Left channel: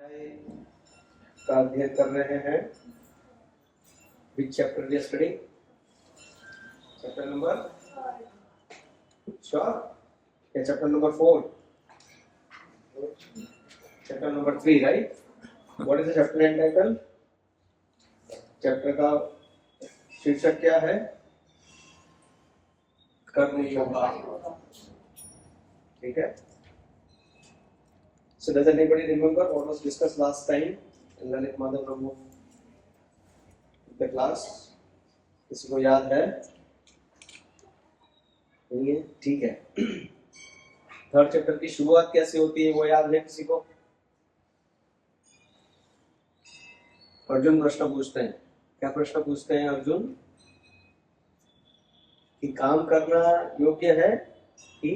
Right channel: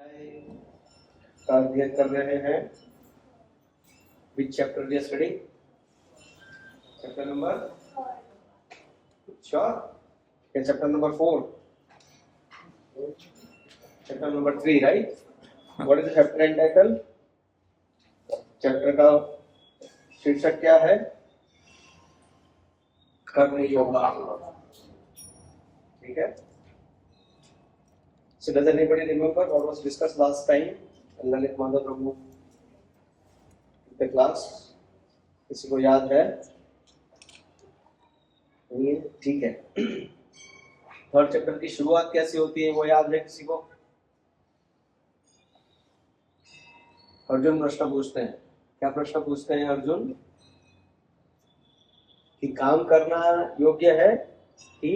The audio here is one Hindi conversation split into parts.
का अध्ययन कर रहे हैं। Which chapter we are studying? Chapter number? Sure? Yeah, chapter number 4. Chapter number 3, right? What is the chapter entitled? Chapter का शीर्षक क्या है? कर्म योगा। ठीक है? So does anybody remember what was discussed last time in Lalit Madhav Prabhu the class? किसी को याद है? नहीं है? ठीक है। थर्ड चैप्टर की शुरुआत कैसे होती है वो याद है किसी को? अर्जुन प्रश्न पूछते हैं। क्या प्रश्न पूछते हैं अर्जुन? कि काम करना योग्य है कि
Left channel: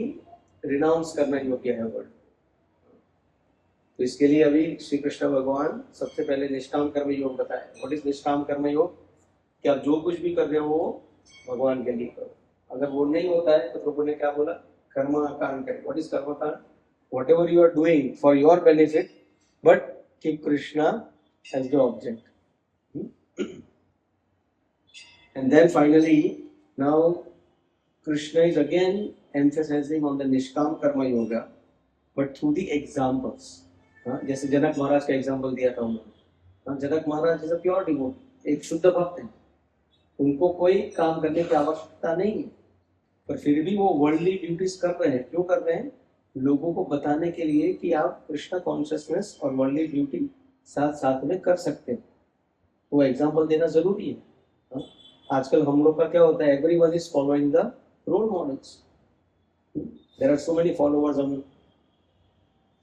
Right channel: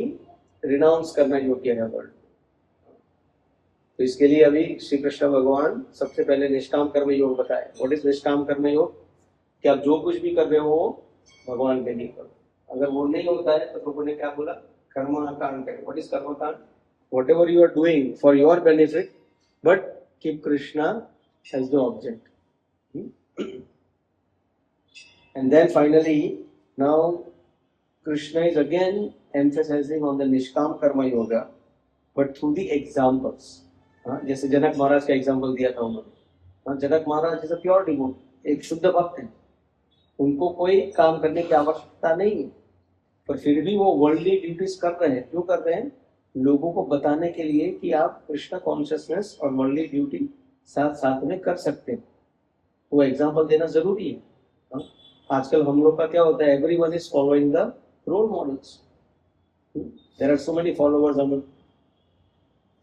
रिनाउंस करना योग्य है वर्ल्ड। तो इसके लिए अभी श्री कृष्ण भगवान सबसे पहले निष्काम कर्म योग बताए। व्हाट इज निष्काम कर्म योग? कि आप जो कुछ भी कर रहे हो भगवान के लिए करो। अगर वो नहीं होता है तो प्रभु ने क्या बोला? कर्मकांड करें। What is karmakand? Whatever you are doing for your benefit but keep Krishna as the object. And then finally now Krishna is again emphasizing on the nishkam karma yoga but through the examples. जैसे जनक महाराज का एग्जाम्पल दिया था उन्होंने। Janak Maharaj is a pure devotee, एक शुद्ध भक्त है। उनको कोई काम करने की आवश्यकता नहीं है, पर फिर भी वो वर्ल्डली ड्यूटीज कर रहे हैं। क्यों कर रहे हैं? लोगों को बताने के लिए कि आप कृष्ण कॉन्शियसनेस और वर्ल्डली ड्यूटी साथ साथ में कर सकते हैं। वो एग्जाम्पल देना जरूरी है। आजकल हम लोग का क्या होता है? Everyone is following the role models. There are so many followers on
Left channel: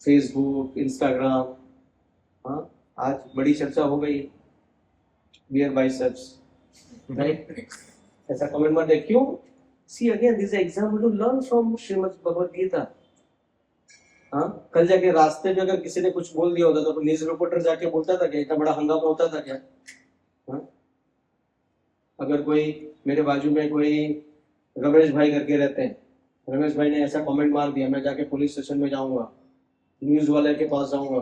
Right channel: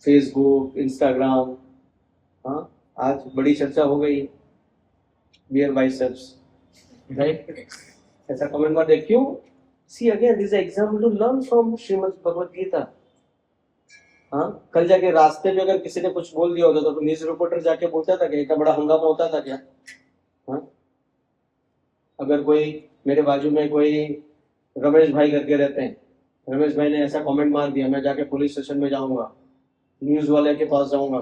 Facebook, Instagram. आज बड़ी चर्चा हो गई बियर बाइसेप्स, राइट? ऐसा कमेंट में देख क्यों? See again this example to learn from Shrimad Bhagavad Gita. कल जाके रास्ते में अगर किसी ने कुछ बोल दिया होता तो न्यूज रिपोर्टर जाके बोलता था क्या? इतना बड़ा हंगामा होता था क्या? अगर कोई मेरे बाजू में कोई रमेश भाई करके रहते हैं, रमेश भाई ने ऐसा कमेंट मार दिया, मैं जाके पुलिस स्टेशन में जाऊंगा, न्यूज वाले के पास जाऊंगा,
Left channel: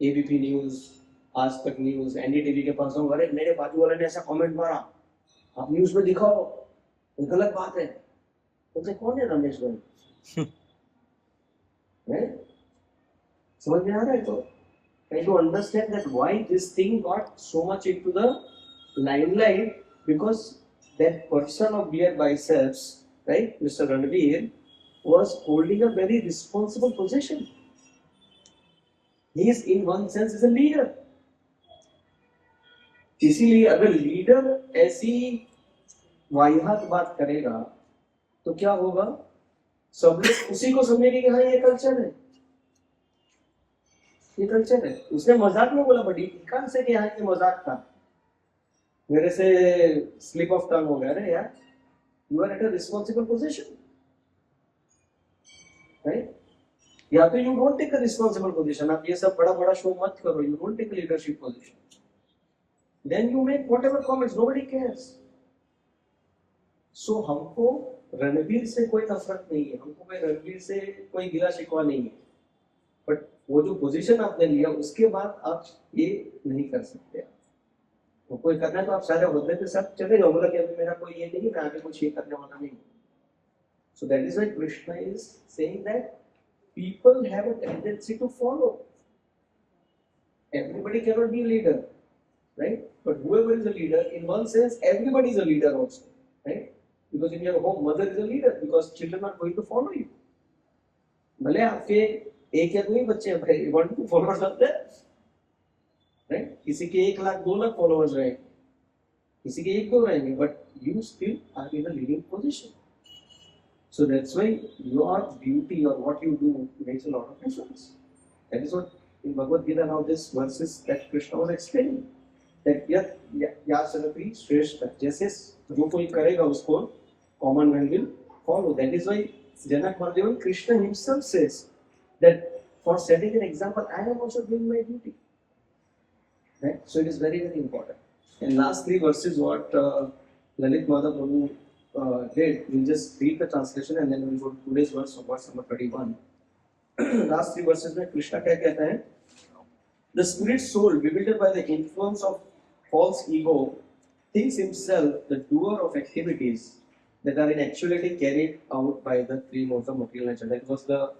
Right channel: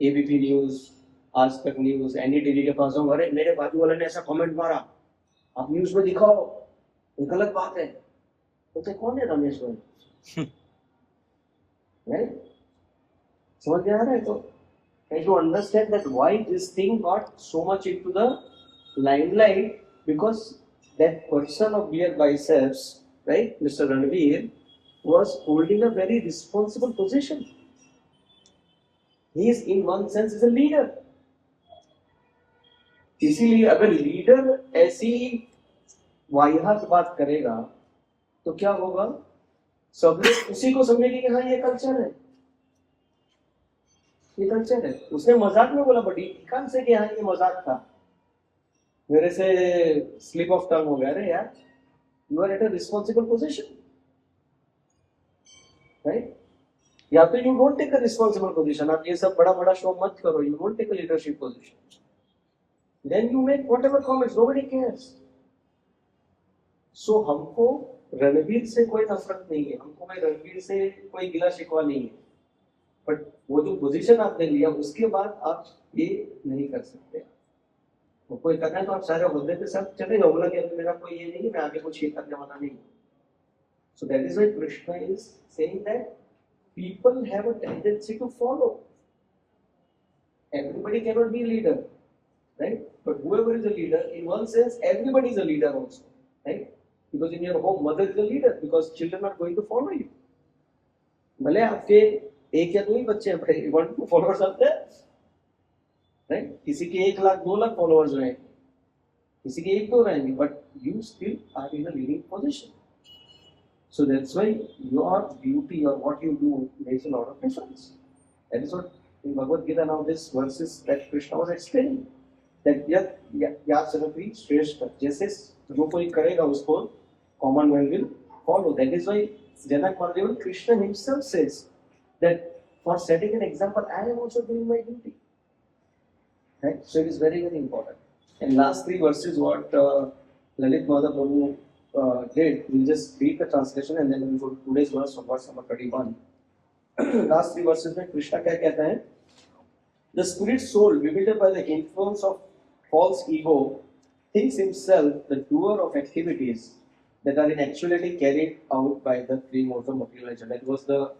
एबीपी न्यूज, आज तक न्यूज, एनडीटीवी के पास जाऊंगा, अरे मेरे बाजू वाले ने ऐसा कमेंट मारा, आप न्यूज में दिखाओ, ये गलत बात है। तो कौन है रमेश भाई? समझ में आ रहा है? तो try to understand that why this thing got so much into the limelight, because that person of beer biceps, right, Mr. Ranveer, was holding a very responsible position. He is in one sense is a leader. इसीलिए अगर लीडर ऐसी वाहियात बात करेगा तो क्या होगा? सब लोग उसी को समझेंगे कि हाँ ये कल्चर है, ये कल्चर है। उसने मजाक में बोला, बट कहां से कि हाँ ये मजाक था, मेरे से स्लिप ऑफ टंग हो गया। अरे यार, you are at a responsible position, right? या तो you don't take a responsible position, आप ये सब बड़ा बड़ा शो मत करो, you don't take a leadership position, then you make whatever comments, nobody cares. So हमको रणवीर से कोई नफरत नहीं है, हमको मैं रणवीर से कोई गिला शिकवा नहीं है, बट वो जो पोजीशन आपने लिया उसके बाद आप ये नहीं कर सकते। तो कोई करना है तो आप सारे होद्दे के साथ चले जाओ, बोला कि अभी मेरा कोई ये नहीं है, मैं आगे कुछ ये करने वाला नहीं। सो that is why Krishna is saying that people have a tendency to follow. Everybody cannot be a leader, right? But whoever is a leader, in one sense, everybody is a leader also, right? Because in your home, mother is a leader because children are going to follow you. भले आपके एक या दो ही बच्चे हैं, भाई 1-2 फॉलोअर्स आते हैं, राइट? किसी के 1 लाख 2 लाख फॉलोअर्स रहेंगे, किसी के 1-2 रहेंगे, but you still are in a leading position. So that's why your beauty or what you do makes a lot of difference. That is what in Bhagavad Gita now this verses that Krishna was explaining. That या सरपी श्रेष्ठ, जैसे जो कोई करेगा उसको common man will follow. That is why Janak Maldevan Krishna himself says that for setting an example, I am also doing my duty. Right? So it is very very important. And last 3 verses what Lalit Madhav Prabhu did, we'll just read the translation and then we'll go to today's verse of verse number 31. Last 3 verses में कृष्णा क्या कहता है? The spirit soul, bewildered by the influence of false ego, thinks himself the doer of activities that are in actuality carried out by the three modes of material nature. That was the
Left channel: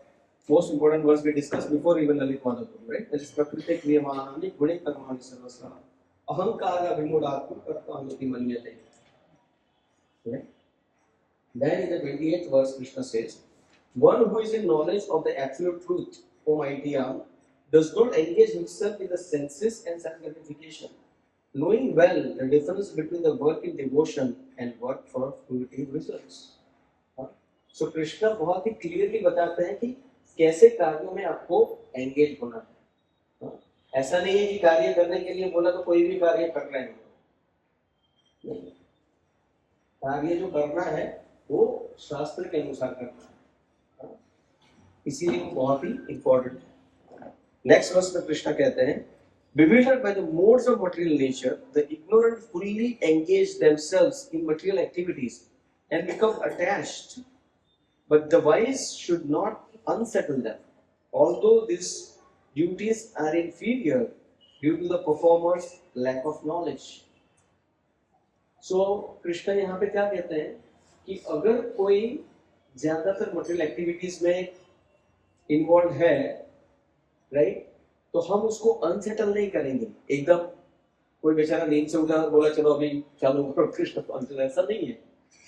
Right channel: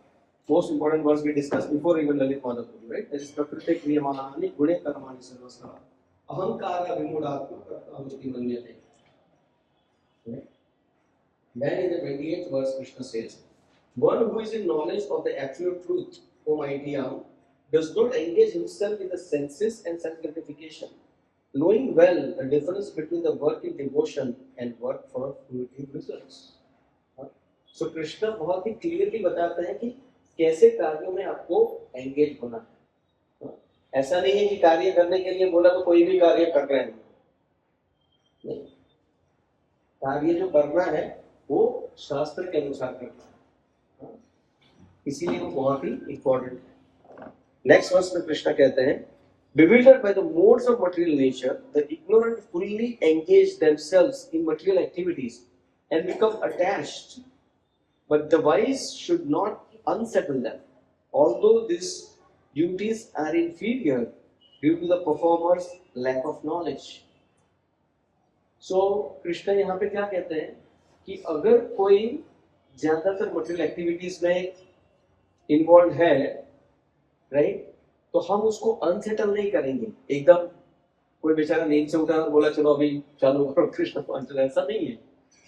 most important verse we discussed before even Lalit Madhav, right? That is Prakriti Kriyamanani Gune Karmani Sarvasra Ahankara Vimudatma Kartamiti Manyate. Right? Then in the 28th verse, Krishna says, one who is in knowledge of the absolute truth, O mighty arm, does not engage himself in the senses and self-gratification, knowing well the difference between the work in devotion and work for fruitive results. So Krishna बहुत ही क्लियरली बताते हैं कि कैसे कार्यों में आपको एंगेज होना है. ऐसा नहीं है कि कार्य करने के लिए बोला तो कोई भी कार्य कर रहे हैं. नहीं, कार्य जो करना है वो शास्त्र के अनुसार करना है, इसीलिए वो बहुत ही इंपॉर्टेंट है. नेक्स्ट वर्स में कृष्णा कहते हैं, bewildered by the modes of material nature, the ignorant fully engage themselves in material activities and become attached, but the wise should not unsettle them, although these duties are inferior due to the performer's lack of knowledge. So Krishna यहाँ पे क्या कहते हैं कि अगर कोई ज्यादातर मटेरियल एक्टिविटीज में इन्वॉल्व है, राइट, तो हम उसको अनसेटल नहीं करेंगे. एकदम कोई बेचारा नींद से उठा और बोला चलो अभी चालू करो कृष्ण को अनसेटल, ऐसा नहीं है.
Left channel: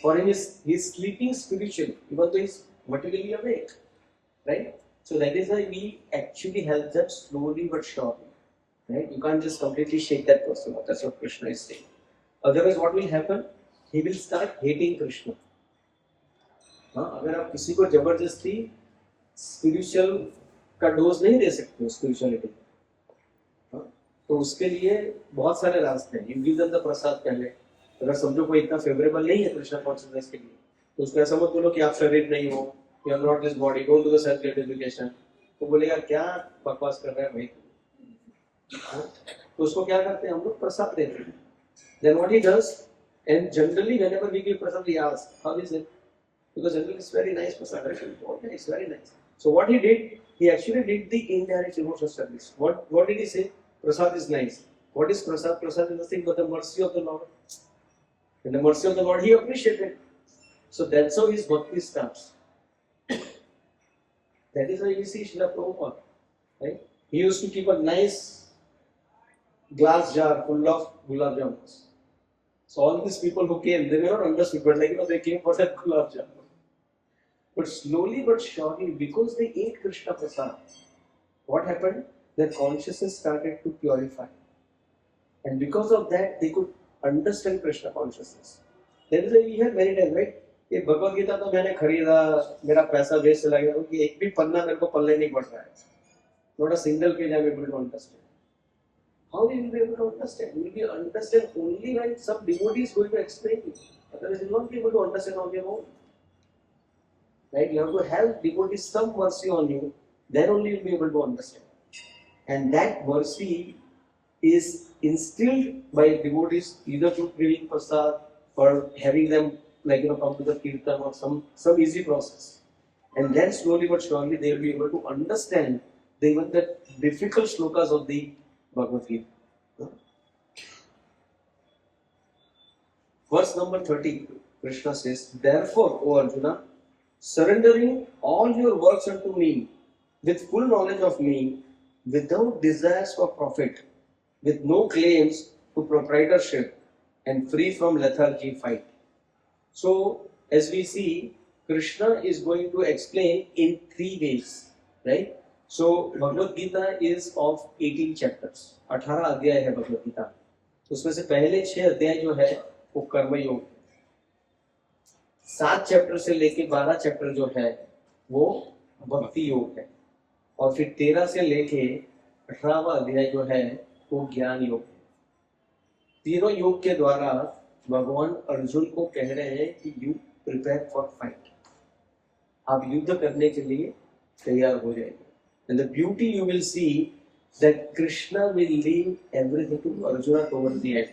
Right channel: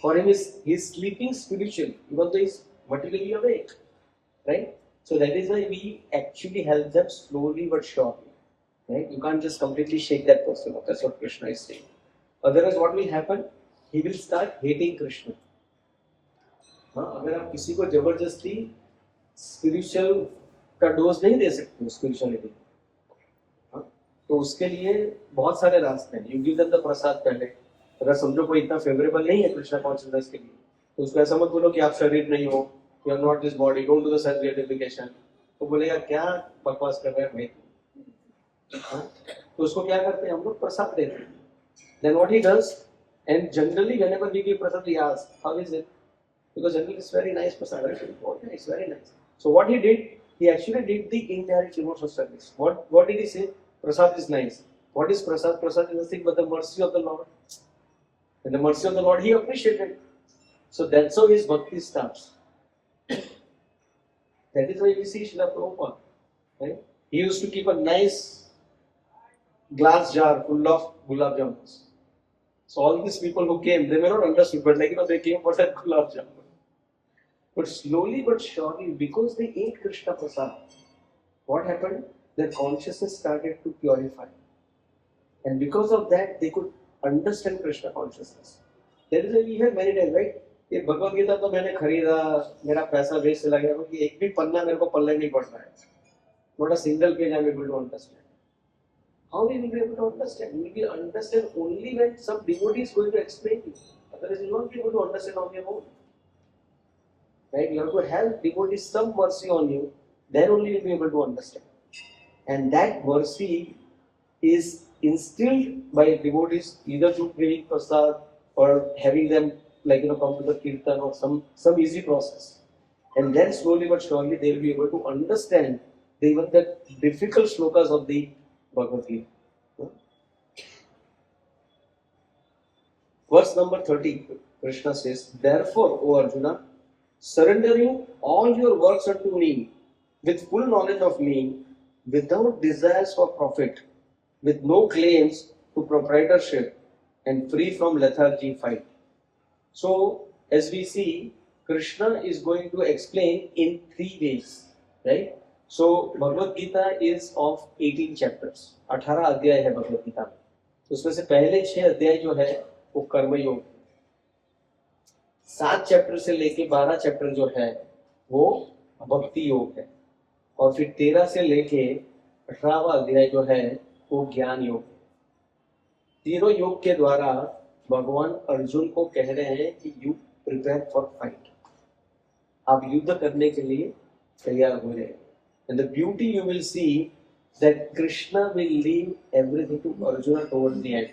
For him he is sleeping spiritually even though he is materially awake, right? So that is why we actually help them slowly but surely, right? You can't just completely shake that person up. That's what Krishna is saying. Otherwise what will happen, he will start hating Krishna. अगर आप किसी को जबरदस्ती स्पिरिचुअल का डोज नहीं दे सकते स्पिरिचुअलिटी, तो उसके लिए बहुत सारे रास्ते हैं. यू गिव देम द प्रसाद पहले. अगर समझो कोई इतना फेवरेबल नहीं है कृष्णा कॉन्शियसनेस के लिए, तो उसको ऐसा मत बोलो कि आप शरीर नहीं हो, you are not this body, don't do the self gratification. तो बोलेगा क्या बकवास कर रहे हैं भाई. तो उसको क्या करते हैं हम लोग, प्रसाद देते हैं. Then what he does, and generally whenever we give prasad we ask how is it, because generally it's very nice prasad, right? Oh, yeah, it's very nice. So what he did, he actually did the indirect devotional service. What did he say? Prasad is nice. What is prasad? Prasad is nothing but the mercy of the Lord. And the mercy of the Lord he appreciated. So that's how his bhakti starts. That is why we see Srila Prabhupada, right? He used to keep a nice glass jar full of gulab jamuns. So all these people who came, they may not understood, but like, they came for that gulab jamun. But slowly but surely, because they ate Krishna Prasad, what happened? Their consciousness started to purify. And because of that, they could understand Krishna consciousness. That is why we have many times, right? ये भगवद गीता तो मैंने खरीदा, मेरा पैसा वेस्ट चला गया, क्योंकि एक भी पन्ना मेरे को पल्ले नहीं पड़ रहा है. Not a single page I am able to understand. How will you be able to understand? You will be understand only when some devotee is going to explain you. Otherwise, you will not be able to understand on your own. Right? You have to have devotees some mercy on you, then only you will be able to understand. And that mercy is instilled by devotees either through giving prasad or having them come to the kirtan or some easy process. And then slowly but surely they will be able to understand even the difficult shlokas of the Bhagavad Gita. Verse number 30, Krishna says, therefore, O Arjuna, surrendering all your works unto me, with full knowledge of me, without desires for profit, with no claims to proprietorship, and free from lethargy, fight. So, as we see, Krishna is going to explain in 3 ways, right? So, Bhagavad Gita is of 18 chapters. 18 अध्याय है भगवद गीता में. उसमें से पहले 6 अध्याय जो है वो कर्म योग, 7 चैप्टर से लेके 12 चैप्टर जो है वो भक्ति योग है, और फिर 13 से लेके 18वां अध्याय जो है वो ज्ञान योग है. तीनों योग के द्वारा भगवान अर्जुन को कह रहे हैं कि यू प्रिपेयर फॉर फाइट, आप युद्ध करने के लिए तैयार हो जाए. And the beauty you will see that Krishna will leave everything to Arjun towards the end.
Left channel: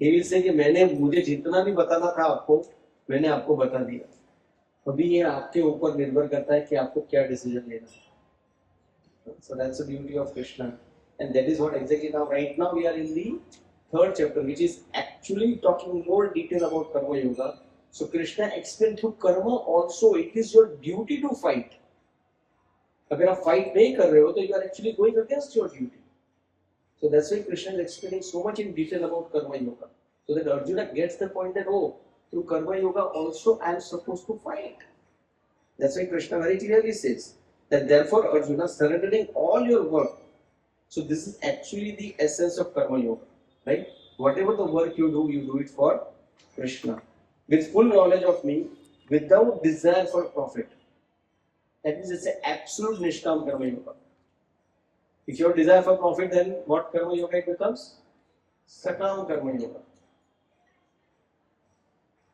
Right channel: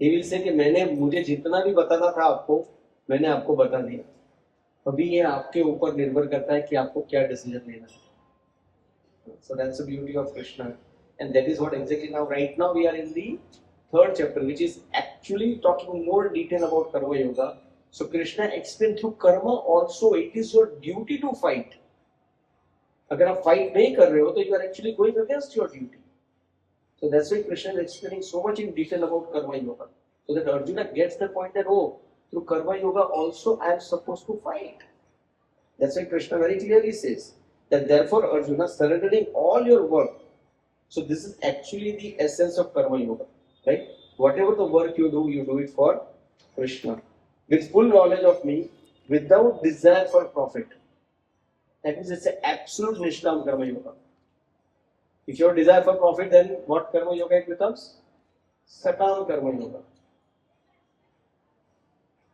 He will say कि मुझे जितना भी बताना था आपको, मैंने आपको बता दिया. अभी ये आपके ऊपर निर्भर करता है कि आपको क्या डिसीजन लेना है. So that's the beauty of Krishna. And that is what exactly now, right now we are in the third chapter, which is actually talking more detail about Karma Yoga. So Krishna explained through karma also it is your duty to fight. अगर आप fight नहीं कर रहे हो तो you are actually going against your duty. So that's why Krishna is explaining so much in detail about Karma Yoga. So that Arjuna gets the point that, oh, through Karma Yoga also I am supposed to fight. That's why Krishna very clearly says that therefore Arjuna, surrendering all your work. So this is actually the essence of Karma Yoga, right? Whatever the work you do it for Krishna. With full knowledge of me, without desire for profit. That means it's an absolute Nishkam Karma Yoga. If you have desire for profit, then what Karma Yoga it becomes? Sakam Karma Yoga.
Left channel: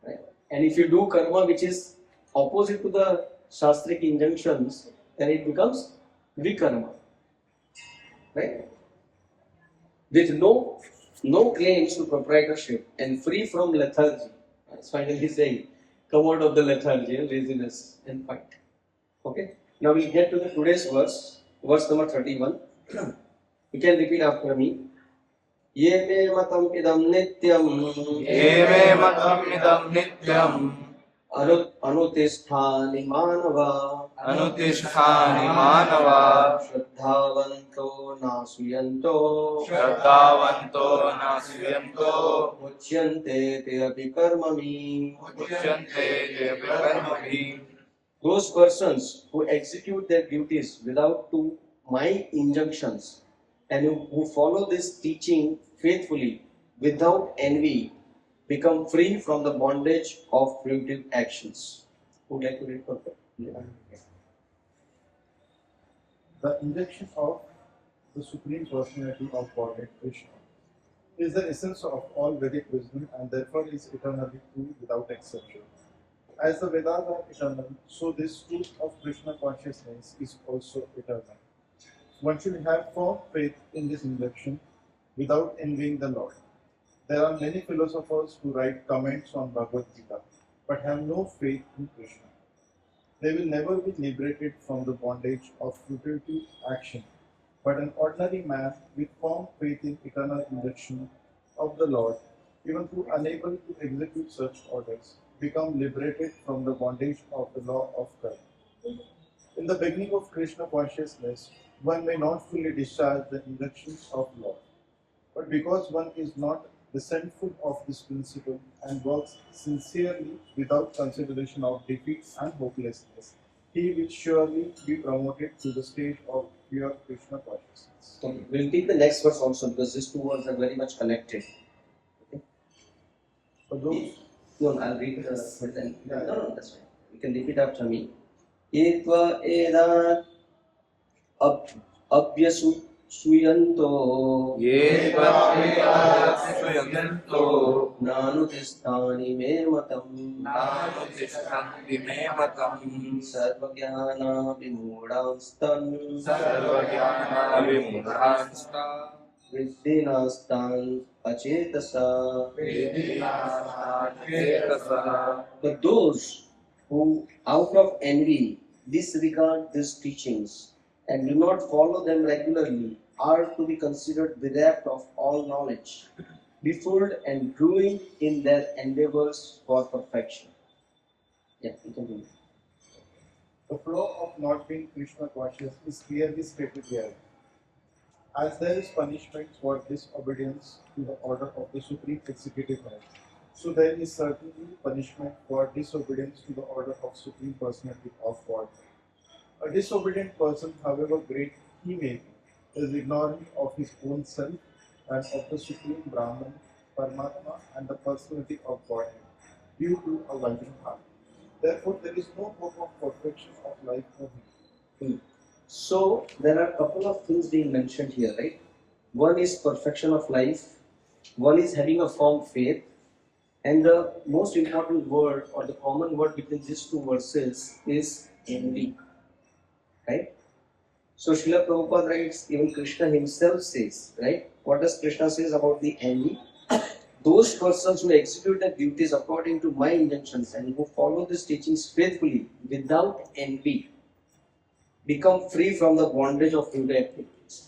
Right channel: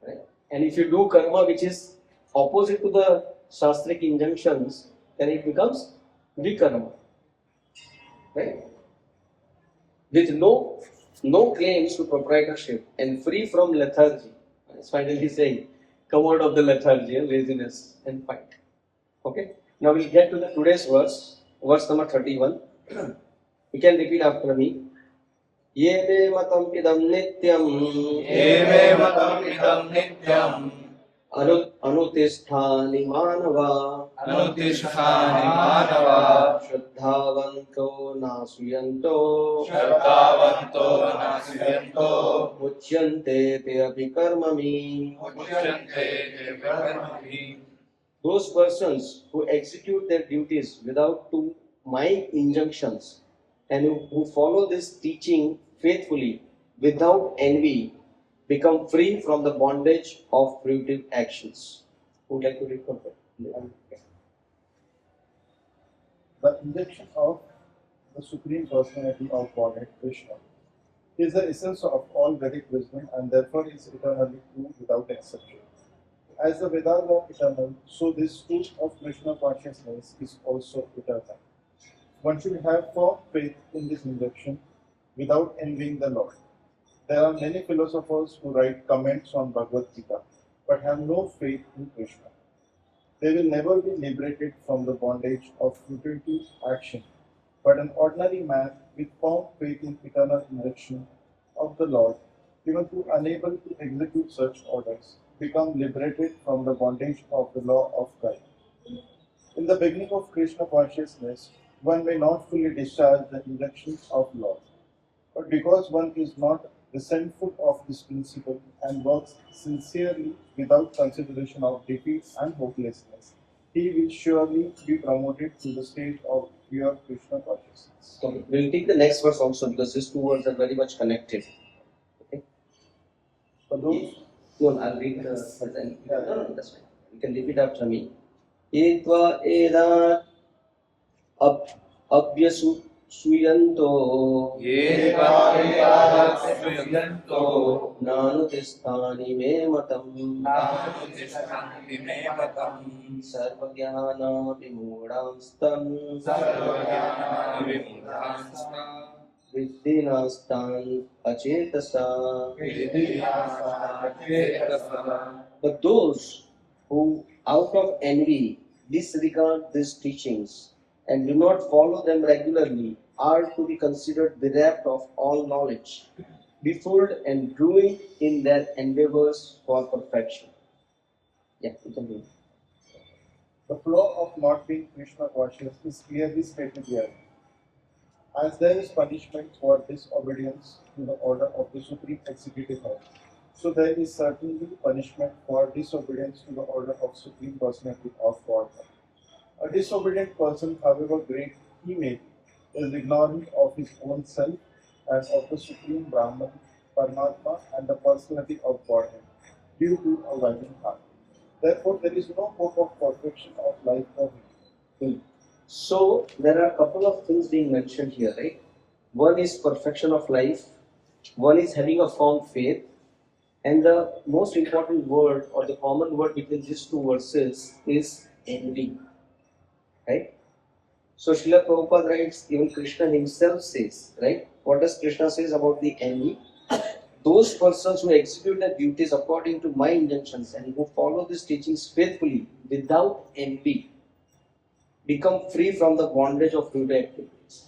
Right? And if you do karma which is opposite to the Shastric injunctions, then it becomes Vikarma. Right? With no claims to proprietorship and free from lethargy. It's finally saying, come out of the lethargy and laziness and fight. Okay? Now we'll get to the today's verse number 31. You can repeat after me. Ye me matam idam nityam अनुतिष्ठानि मानवा श्रद्धावन्तो नासुयन्तो मुच्यन्ते ते अभिकर्मणि. Those persons who execute their duties without to my injunctions and who follow this teaching faithfully without envy become free from the bondage of fruitive actions. Who would like to read further? The injection of the Supreme Personality of Godhead, Krishna, is the essence of all Vedic wisdom and therefore is eternally true without exception. As the Vedas are eternal, so this truth of Krishna consciousness is also eternal. One should have firm faith in this injection without envying the Lord. There are many philosophers who write comments on Bhagavad Gita but have no faith in Krishna. They will never be liberated from the bondage of futility action, but an ordinary man with firm faith in eternal injection of the Lord, even though unable to execute such orders, become liberated from the bondage of the law of time. In the beginning of Krishna consciousness, one may not fully discharge the injunctions of law, but because one is not resentful of this principle and works sincerely without consideration of defeat and hopelessness, he will surely be promoted to the stage of pure Krishna consciousness. Okay. We'll take the next verse also because these two words are very much connected. Okay. For those, no, I'll read the. No, that's fine. You can repeat after me. Etva eda abhyasu suyanto nanutistani me matam sarvagyana vimudamstan viddhinastan achetasa. But those who out of envy disregard these teachings and do not follow them regularly are to be considered bereft of all knowledge, befooled and ruined in their endeavors for perfection. Yeah, you can read. the flow of not being Krishna conscious is clearly stated here. As there is punishment for disobedience to the order of the Supreme Executive Head, so there is certainly punishment for disobedience to the order of Supreme Personality of Godhead. A disobedient person, however great he may be, is ignorant of his own self and of the Supreme Brahman, Paramatma, and the personality of Godhead, due to a loving heart. Therefore, there is no hope of perfection of life for him. So there are a couple of things being mentioned here, right? One is perfection of life, one is having a firm faith, and the most important word or the common word between these two verses is envy. Right? So Srila Prabhupada writes, even Krishna himself says, right? What does Krishna says about the envy? Those persons who execute their duties according to my injunctions and who follow these teachings faithfully without envy become free from the bondage of fruitive activities.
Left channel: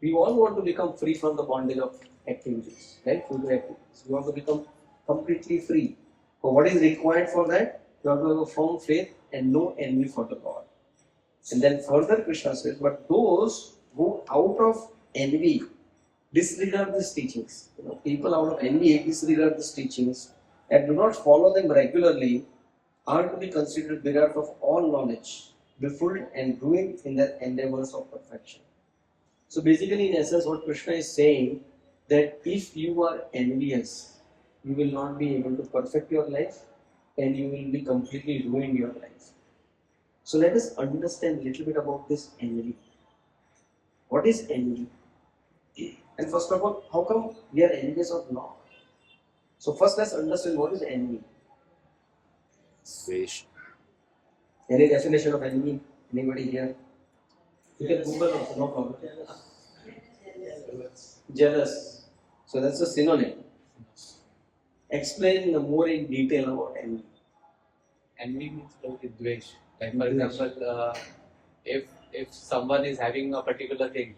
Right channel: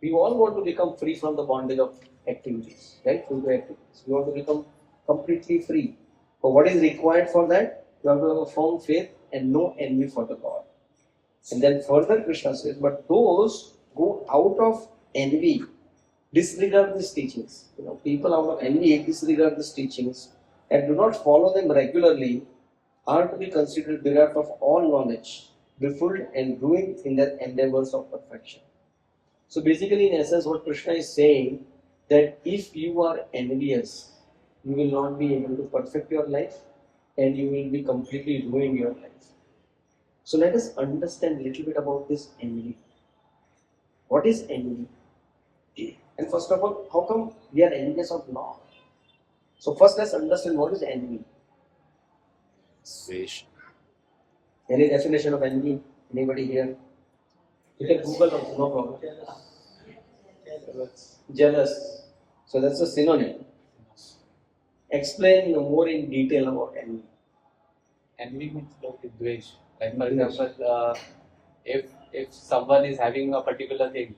We all want to become free from the bondage of activities, right? Fruitive activities. We want to become completely free. But what is required for that? You have to have a firm faith and no envy for the God. And then further Krishna says, but those go out of envy disregard these teachings. People out of envy disregard these teachings and do not follow them regularly are to be considered bereft of all knowledge, befooled and ruined in their endeavors of perfection. So basically, in essence, what Krishna is saying that if you are envious, you will not be able to perfect your life and you will be completely ruin your life. So let us understand a little bit about this envy. What is envy? And first of all, how come we are envious of Lord? So first let's understand what is envy. Wish. Any definition of envy? Anybody here? You can Google also, no problem. Jealous. So that's a synonym. Explain more in detail about envy. Envy means dvesh. Like for example, if someone is having a particular thing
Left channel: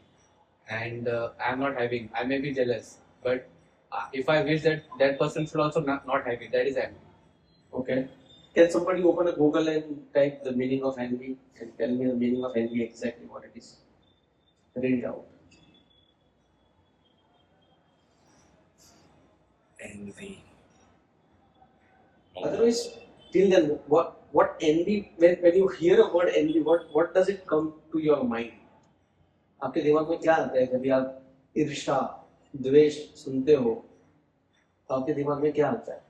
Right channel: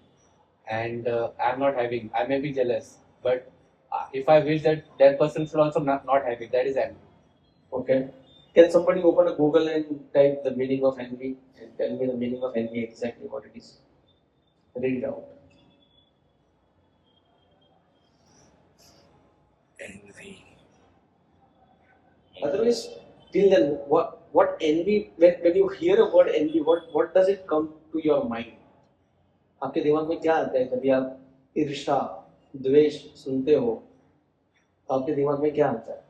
and I'm not having, I may be jealous. But if I wish that that person should also not have it, that is envy. Okay. Can somebody open a Google and type the meaning of envy and tell me the meaning of envy exactly what it is? Read it out. Envy. Otherwise, till then, what envy? When you hear a word envy, what does it come to your mind? आपके दिमाग में क्या आता है जब आप ईर्ष्या, द्वेष सुनते हो? तो आपके दिमाग में क्या आता है?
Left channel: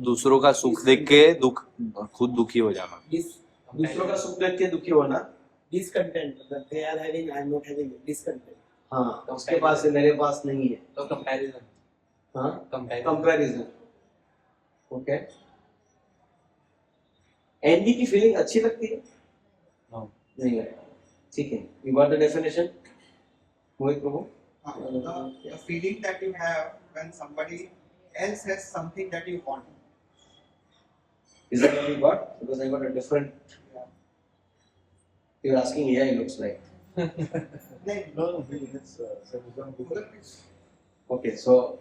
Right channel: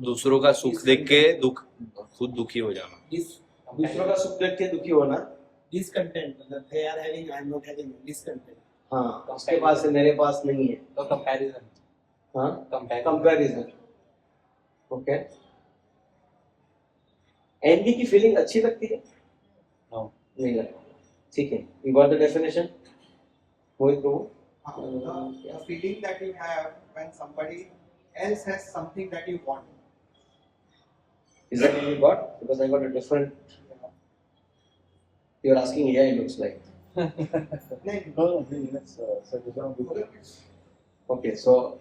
दूसरों का सुख देख के खुद दुखी हो जाना, दूसरों का सुख देख के दुखी होना, discontent that they are having, I am not having, discontent. हाँ, उसके पास है मेरे पास नहीं है, So comparison. हाँ, Comparison. कंपैरिजन. ओके. एनवी की फीलिंग अच्छी लगती है? No. नहीं लगती. ठीक है. You got the definition? Mohit Prabhu. The feeling that you have when somebody else has something that you want. Is that what you got? Because I got a different. You're asking AI looks like. No, let's set it down. Okay, so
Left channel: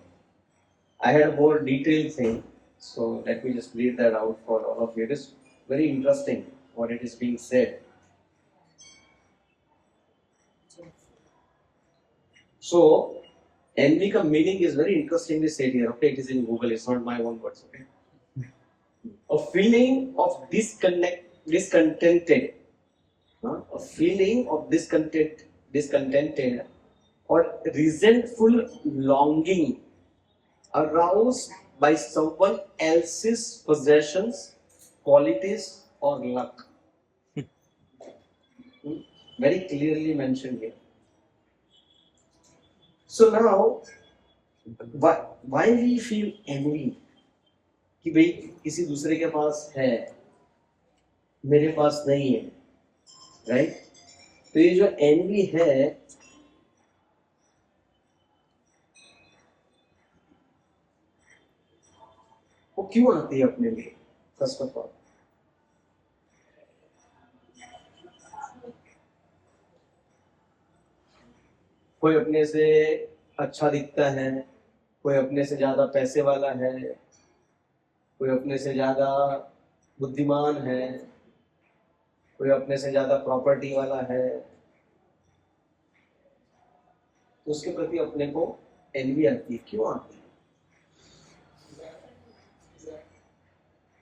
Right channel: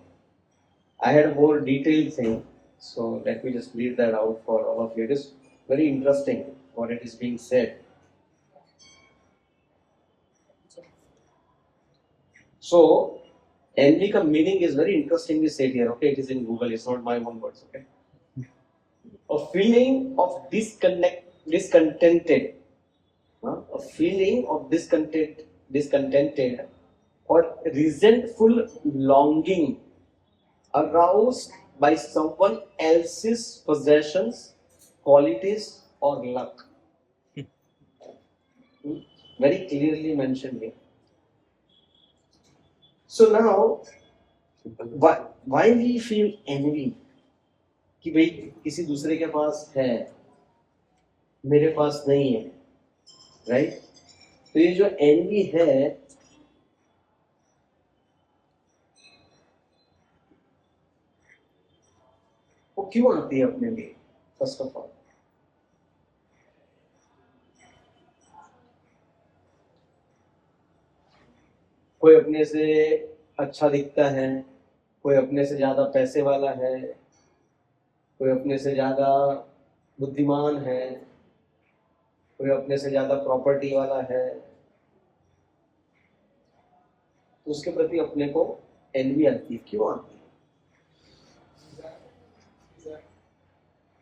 I had a more detailed thing. So let me just read that out for all of you. It is very interesting what it is being said. So envy ka meaning is very interestingly said here. Okay, it is in Google. It's not my own words. Okay, a feeling of discontented, a feeling of discontented or resentful longing aroused by someone else's possessions, qualities, or luck. Very clearly mentioned here. So now, why we feel envy? कि भाई किसी दूसरे के पास है, मेरे पास नहीं है, राइट? तो ये जो envy है, वो क्यों आती है अपने लिए? फर्स्ट ऑफ ऑल, कोई अपने से अच्छा दिखता है, कोई अपने से ज्यादा पैसे वाला है, कोई अपने से ज्यादा बुद्धिमान है, कोई अपने से ज्यादा प्रॉपर्टी वाला है, तो उसके प्रति अपने को एनवी आती है. क्यों आती है?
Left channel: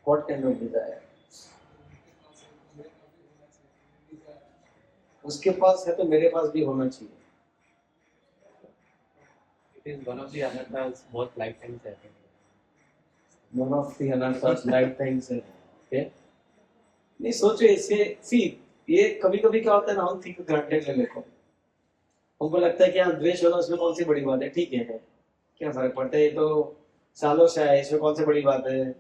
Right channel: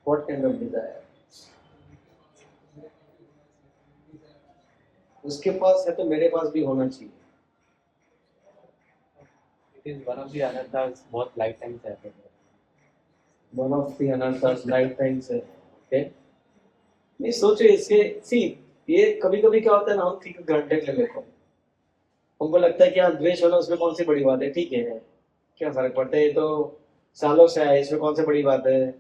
What kind of desire? उसके पास है तो मेरे पास भी होना चाहिए. It is one of the anarthas both lifetimes happen. One of the anarthas lifetimes है. Okay? नहीं सोचे इसके. See, ये कभी कभी क्या होता है ना, हम ठीक ग्रांटेड ले लेते हैं. हमको लगता है कि हाँ द्वेष होना उसमें कौन सी बड़ी बात है, ठीक है, क्या फर्क पड़ता है, ये तो सालों से है, इसमें कौन सी बड़ी बात है,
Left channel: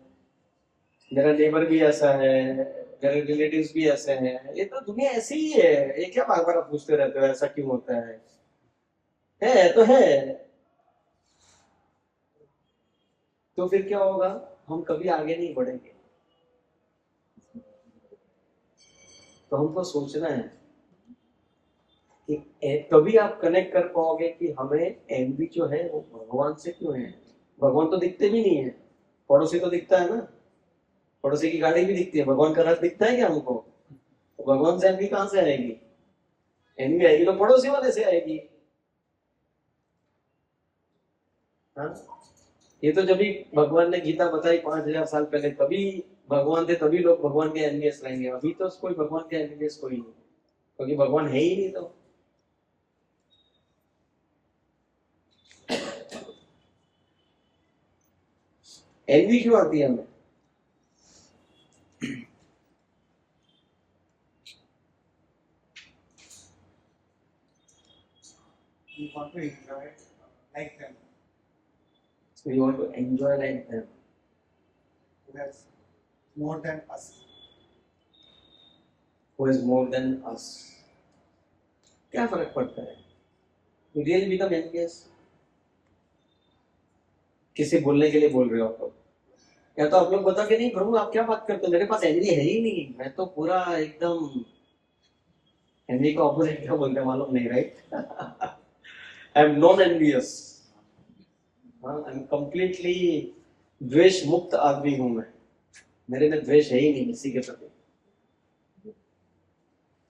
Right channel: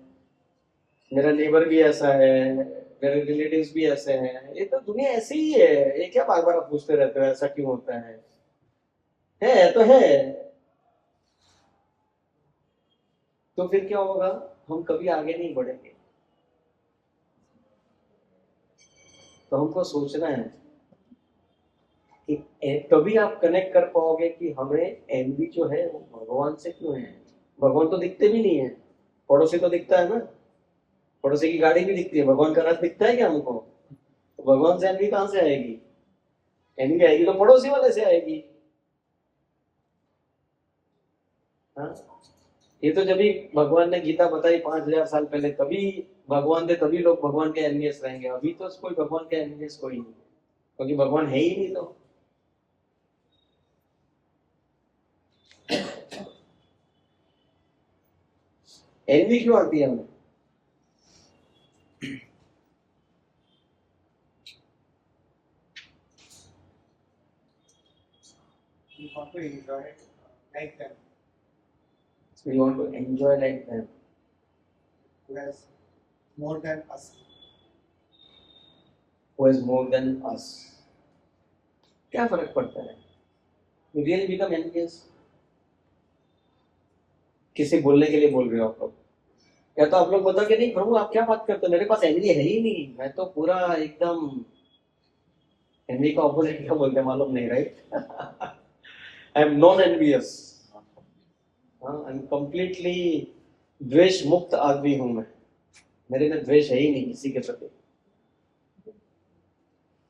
मेरा नेबर भी ऐसा है, मेरे रिलेटिव्स भी ऐसे हैं, ये तो दुनिया ऐसी ही है, ये क्या बार बार पूछते रहते हो ऐसा क्यों होता है तो है. तो फिर क्या होगा, हम कभी आगे नहीं बढ़ेंगे. तो हमको सोचना है कि तभी आप कनेक्ट कर पाओगे कि हमें एनवी जो है वो भगवान से क्यों है। भगवान तो दिखते भी नहीं है, पड़ोसी तो दिखता है ना, पड़ोसी की गाड़ी भी दिखती है, भगवान का रथ दिखता है क्या हमको? तो भगवान से एनवी कहाँ से आएगी? एनवी आएगी तो पड़ोसी वाले से आएगी। हाँ, ये तो जब भी भगवान ने गीता बताई 5000 साल पहले, तभी भगवान थे, तभी लोग भगवान के एनवीएस रहेंगे। अभी तो कोई भगवान के एनवीएस कोई नहीं, क्योंकि भगवान है ही नहीं। तो एनवी क्यों आती है हमें? We want to enjoy like them. So we want to enjoy like them. Who has more than us. Who is more than us? क्या फर्क पड़ता है? We really become envious. किसी बोलने के लिए बोल रहे हो आप लोग, या तो आप लोग बताओ कि नहीं प्रभु आप क्या बात करते हो, मेरे पास एनवी है ही नहीं, मैं तो पूरा एकदम। एनवी का ऑपोजिट क्या बोलते हैं मालूम नहीं, right? I am non envious, I am completely द्वेष मुक्त आदमी हूं मैं, मेरे में द्वेष है ही नहीं किसी के प्रति।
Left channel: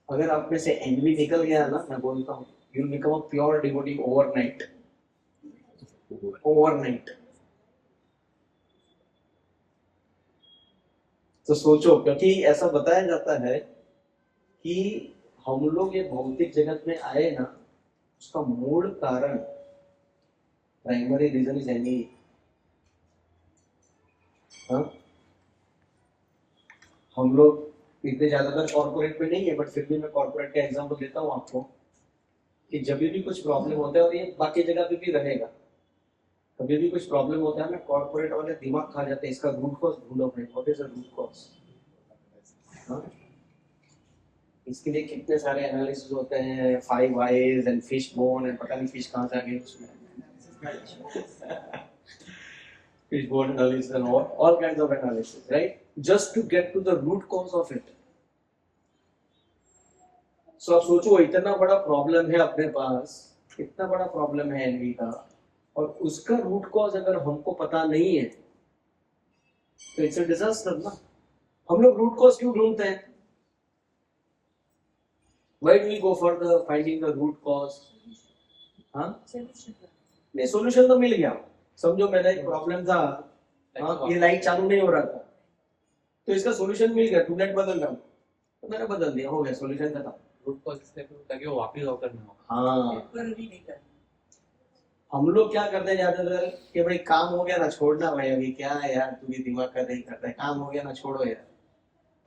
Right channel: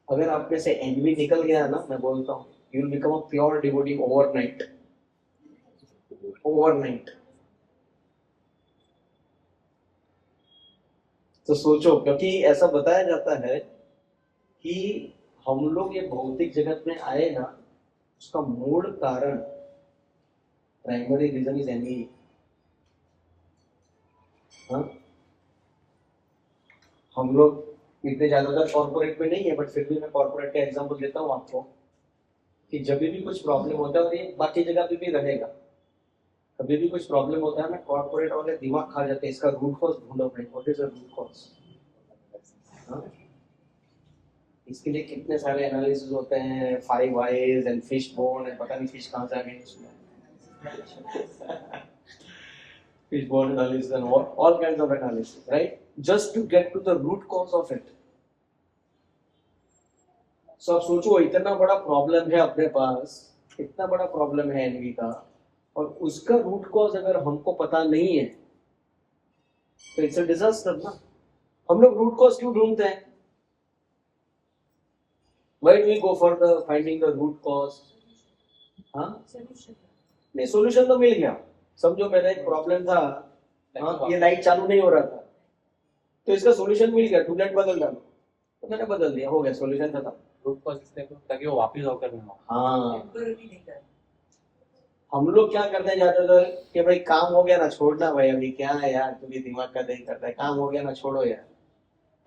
अगर आप में से एनवी निकल गया ना, मैं बोलता हूँ you will become a pure devotee overnight. Overnight. तो सोचो, क्योंकि ऐसा बताया जाता है कि हम लोग ये भौतिक जगत में आए ना, उसका मूल कारण, प्राइमरी रीजन इज एनवी। हम लोग इतने ज्यादातर कॉर्पोरेट में नहीं है, बट फिर भी मैं कॉर्पोरेट का एग्जांपल देता हूँ आपको कि जब भी कुछ प्रॉब्लम होता है, और ये बाकी जगह पे भी रहेगा, कभी भी कुछ प्रॉब्लम होता है ना, कॉर्पोरेट वाले दिमाग खा जाते हैं, इसका रूट कॉज ढूंढो भाई, what is the root cause. इसके लिए कितने सारे एनालिसिस होते हैं, 5 eyes and fish bone and पता नहीं फिश कहाँ से आ गई उसमें, fish bone analysis and all kinds of analysis, right? Just to get to the root cause of it. So आप सोचो, इतना बड़ा प्रॉब्लम है अपने पास, इतना बड़ा प्रॉब्लम है एनवी का, और उसका रूट कॉज अगर हमको पता नहीं है तो इट्स अ डिजास्टर ना। हम लोग रूट कॉज क्यों ढूंढते हैं? Why do we go for the finding the root cause? हाँ, नहीं सोल्यूशन तो मिल गया। समझो मेरा एक प्रॉब्लम था, हाँ, ये लाइट चालू नहीं हो रहा था, तो इसका सॉल्यूशन मिल गया, ट्यूबलाइट बदल डालो, तो मैंने बदल दिया, हो गया, सॉल्यूशन खत्म। रूट कॉज ताकि वो वापस होकर ना। हाँ, हम लोग क्या करते हैं ज्यादातर कि भाई काम हो गया ना, छोड़ना भाई, अभी क्या है यार, तू भी दिमाग का नहीं करता है, काम हो गया ना, छोड़ो यार।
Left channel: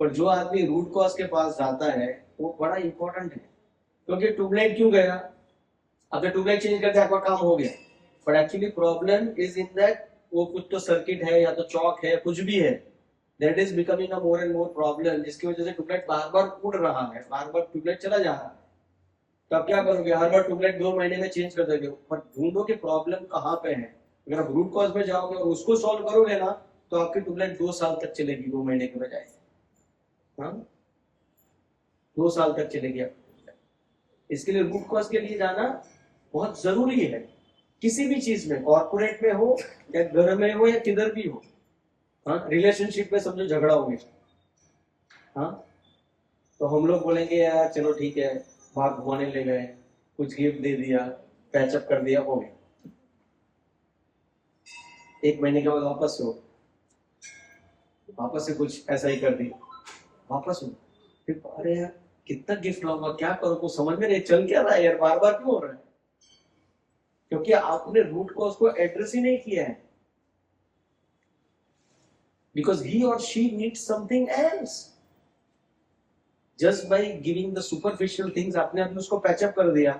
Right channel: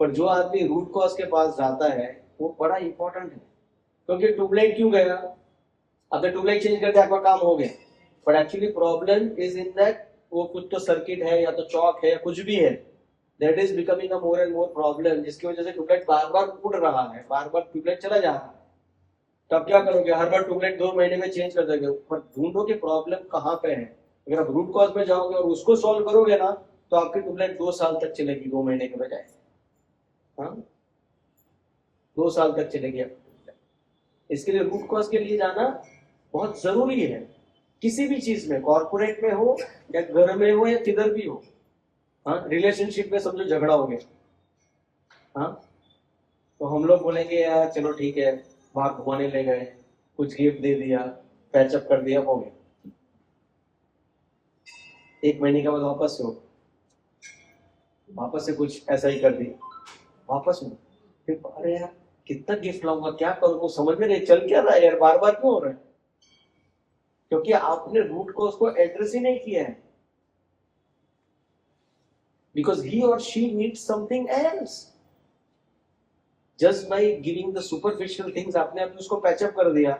पर जो आदमी रूट कॉज के पास जाता है वो बड़ा इंपॉर्टेंट है, क्योंकि ट्यूबलाइट क्यों गया, आपने ट्यूबलाइट चेंज कर दिया, आपका काम हो गया, but actually problem is in that वो कुछ तो सर्किट है या तो चौक है, कुछ भी है, that is becoming a more and more problem, जिसकी वजह से ट्यूबलाइट बार बार उड़ रहा है, बार बार ट्यूबलाइट चला जा रहा है। तो आप क्या करोगे, हर बार ट्यूबलाइट 2 महीने में चेंज कर दोगे, पर ढूंढो कि प्रॉब्लम कहाँ पे है। अगर आप रूट कॉज में जाओगे और उसको सॉल्व करोगे ना, तो आपकी ट्यूबलाइट 2 साल तक चलेगी, 2 महीने के बजाय। हाँ, 2 साल तक चलेगी आपकी। इसके लिए रूट कॉज के लिए जाना बहुत जरूरी है, किसी भी चीज में, कॉर्पोरेट में हो या घर में हो या किधर भी हो। हाँ, रिलेशनशिप में समझो झगड़ा हो गया, हाँ, तो हम लोग बोलेंगे यार चलो ठीक है, बाहर घुमाने ले गए, कुछ गिफ्ट दे दिया, पैचअप कर दिया, हो गया। 1 महीने के बाद वापस से कुछ ऐसा ही कर दिया, वापस में फिर, अरे यार कितना गिफ्ट लाऊंगा, क्या करूँ, कुछ समझ में नहीं, चल क्या रहा है यार, बार बार क्यों हो रहा है? क्योंकि आपने रूट कॉज को एड्रेस ही नहीं किया है, because he or she needs something else. Just by giving the superficial things, आपने अभी उसको पैचअप कर दिया,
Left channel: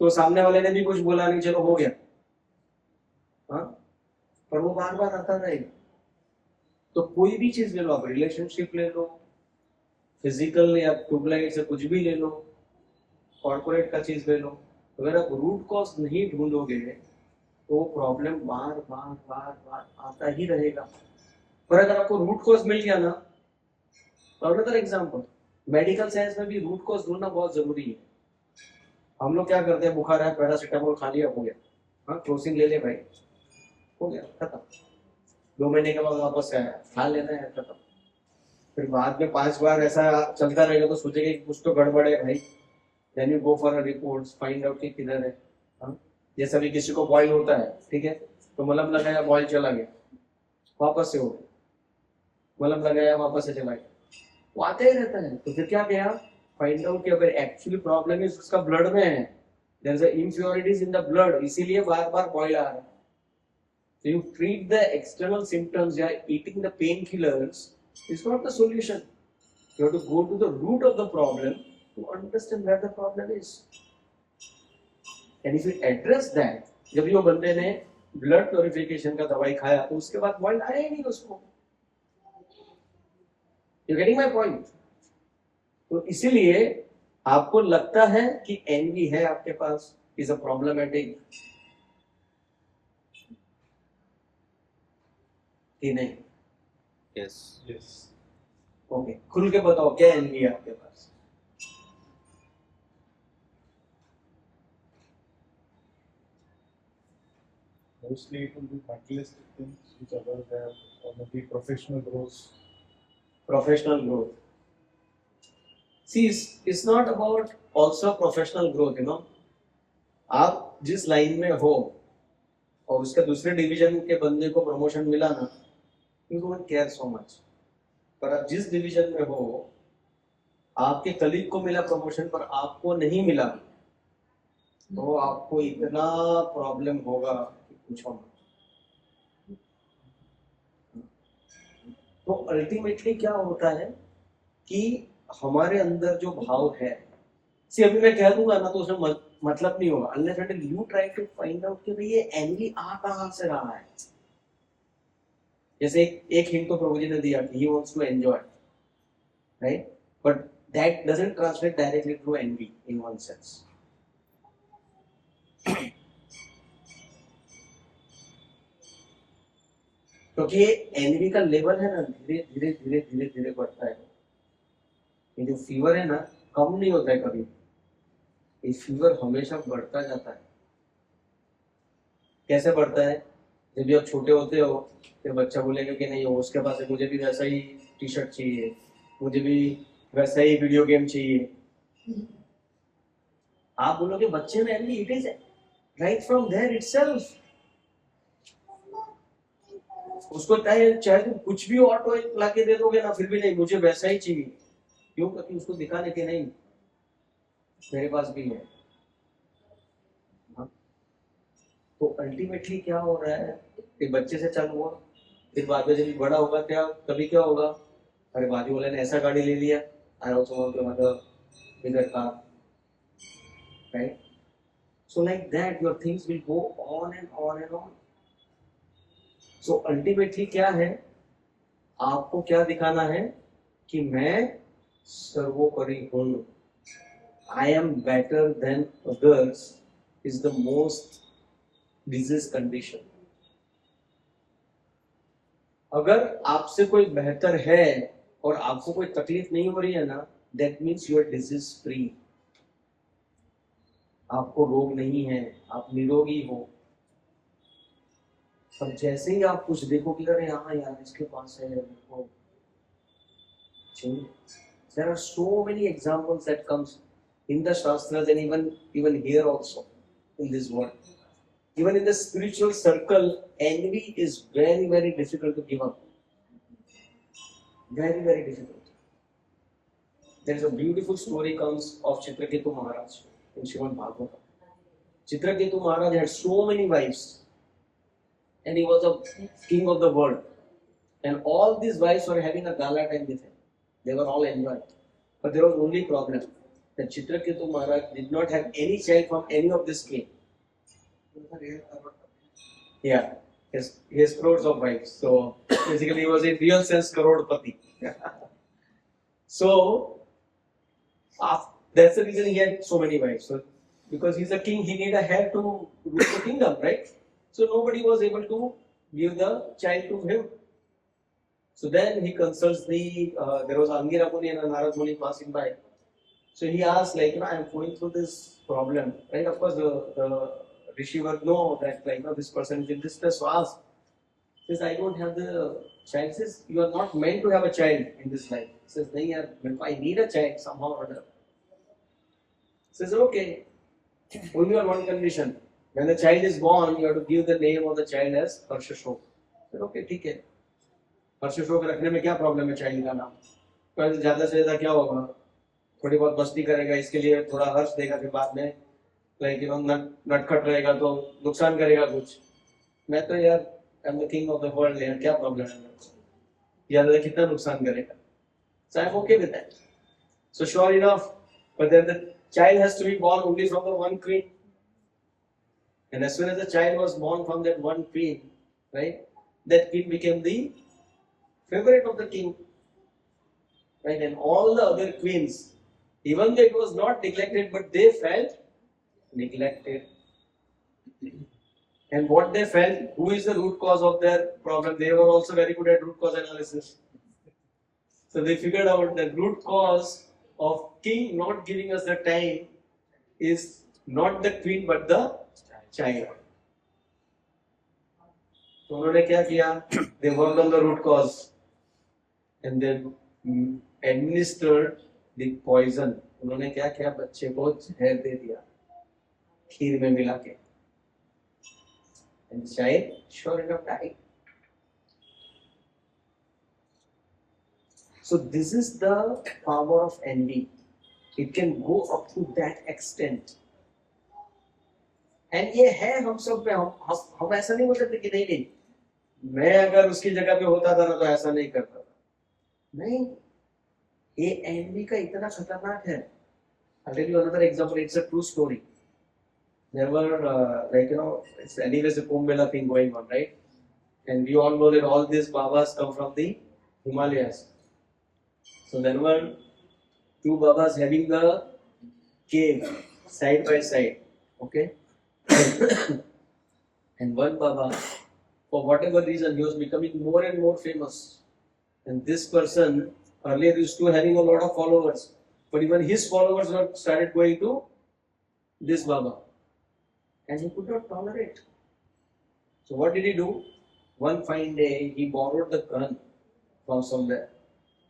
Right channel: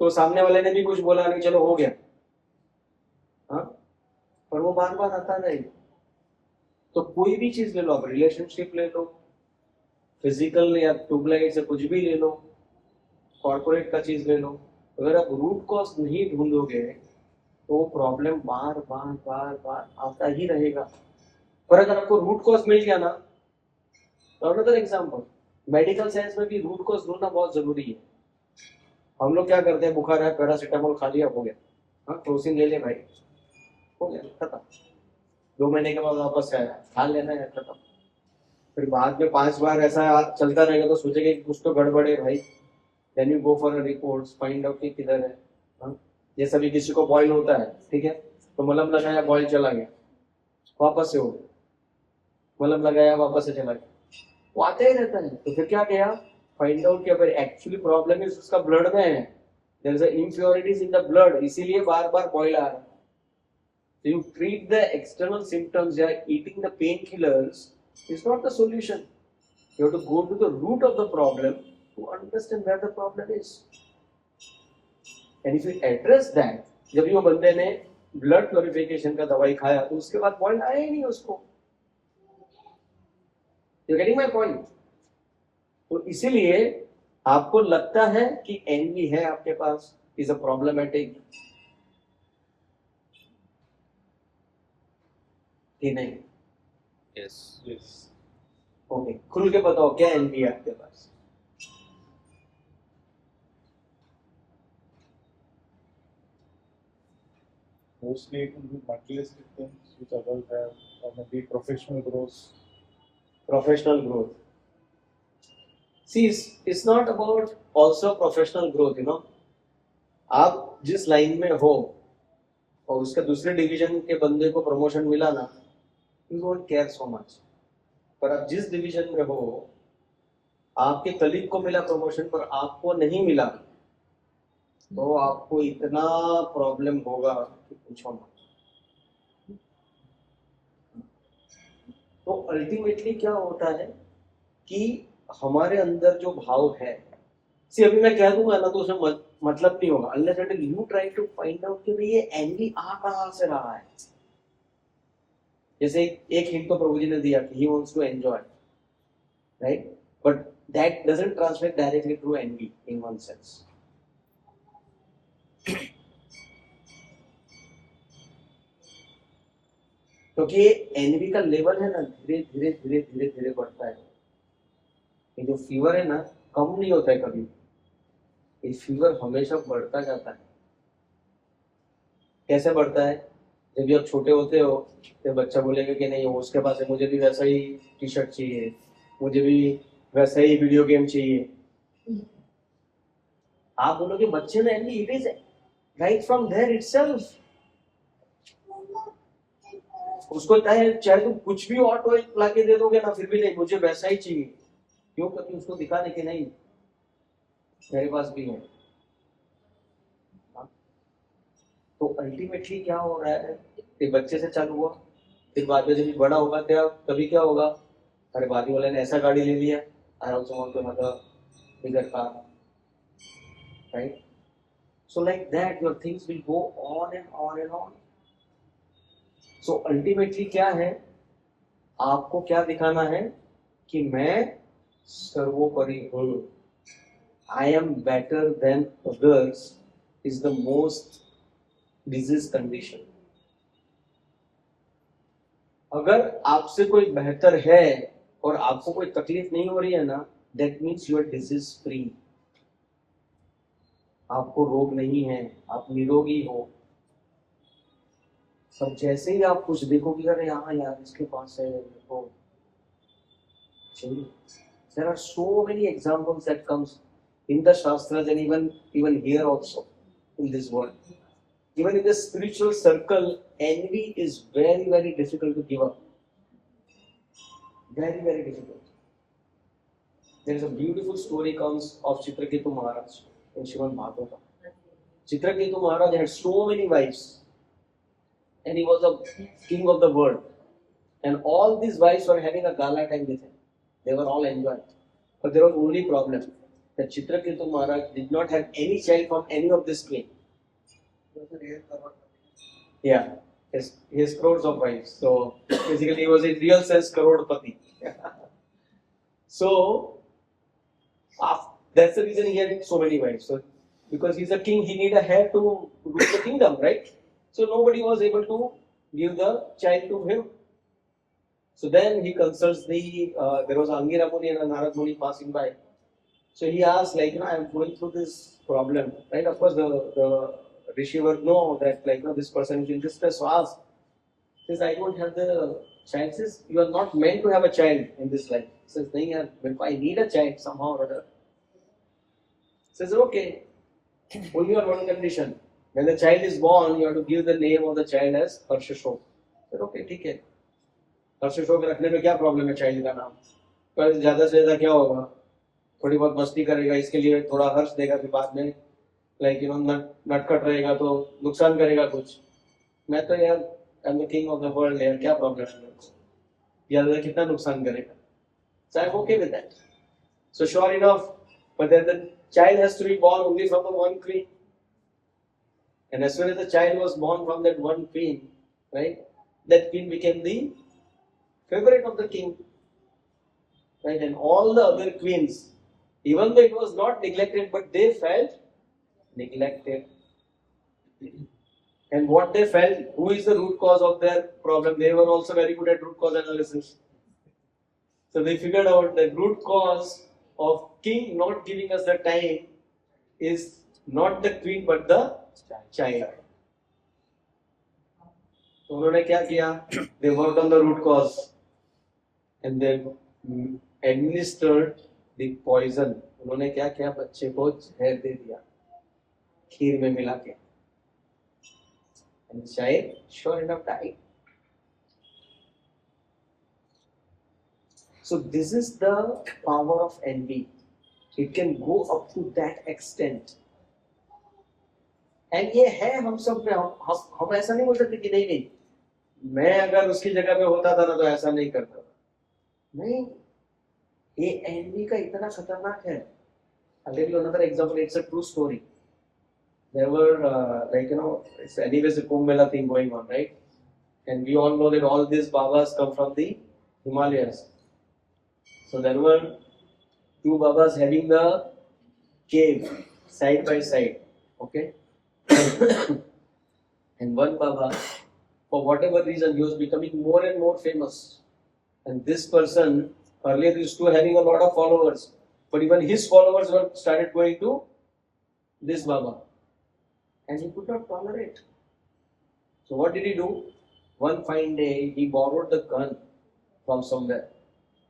तो सामने वाले ने भी कुछ बोला नहीं, चलो हो गया, हाँ, पर वो बार बार आता रहेगा। तो कोई भी चीज ले लो आप, रिलेशनशिप ले लो, फिजिकल या ट्यूबलाइट से कुछ भी ले लो, कॉर्पोरेट का चीज ले लो, अगर आप रूट कॉज नहीं ढूंढोगे तो प्रॉब्लम बार बार बार बार आता ही रहेगा। पर अगर आपको रूट कॉज मिल गया ना, अनदर एग्जांपल, मेडिकल साइंस में भी रूट कॉज ढूंढना बहुत जरूरी है। हम लोग क्या करते हैं, बुखार है पैरासीटामोल खा लिया हो गया, हाँ क्रोसिन ले ले भाई, हो गया खत्म। 2 महीने के बाद वापस से आया, खा लेना है, खत्म। फिर बाद में 5 बार ऐसा चलता रहेगा तो सोचेगा कि कुछ तो गड़बड़ है भाई। Then you go for a report, find out कि किधर है। हाँ? जैसा भी किसी को बॉयल होता है, ठीक है, तो मलहम लगाया बॉयल चला गया, वापस से हो गया, मलहम लगाया वापस से चला गया, वो आता ही रहता है। तो फिर क्या गया, फाइंड आउट कि अगर एक्चुअली प्रॉब्लम इज उसका ब्लड में है, there is impurities in the blood, इसीलिए बार बार बॉयल आ रहा है। So you treat the external symptoms, yeah, eating the painkillers is not the solution. You have to go to the root of the problem to understand where the problem is. And if you address that, जब ये बंदे ने ब्लड प्योरिफिकेशन का दवाई खाया तो उसके बाद बॉइल आया ही नहीं उसको। You getting my point? तो इसीलिए आपको लगता है कि एनवी है आपके पास, इज अ प्रॉब्लमेटिक कि नहीं? Yes Yes. ओके, खुल के बताओ क्या एनवी है आपके पास? Mostly it will be materialistic things which others have, or maybe professional growth. Professional growth. See, it's not about also professional growth, you know. आप जिस लाइन में हो और उसके दूसरे डिवीजन के बंदे को प्रमोशन मिला ना, you don't care so much. पर आप जिस डिवीजन में हो, आपके कलीग को मिला प्रमोशन पर आपको नहीं मिला, तो आपको इतना प्रॉब्लम होगा कि पूछो मत। तो अल्टीमेटली क्या होता है कि हमारे अंदर जो भाव है, सी अभी मैं कह दूंगा ना तो उसमें मतलब नहीं होगा, unless until you try to find out कि भाई ये एनवी आ कहां से रहा है। जैसे एक हिंट तो प्रभु जी ने दिया कि he wants to enjoy, right, but that doesn't translate directly through envy in one sense. क्योंकि एनवी का लेवल है ना, धीरे धीरे धीरे धीरे धीरे बढ़ता है। ये जो फीवर है ना, कम नहीं होता है कभी, ये फीवर हमेशा बढ़ता जाता है। कैसे बढ़ता है? जब भी आप छोटे होते हो तो बच्चा बोलेगा कि नहीं वो उसके पास है, मुझे भी वैसा ही टी शर्ट चाहिए, मुझे भी वैसा ही वीडियो गेम चाहिए। आप बोलोगे बच्चे में envy, it is right from there itself. उसको चाहे तुम कुछ भी ऑटो लाके दे दोगे ना, फिर भी नहीं मुझे वैसा ही चाहिए। क्यों? क्योंकि उसको दिखाने के नहीं मेरे पास भी है। तो अल्टीमेटली क्या हो रहा है, एक बच्चे से चालू हुआ, फिर बाद में जब बड़ा होगा तभी क्या होगा, अरे बाजू वाले ने ऐसा गाड़ी ले लिया, I also want to have a bigger car, right? So like that your things will go on and on and on. So ultimately क्या है, आपको क्या दिखाना है कि मैं सर्वोपरि हूं, I am better than others is the most disease condition. अगर आपसे कोई बेहतर है और आपको कोई तकलीफ नहीं हो रही है ना, that means you are disease free. आपको रोग नहीं है, आप निरोगी हो। पर जैसे ही आप कुछ देखोगे, अरे हाँ यार इसके पास है, देखो चाहिए। There are so many examples that comes in the Shastras and even here also in this world. Even in the spiritual circle, envy is very, very difficult to give up. Very, very difficult. There is a beautiful story comes of Chitraketu Maharaj in Srimad Bhagavatam. Chitraketu Maharaj had so many wives, and he was a king of the world. And all these wives were having a gala time with him. They were all enjoying. But there was only problem that Chitraketu Maharaj did not have any child from any of this king. Yeah, he has crores of wives. So basically, he was in real sense Karodpati. So that's the reason he had so many wives. So because he's a king, he need a heir to rule the kingdom, right? So nobody was able to give the child to him. So then he consults there was Angira Muni and a Narad Muni passing by. So he asked, like, I'm going through this problem, right? Of course, the Rishi would know that, like, this person is in distress. So ask, says, I don't have the child. Says, you are not meant to have a child in this life. Says, nahi, I need a child somehow or other. Says, okay, only on one condition. When the child is born, you have to give the name of the child as Harshashok. Said, okay, ठीक है. हर्षशोक रखने में क्या प्रॉब्लम है चाइल्ड का नाम? पर ज्यादा से ज्यादा क्या होगा? थोड़ी बहुत मस्ती करेगा, इसके लिए थोड़ा हर्ष देगा, फिर बाद में लाइक नटखट रहेगा तो नुकसान करेगा कुछ. मैं तो यार I am the king of the world यार, क्या प्रॉब्लम है मेरे को? ज्यादा कितना नुकसान करेगा? So I'm okay with that. So sure enough, but then the child has to be born only from the one queen. And as soon as the child was born from that one queen, right, that queen became the favorite of the king. Right, and all the other queens, even though it was not neglected, but they felt neglected. And what they felt, who is the root cause of their problem? They were also very good at root cause analysis. So they figured out the root cause of king not giving us the time is not the queen but the child. तो उन्होंने क्या किया? They worked on the root cause and they administered the poison. उन्होंने क्या किया? बच्चे को जहर दे दिया खीर में मिला के. And the child sure enough died. So this is the power of envy. It can go up to that extent. And ये है हम सब पे. हम ऐसा नहीं बोल सकते कि नहीं मैं अगर उसकी जगह पे होता था ना तो ऐसा नहीं करता था. नहीं, ये envy का इतना खतरनाक है. I'll tell you another example. It's a true story. There were it's anyways a Kumbh Mela thing going on, right? And we all know that all these Babas come from the Himalayas. So there were two Babas having the cave side by side, okay? And one Baba, for whatever reason, he was becoming more and more famous. And this person earlier used to having a lot of followers, but even his followers were started going to this Baba. And he could not tolerate. So what did he do? One fine day, he borrowed the gun from somewhere.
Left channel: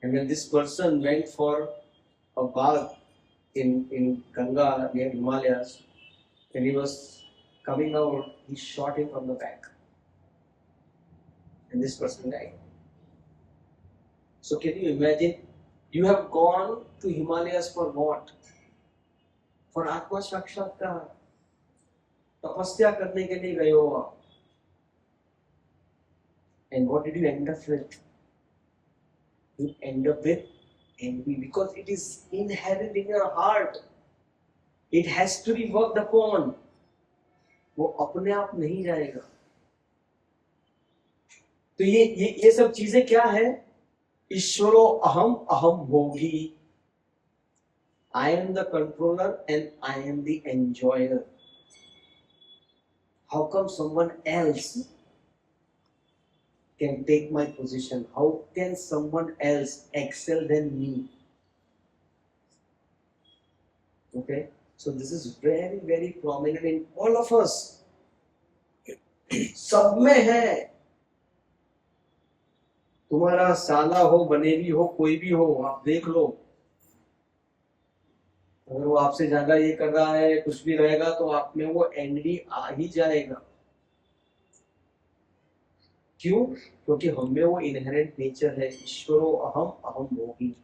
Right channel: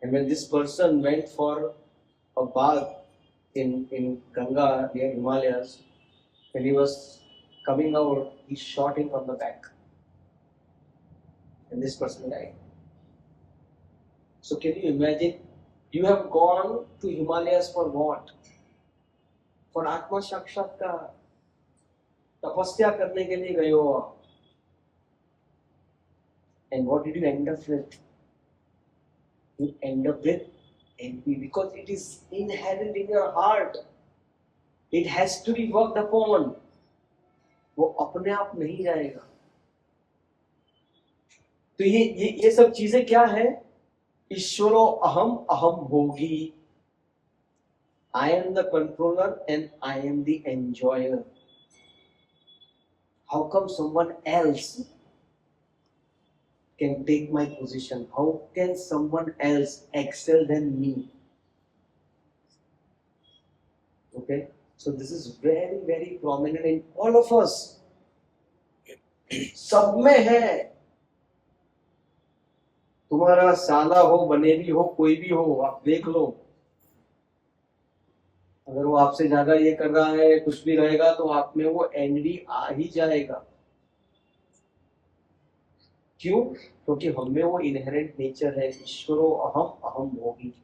And when this person went for a bath in Ganga near Himalayas, when he was coming out, he shot him from the back. And this person died. So can you imagine? You have gone to Himalayas for what? For Atma Sakshatkar. तपस्या करने के लिए गए हो आप. And what did you end up with? You end up with envy because it is inherent in your heart. It has to be worked upon. वो अपने आप नहीं जाएगा. तो ये सब चीजें क्या है? ईश्वरो अहम अहम भोगी. I am the controller and I am the enjoyer. How come someone else can take my position? How can someone else excel than me? Okay, so this is very, very prominent in all of us. सब में है. तुम्हारा साला हो, बनेवी हो, कोई भी हो, आप देख लो. अगर वो आपसे ज्यादा ये कर रहा है, कुछ भी रहेगा, तो आप में वो एनवी आ ही जाएगा. क्यों? क्योंकि हम में वो इनहेरेंट नेचर है. ईश्वरो अहम अहम भोगी.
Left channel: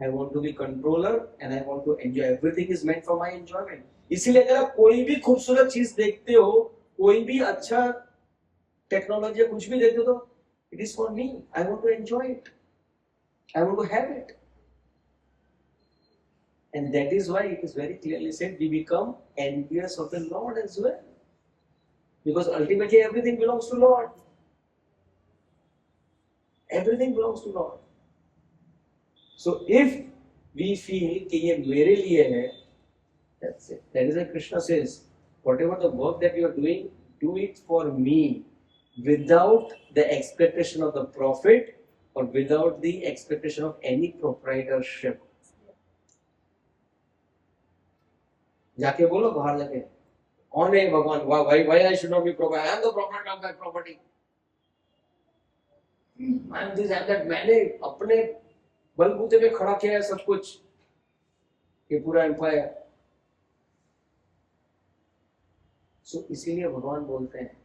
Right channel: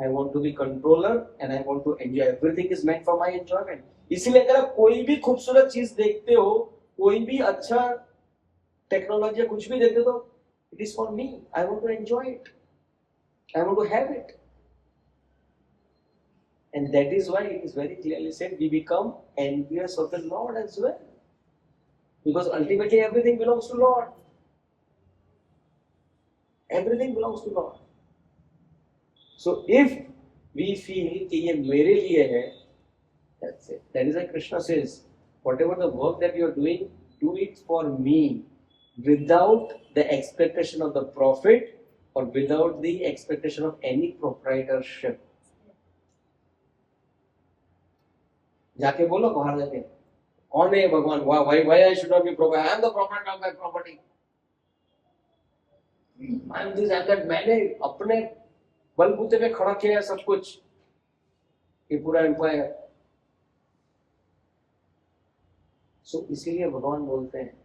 I want to be controller and I want to enjoy. Everything is meant for my enjoyment. इसीलिए अगर आप कोई भी खूबसूरत चीज देखते हो, कोई भी अच्छा टेक्नोलॉजी कुछ भी देखते हो, तो it is for me. I want to enjoy it. I want to have it. And that is why it is very clearly said we become envious of the Lord as well. Because ultimately everything belongs to Lord. Everything belongs to Lord. So if we feel कि ये मेरे लिए है, that's it. That is why Krishna says, whatever the work that you are doing, do it for me, without the expectation of the profit or without the expectation of any proprietorship. जाके बोलो बाहर जाके, कौन है भगवान? Why I should not be proprietor? I am the proprietor of my property. I am this and that. मैंने अपने बलबूते पे खड़ा किया है सब कुछ, ये पूरा एम्पायर. So इसीलिए भगवान बोलते हैं,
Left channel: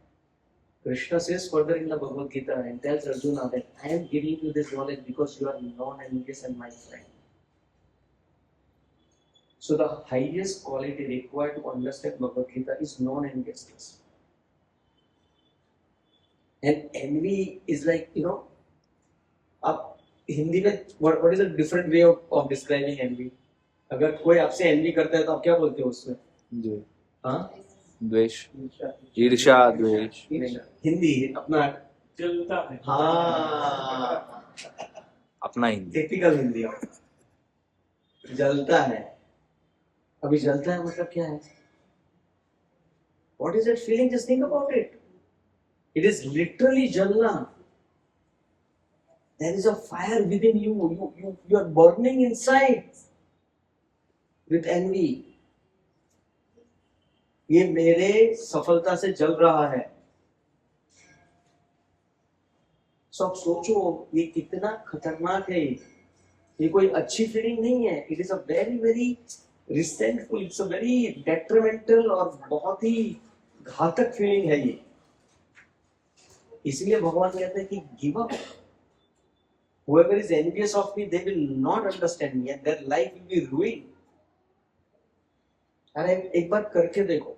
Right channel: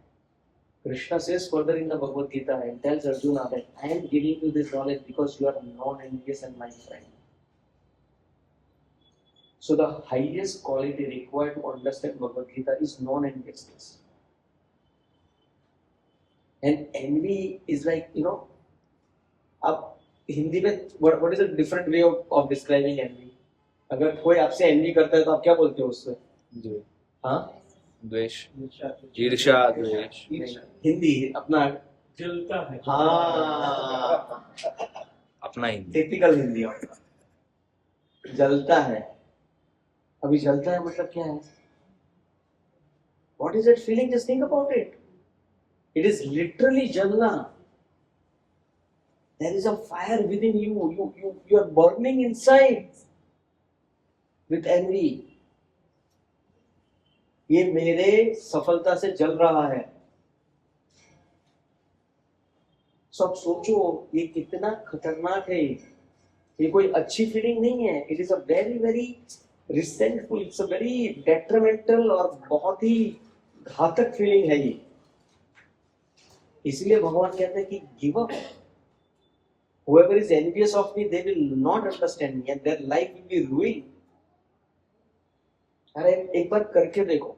Krishna says further in the Bhagavad Gita and tells Arjuna that I am giving you this knowledge because you are non-envious and my friend. So the highest quality required to understand Bhagavad Gita is non-enviousness. And envy is like, अब हिंदी में what is a different way of describing envy? अगर कोई आपसे envy करता है तो आप क्या बोलते हो उसमें? जी हाँ? द्वेष, ईर्ष्या, द्वेष. हिंदी अपना जलता है. हाँ, अपना हिंदी. टिपिकल हिंदी अपना. जलता है. अभी जलता है मतलब क्या है? What is that feeling? Just think about it. It is literally jalna. There is a fire within you. You are burning inside with envy. ये मेरे सफलता से जल रहा है. सब सोचो ये कितना खतरनाक है. ये कोई अच्छी फीलिंग नहीं है. It is a very very resentful, it's a very detrimental और बहुत ही घातक फीलिंग है ये. इसलिए भगवान कहते हैं कि give up. Whoever is envious of me, they will not understand me and their life will be ruined. अरे एक बार करके देखो.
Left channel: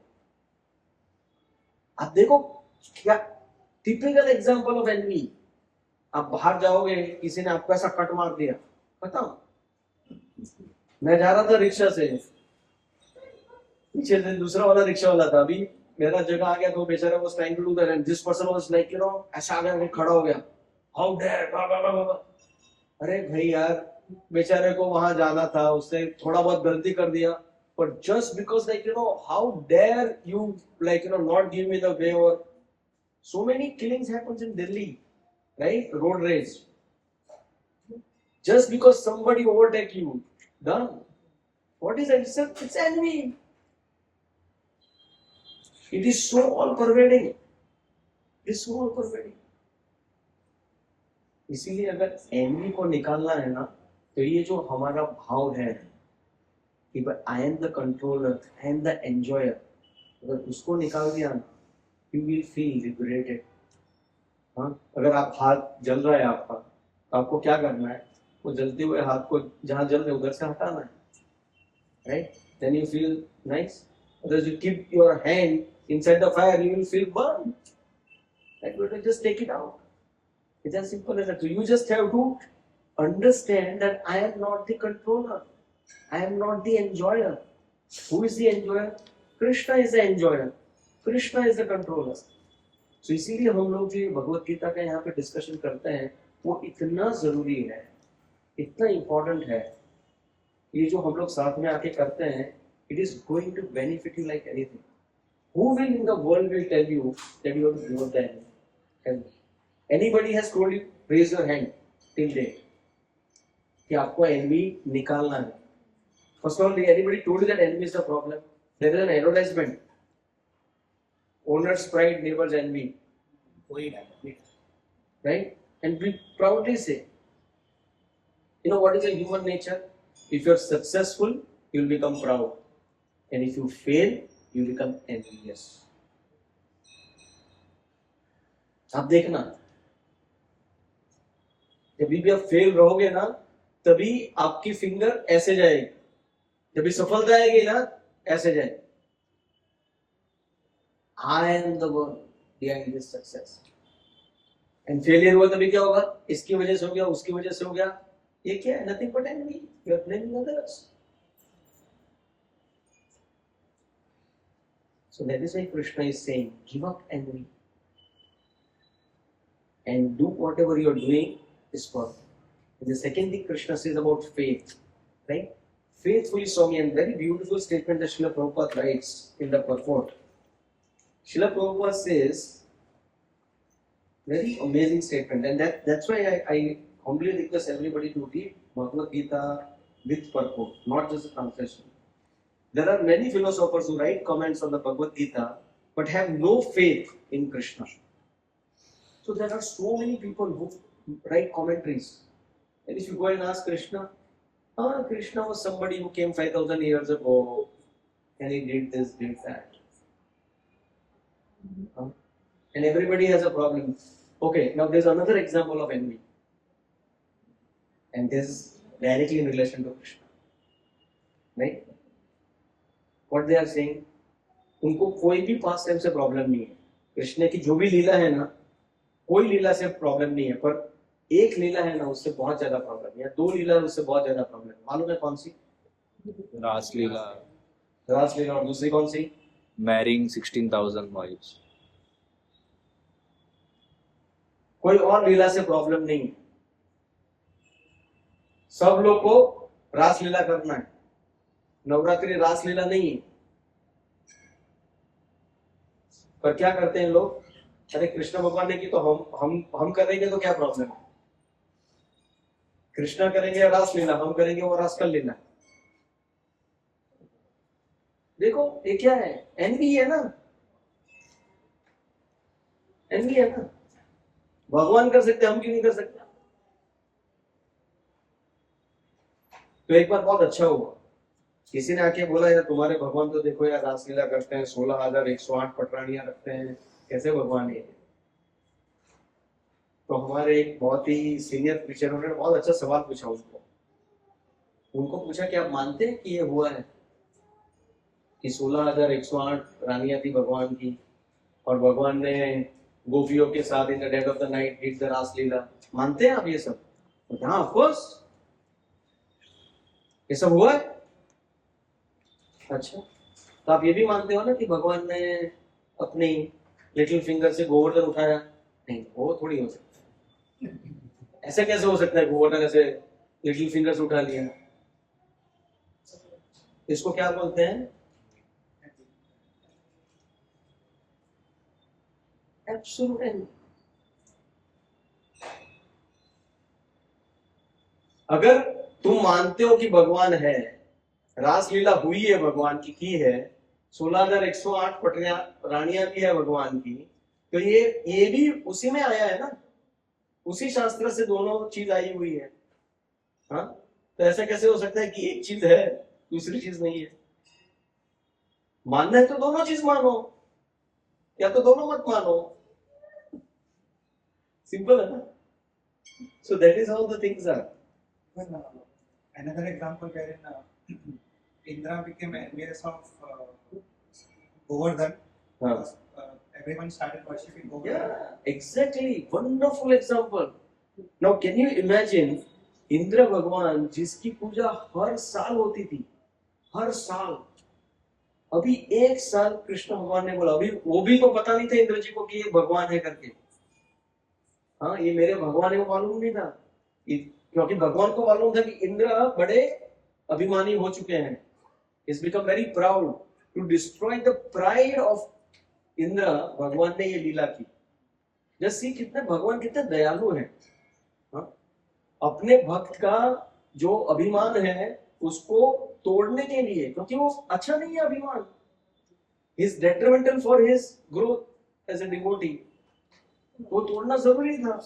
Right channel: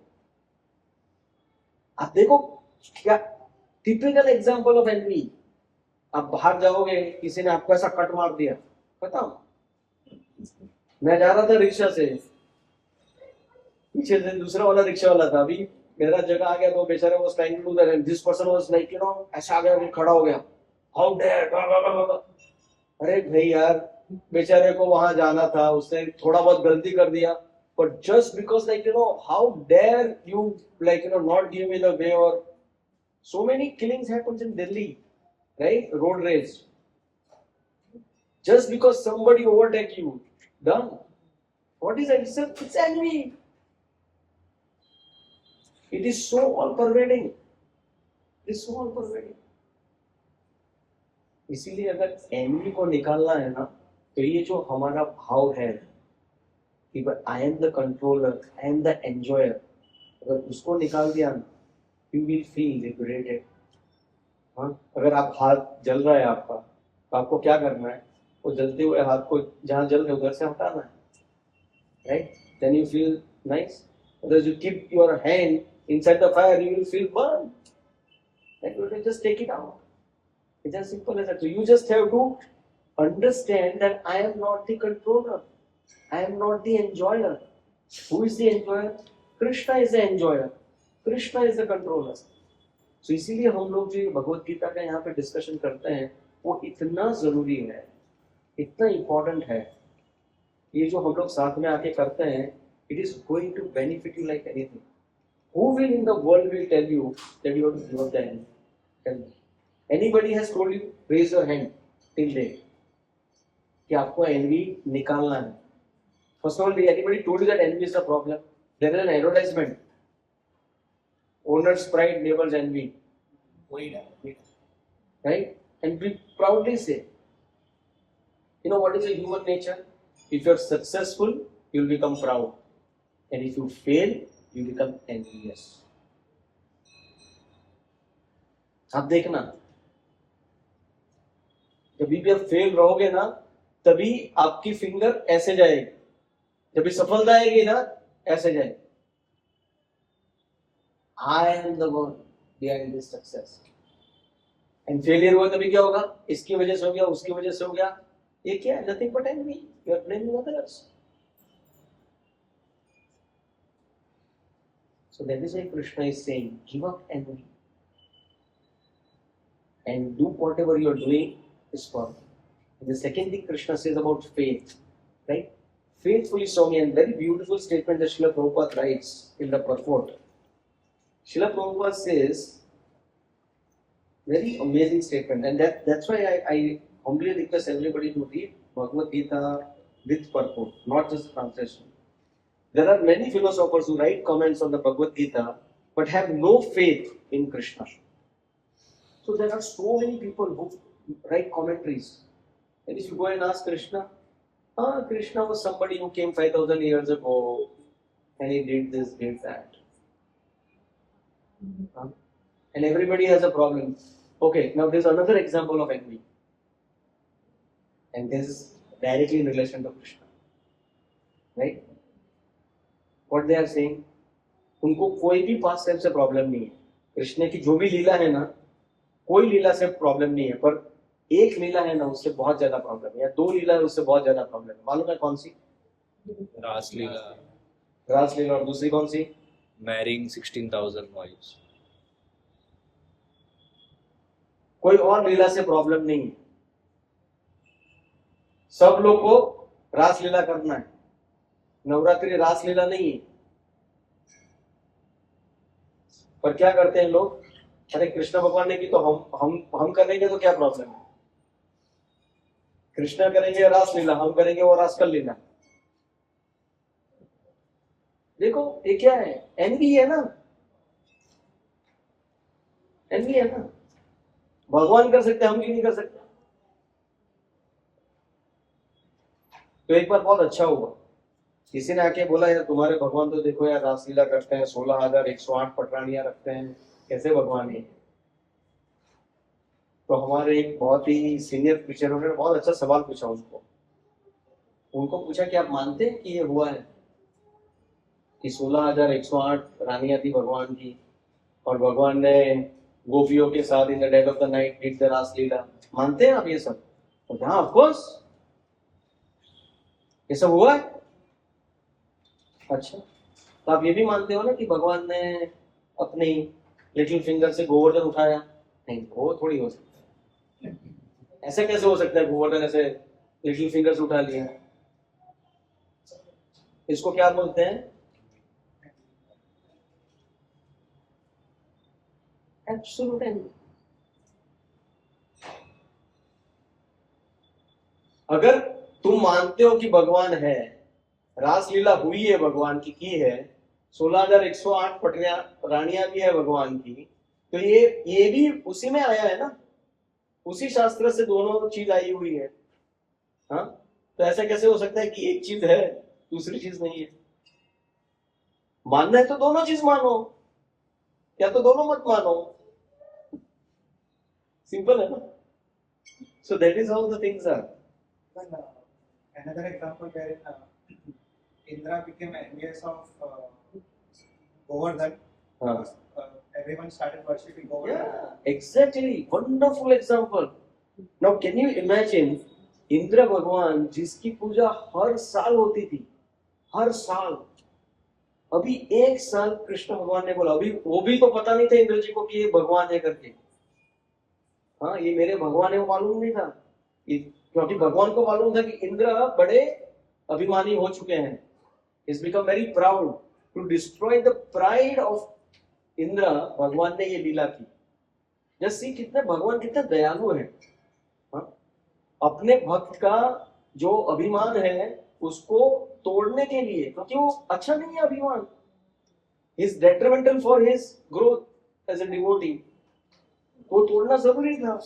आप देखो क्या टिपिकल एग्जांपल ऑफ एनवी. आप बाहर जाओगे, किसी ने आपको ऐसा कट मार दिया, खत्म. मैं जा रहा था रिक्शा से, पीछे से दूसरा वाला रिक्शा वाला था. अभी मेरा जगह आ गया तो बेचारा was trying to do that and this person was like ऐसा आ गया, खड़ा हो गया. How dare. अरे भाई यार, बेचारे को वहां जाना था, उसने थोड़ा बहुत गलती कर दिया, but just because how dare you not give me the way. Or so many killings happens in Delhi, right? Road rage, just because somebody overtake you, done. What is it? It's envy. It is so all pervading. It is so all pervading. इसीलिए अगर एनवी को निकालना है ना, तो ये जो हमारा भाव है कि I am the controller, I am the enjoyer, अगर उसको निकाल दिया ना, यू विल फील लिबरेटेड. हाँ, अगर आप हाथ जल रहा है आपका, तो आपको क्या करना है? वो जलते हुए हाथ को जहाँ जल रहे उधर से हटाना है, right? Then you feel nice. अगर you keep your hand inside the fire, you will feel burn. Like you have to just take it out. It's as simple as that. So you just have to understand that I am not the controller. I am not the enjoyer. Who is the enjoyer? Krishna is the enjoyer. Krishna is the controller. So इसीलिए हम लोग जो भगवत गीता का यहाँ पे डिस्कशन करते हैं, वो इतना जरूरी है, इतना इम्पोर्टेंट है. ये जो हम लोग साथ में आके करते हैं, it is going to benefit you like anything. Who will in the world will tell you that you have to give up the envy? Tell me. Anybody has told you, raise your hand till date, कि आपको envy निकालना है? First of all, anybody told you that envy is the problem? There is an advertisement. Owner's pride, neighbor's envy. Right? And we proudly say, what is the human nature? If you are successful, you will become proud. And if you fail, you become envious. आप देखना, जब भी आप फेल रहोगे ना, तभी आपकी फिंगर ऐसे जाएगी. जब भी सफलता आएगी ना, ऐसे जाएगी. I am the one behind this success. And failure हुआ तभी क्या होगा? इसकी वजह से हो गया, उसकी वजह से हो गया. ये क्या है? Nothing but envy. You are blaming others. So that is why Krishna is saying, give up envy. And do whatever you are doing is for. And the second thing Krishna says about faith, right? Faithfully saw me, and very beautiful statement that Srila Prabhupada writes in the purport. Srila Prabhupada says, very amazing statement, and that's why humbly request everybody to read Bhagavad Gita with purport, not just the translation. There are many philosophers who write comments on the Bhagavad Gita but have no faith in Krishna. So there are so many people who write commentaries. And if you go and ask Krishna, Krishna was somebody who came 5,000 years ago and he did this, did that. And everybody has a problem. Okay, now there's another example of envy. And this is directly in relation to Krishna. Right? What they are saying, उनको कोई भी पास्ट टाइम से प्रॉब्लम नहीं है. कृष्ण की जो भी लीला है ना, कोई लीला से प्रॉब्लम नहीं है, पर एक लीला है ना उससे बहुत ज्यादा प्रॉब्लम है, या दो लीला है उससे बहुत ज्यादा प्रॉब्लम है. मालूम है कौन सी? रासलीला. रासलीला. और दूसरी कौन सी? Marrying 16,000 wives. कोई और लीला से प्रॉब्लम नहीं है. सब लोग को रासलीला करना है. नवरात्रि रासलीला नहीं है. पर क्या करते हैं लोग? अरे कृष्ण भगवान ने की तो हम करेंगे तो क्या प्रॉब्लम है? कृष्ण करेंगे रासलीला, हम करेंगे वो रासकल लीला. देखो ये क्या है? एनवी है ना. एनवी है ना. भगवान कर सकते, हम क्यों नहीं कर सकते? तो एक बार बहुत अच्छा हुआ, किसी ने आके बोला यार तुम्हारे भगवान तो देखो यार रासलीला करते हैं, 16,108 पटरानियां रखते हैं, कैसे भगवान है? तो हमारे एक बहुत ही सीनियर टीचर उन्होंने बहुत अच्छा सवाल पूछा उनको पूछा कि आप मानते हैं कि ये हुआ है कि 16,108 रानियां थी भगवान की और भगवान ने गोपियों के साथ in the dead of the night did the Raslila? मानते हैं आप ये सब? तो हाँ ऑफ कोर्स ये सब हुआ है. अच्छा, तो आप ये भी मानते हो ना कि भगवान ने अपनी लिटिल फिंगर से गोवर्धन उठाया? नहीं, वो थोड़ी हो सकता है. ऐसे कैसे हो सकता है गोवर्धन ऐसे लिटिल फिंगर से उठा लिया? इसको क्या बोलते हैं? Absolute envy. अगर तुम मानते हो कि भगवान है, रासलीला हुई है भगवान की है, 16,108 पटरियां रानियां भी है भगवान की, तो ये भी उसी में आया है ना, उसी शास्त्र से दोनों चीज आई हुई है. हाँ, तो ऐसा कैसे हो सकता है कि एक चीज है दूसरी चीज नहीं है? मानना है तो दोनों चीज मानो, या तो दोनों मत मानो. सिंपल है ना. So that is how the things are. Another example wherein Indra became envious of Govardhan. हाँ. Everyone started worshipping Govardhan. Yeah, exactly. Wonderful example. Now, can you imagine Indra भगवान जिसकी पूजा हर साल होती थी, हर साल. अभी एक साल कृष्ण भगवान ने बोला, अभी वो भी तो पता नहीं था इंद्र जी को कि ये भगवान है करके. हाँ, ये मेरे भगवान है वो मालूम नहीं था, क्योंकि भगवान को मालूम था कि इंद्र बड़े अभिमानी हो चुके हैं. He's become very proud. To destroy the pride of Indra, भगवान ने ये लीला की. जस्ट सी कितने भगवान कितने दयालु हैं. हाँ? अपने भक्त का जो अभिमान है उसको तोड़ने के लिए, क्योंकि वो अच्छा नहीं है अभिमान. He is detrimental for his growth as a devotee. वो तोड़ना जरूरी था.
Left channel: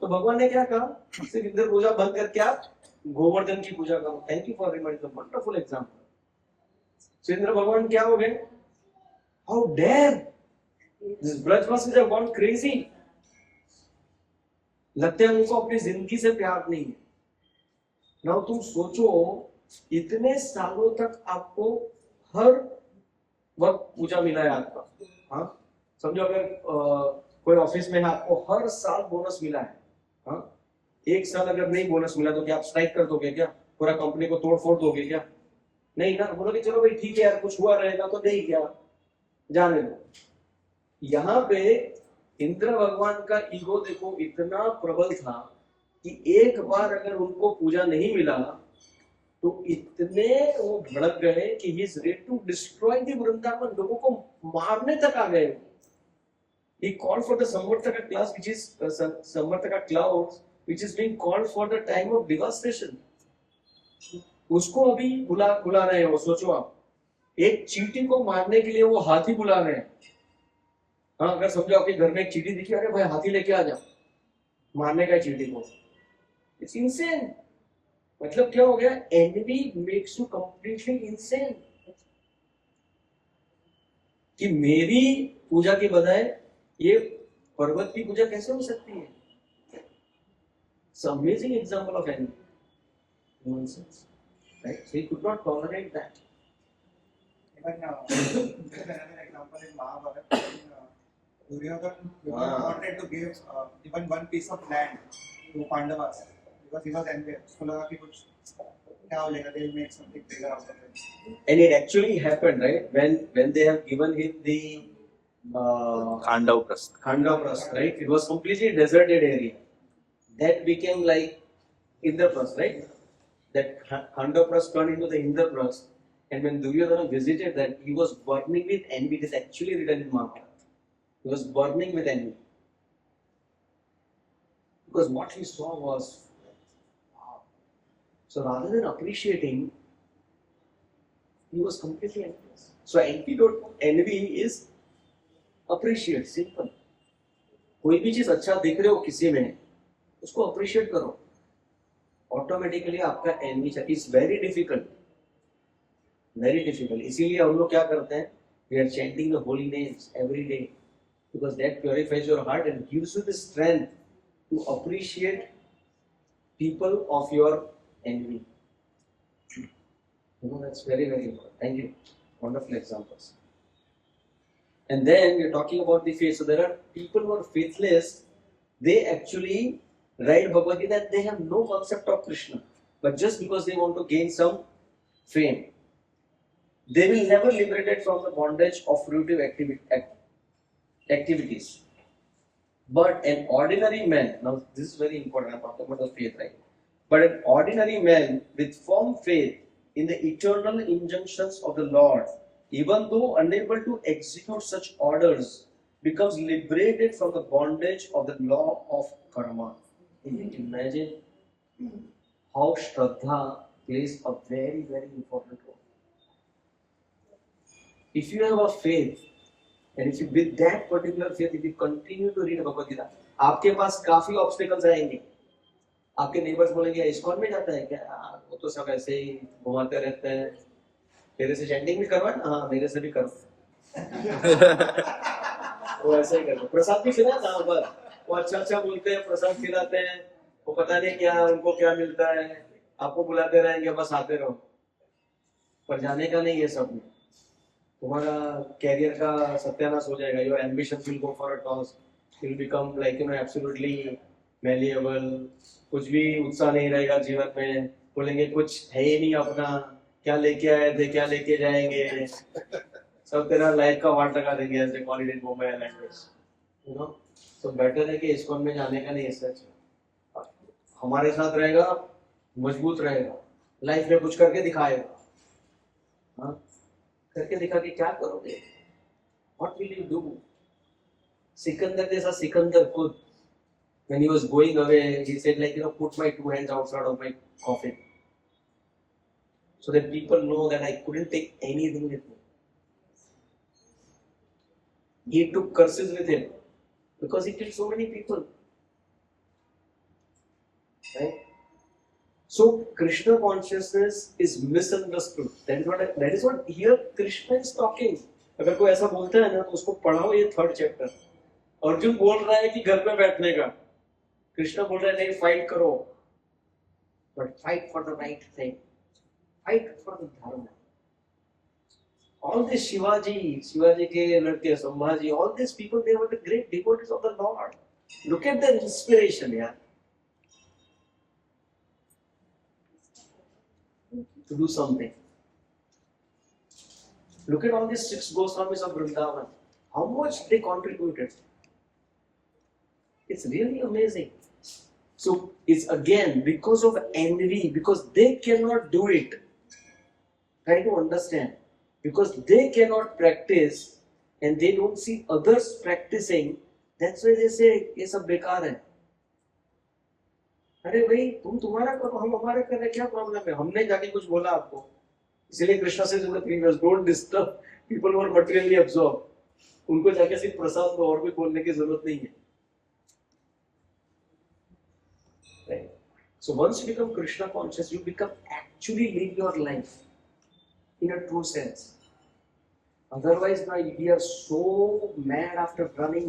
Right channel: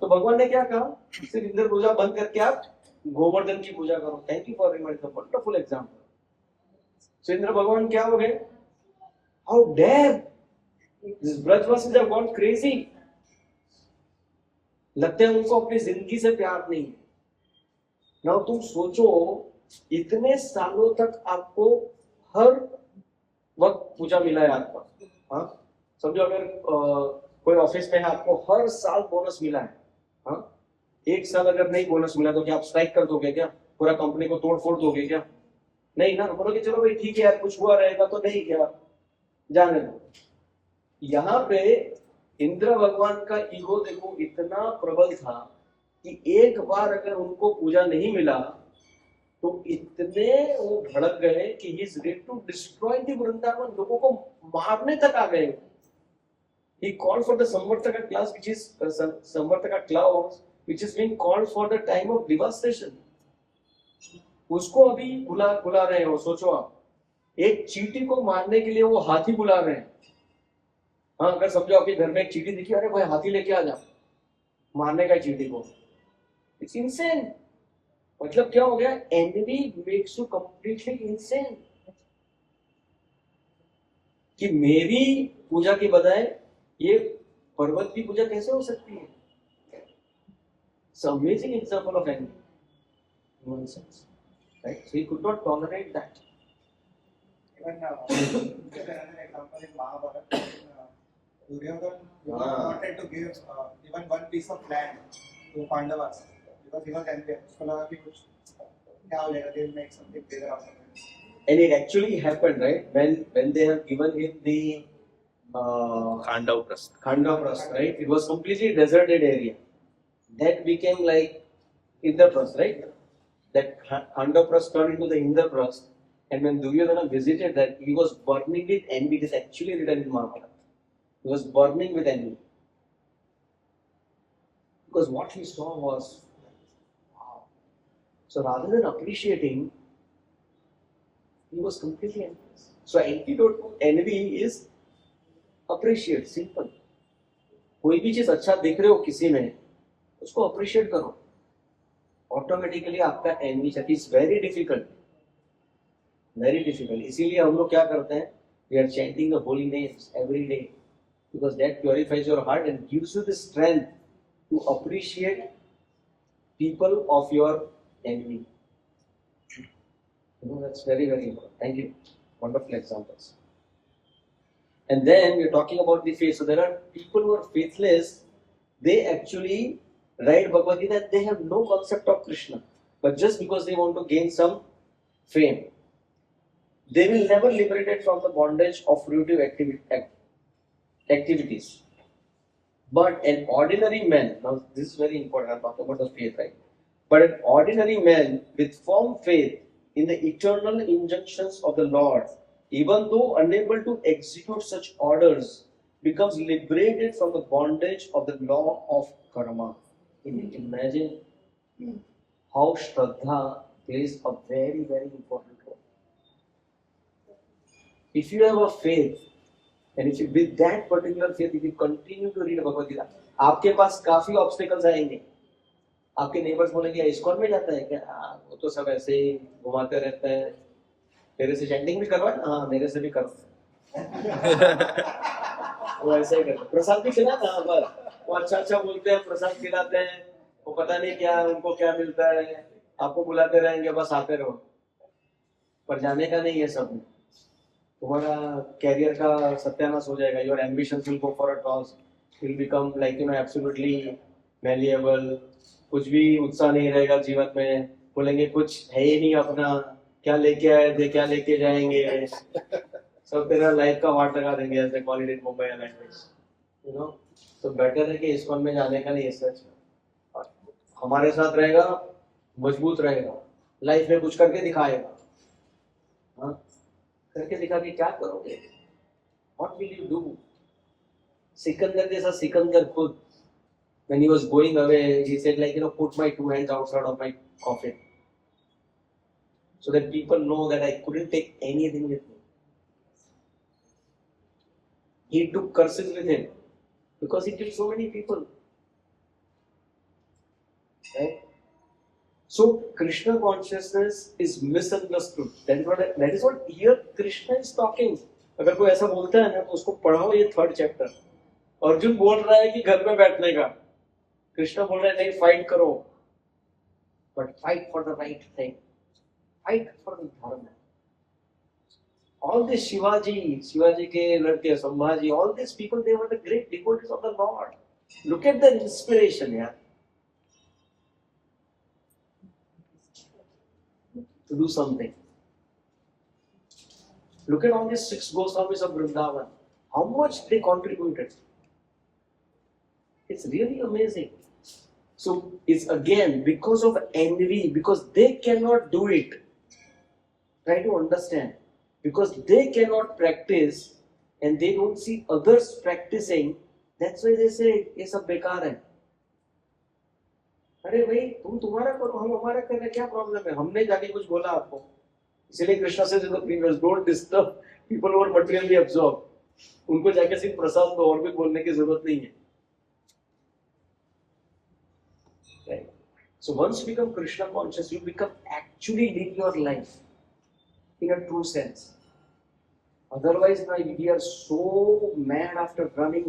तो भगवान ने क्या कहा? सिर्फ इंद्र पूजा बंद करके आप गोवर्धन की पूजा करो. Thank you for reminding the wonderful example. So Indra भगवान क्या हो गए? हाउ डेयर दिस ब्रजवासीज हैव गॉन क्रेजी. लगता है उनको अपनी जिंदगी से प्यार नहीं है. नाउ तुम सोचो, इतने सालों तक आपको हर वक्त पूजा मिला है आपका. हाँ, समझो अगर कोई ऑफिस में है, आपको हर साल बोनस मिला है. हाँ, एक साल अगर नहीं बोनस मिला तो क्या आप स्ट्राइक कर दोगे? क्या पूरा कंपनी को तोड़ फोड़ दोगे? क्या नहीं ना. बोलोगे चलो भाई ठीक है यार, कुछ हुआ रहेगा तो नहीं, क्या जाने दो. यहाँ पे इंद्र भगवान का ईगो देखो इतना प्रबल था कि एक बार अगर उनको पूजा नहीं मिला तो इतने वो भड़क गए कि he is ready to destroy the Vrindavan. लोगों को मारने तक आ गए. He called for the Samvartaka class, which is Samvartaka clouds, which is being called for the time of devastation. उसको अभी बुला रहे हो. सोचो आप, एक चींटी को मारने के लिए वो हाथी बुला रहे हैं. हाँ, अगर समझो आपके घर में एक चींटी दिखी, अरे भाई हाथी लेके आ जाओ, मारने का चींटी को. It's insane. मतलब क्या हो गया? Enemy makes you completely insane. कि मेरी पूजा के बजाय ये पर्वत की पूजा कैसे हो सकती है? It's an amazing example of envy. Nonsense. Right? So he could not tolerate that. Even there's another example in Mahabharata. Duryodhana wanted to give even one piece of land to Pandavas because he was envious. उसको लगा कि कुछ क्या हो जाएगा, they'll make something bigger out of it. And it actually happened, right? When they have given him the Khandavprastha, right? It was completely deserted area. That became like Indraprastha, right? That Khandavprastha turned into the Indraprastha. And when Duryodhana visited that, he was burning with envy. It is actually written in Mahabharata. He was burning with envy. Because what he saw was, wow. So rather than appreciating, he was completely envious. So antidote to envy is appreciate, simple. कोई भी चीज अच्छा देख रहे हो किसी में, उसको appreciate करो. Automatically आपका envy is very difficult. Very difficult. इसीलिए हम लोग क्या करते हैं? We are chanting the holy names every day because that purifies your heart and gives you the strength to appreciate people of your envy. You know, that's very, very important. Thank you. Wonderful examples. And then we're talking about the faith. So there are people who are faithless. They actually write Bhagavad Gita and they have no concept of Krishna. But just because they want to gain some fame, they will never liberated from the bondage of fruitive activities. But an ordinary man, now this is very important, I'm talking about the faith, right? But an ordinary man with firm faith in the eternal injunctions of the Lord, even though unable to execute such orders, becomes liberated from the bondage of the law of karma. Can you imagine how Shraddha plays a very, very important role? If you have a faith, and if you with that particular faith, if you continue to read Bhagavad Gita, आपके पास काफी obstacles आएंगे. आपके नेबर्स बोलेंगे इस्कॉन में जाता है क्या? वो तो सब ऐसे ही घुमाते रहते हैं. तेरे से चैंटिंग भी करवा ना? हाँ, मेरे से भी करो. वो ऐसे ही करते. प्रसाद भी खिला ना, बस वो अच्छा बोलते हैं, प्रसाद खिलाते हैं, वो पता नहीं क्या उनको क्या मिलता है. आपको बुलाते रहेंगे, बस आते रहो, पर जाने का नहीं. ये सब में तुम्हारा कैरियर का सत्यानाश हो जाएगा. Your ambitions will go for a toss. Will become like absolutely malleable. कुछ भी उत्साह नहीं रहेगा जीवन में. बोलेंगे कुछ है ही नहीं अपना, क्या लेके आए थे, क्या लेके जाएंगे. सब तेरा लाइफ का वाट लगा देंगे, ऐसे quality Mumbai language. You know, तो बेटर है कि इस्कॉन में जाने का नहीं. सच हमारे साथ रहेगा, मजबूत रहेगा, लाइफ में कुछ करके दिखाएगा. हाँ, करके दिखा के क्या करोगे? What will you do? Sikandar जैसा सिकंदर खुद, when he was going away, he said like, put my 2 hands outside of my coffin, so that people know that I couldn't take anything with me. He took curses with him because he killed so many people. Right? So Krishna consciousness is misunderstood. That is what here Krishna is talking. अगर कोई ऐसा बोलता है ना, तो उसको पढ़ाओ ये 3rd चैप्टर. अर्जुन बोल रहा है कि घर में बैठने का, कृष्ण बोल रहा है नहीं, फाइट करो, but fight for the right thing, fight for the dharma. All this Shivaji के लड़के, Sambhaji, all these people, they were the great devotees of the Lord. Look at their inspiration, yeah. To do something. Look at all these 6 Goswamis of Vrindavan. How much they contributed. It's really amazing. So it's again because of envy, because they cannot do it. Try to understand. Because they cannot practice and they don't see others practicing, that's why they say, ये सब बेकार है. अरे भाई तुम तुम्हारा करो, हम हमारा कर रहे, क्या प्रॉब्लम है? हमने जाके कुछ बोला आपको? इसलिए कृष्णा से डोंट डिस्टर्ब पीपल और मटेरियली अब्सॉर्ब. उनको जाके सिर्फ प्रसाद को और भी बोलने की जरूरत नहीं है. Right? So once you become Krishna conscious, you become actually live your life in a true sense. Otherwise, now we are so mad after running.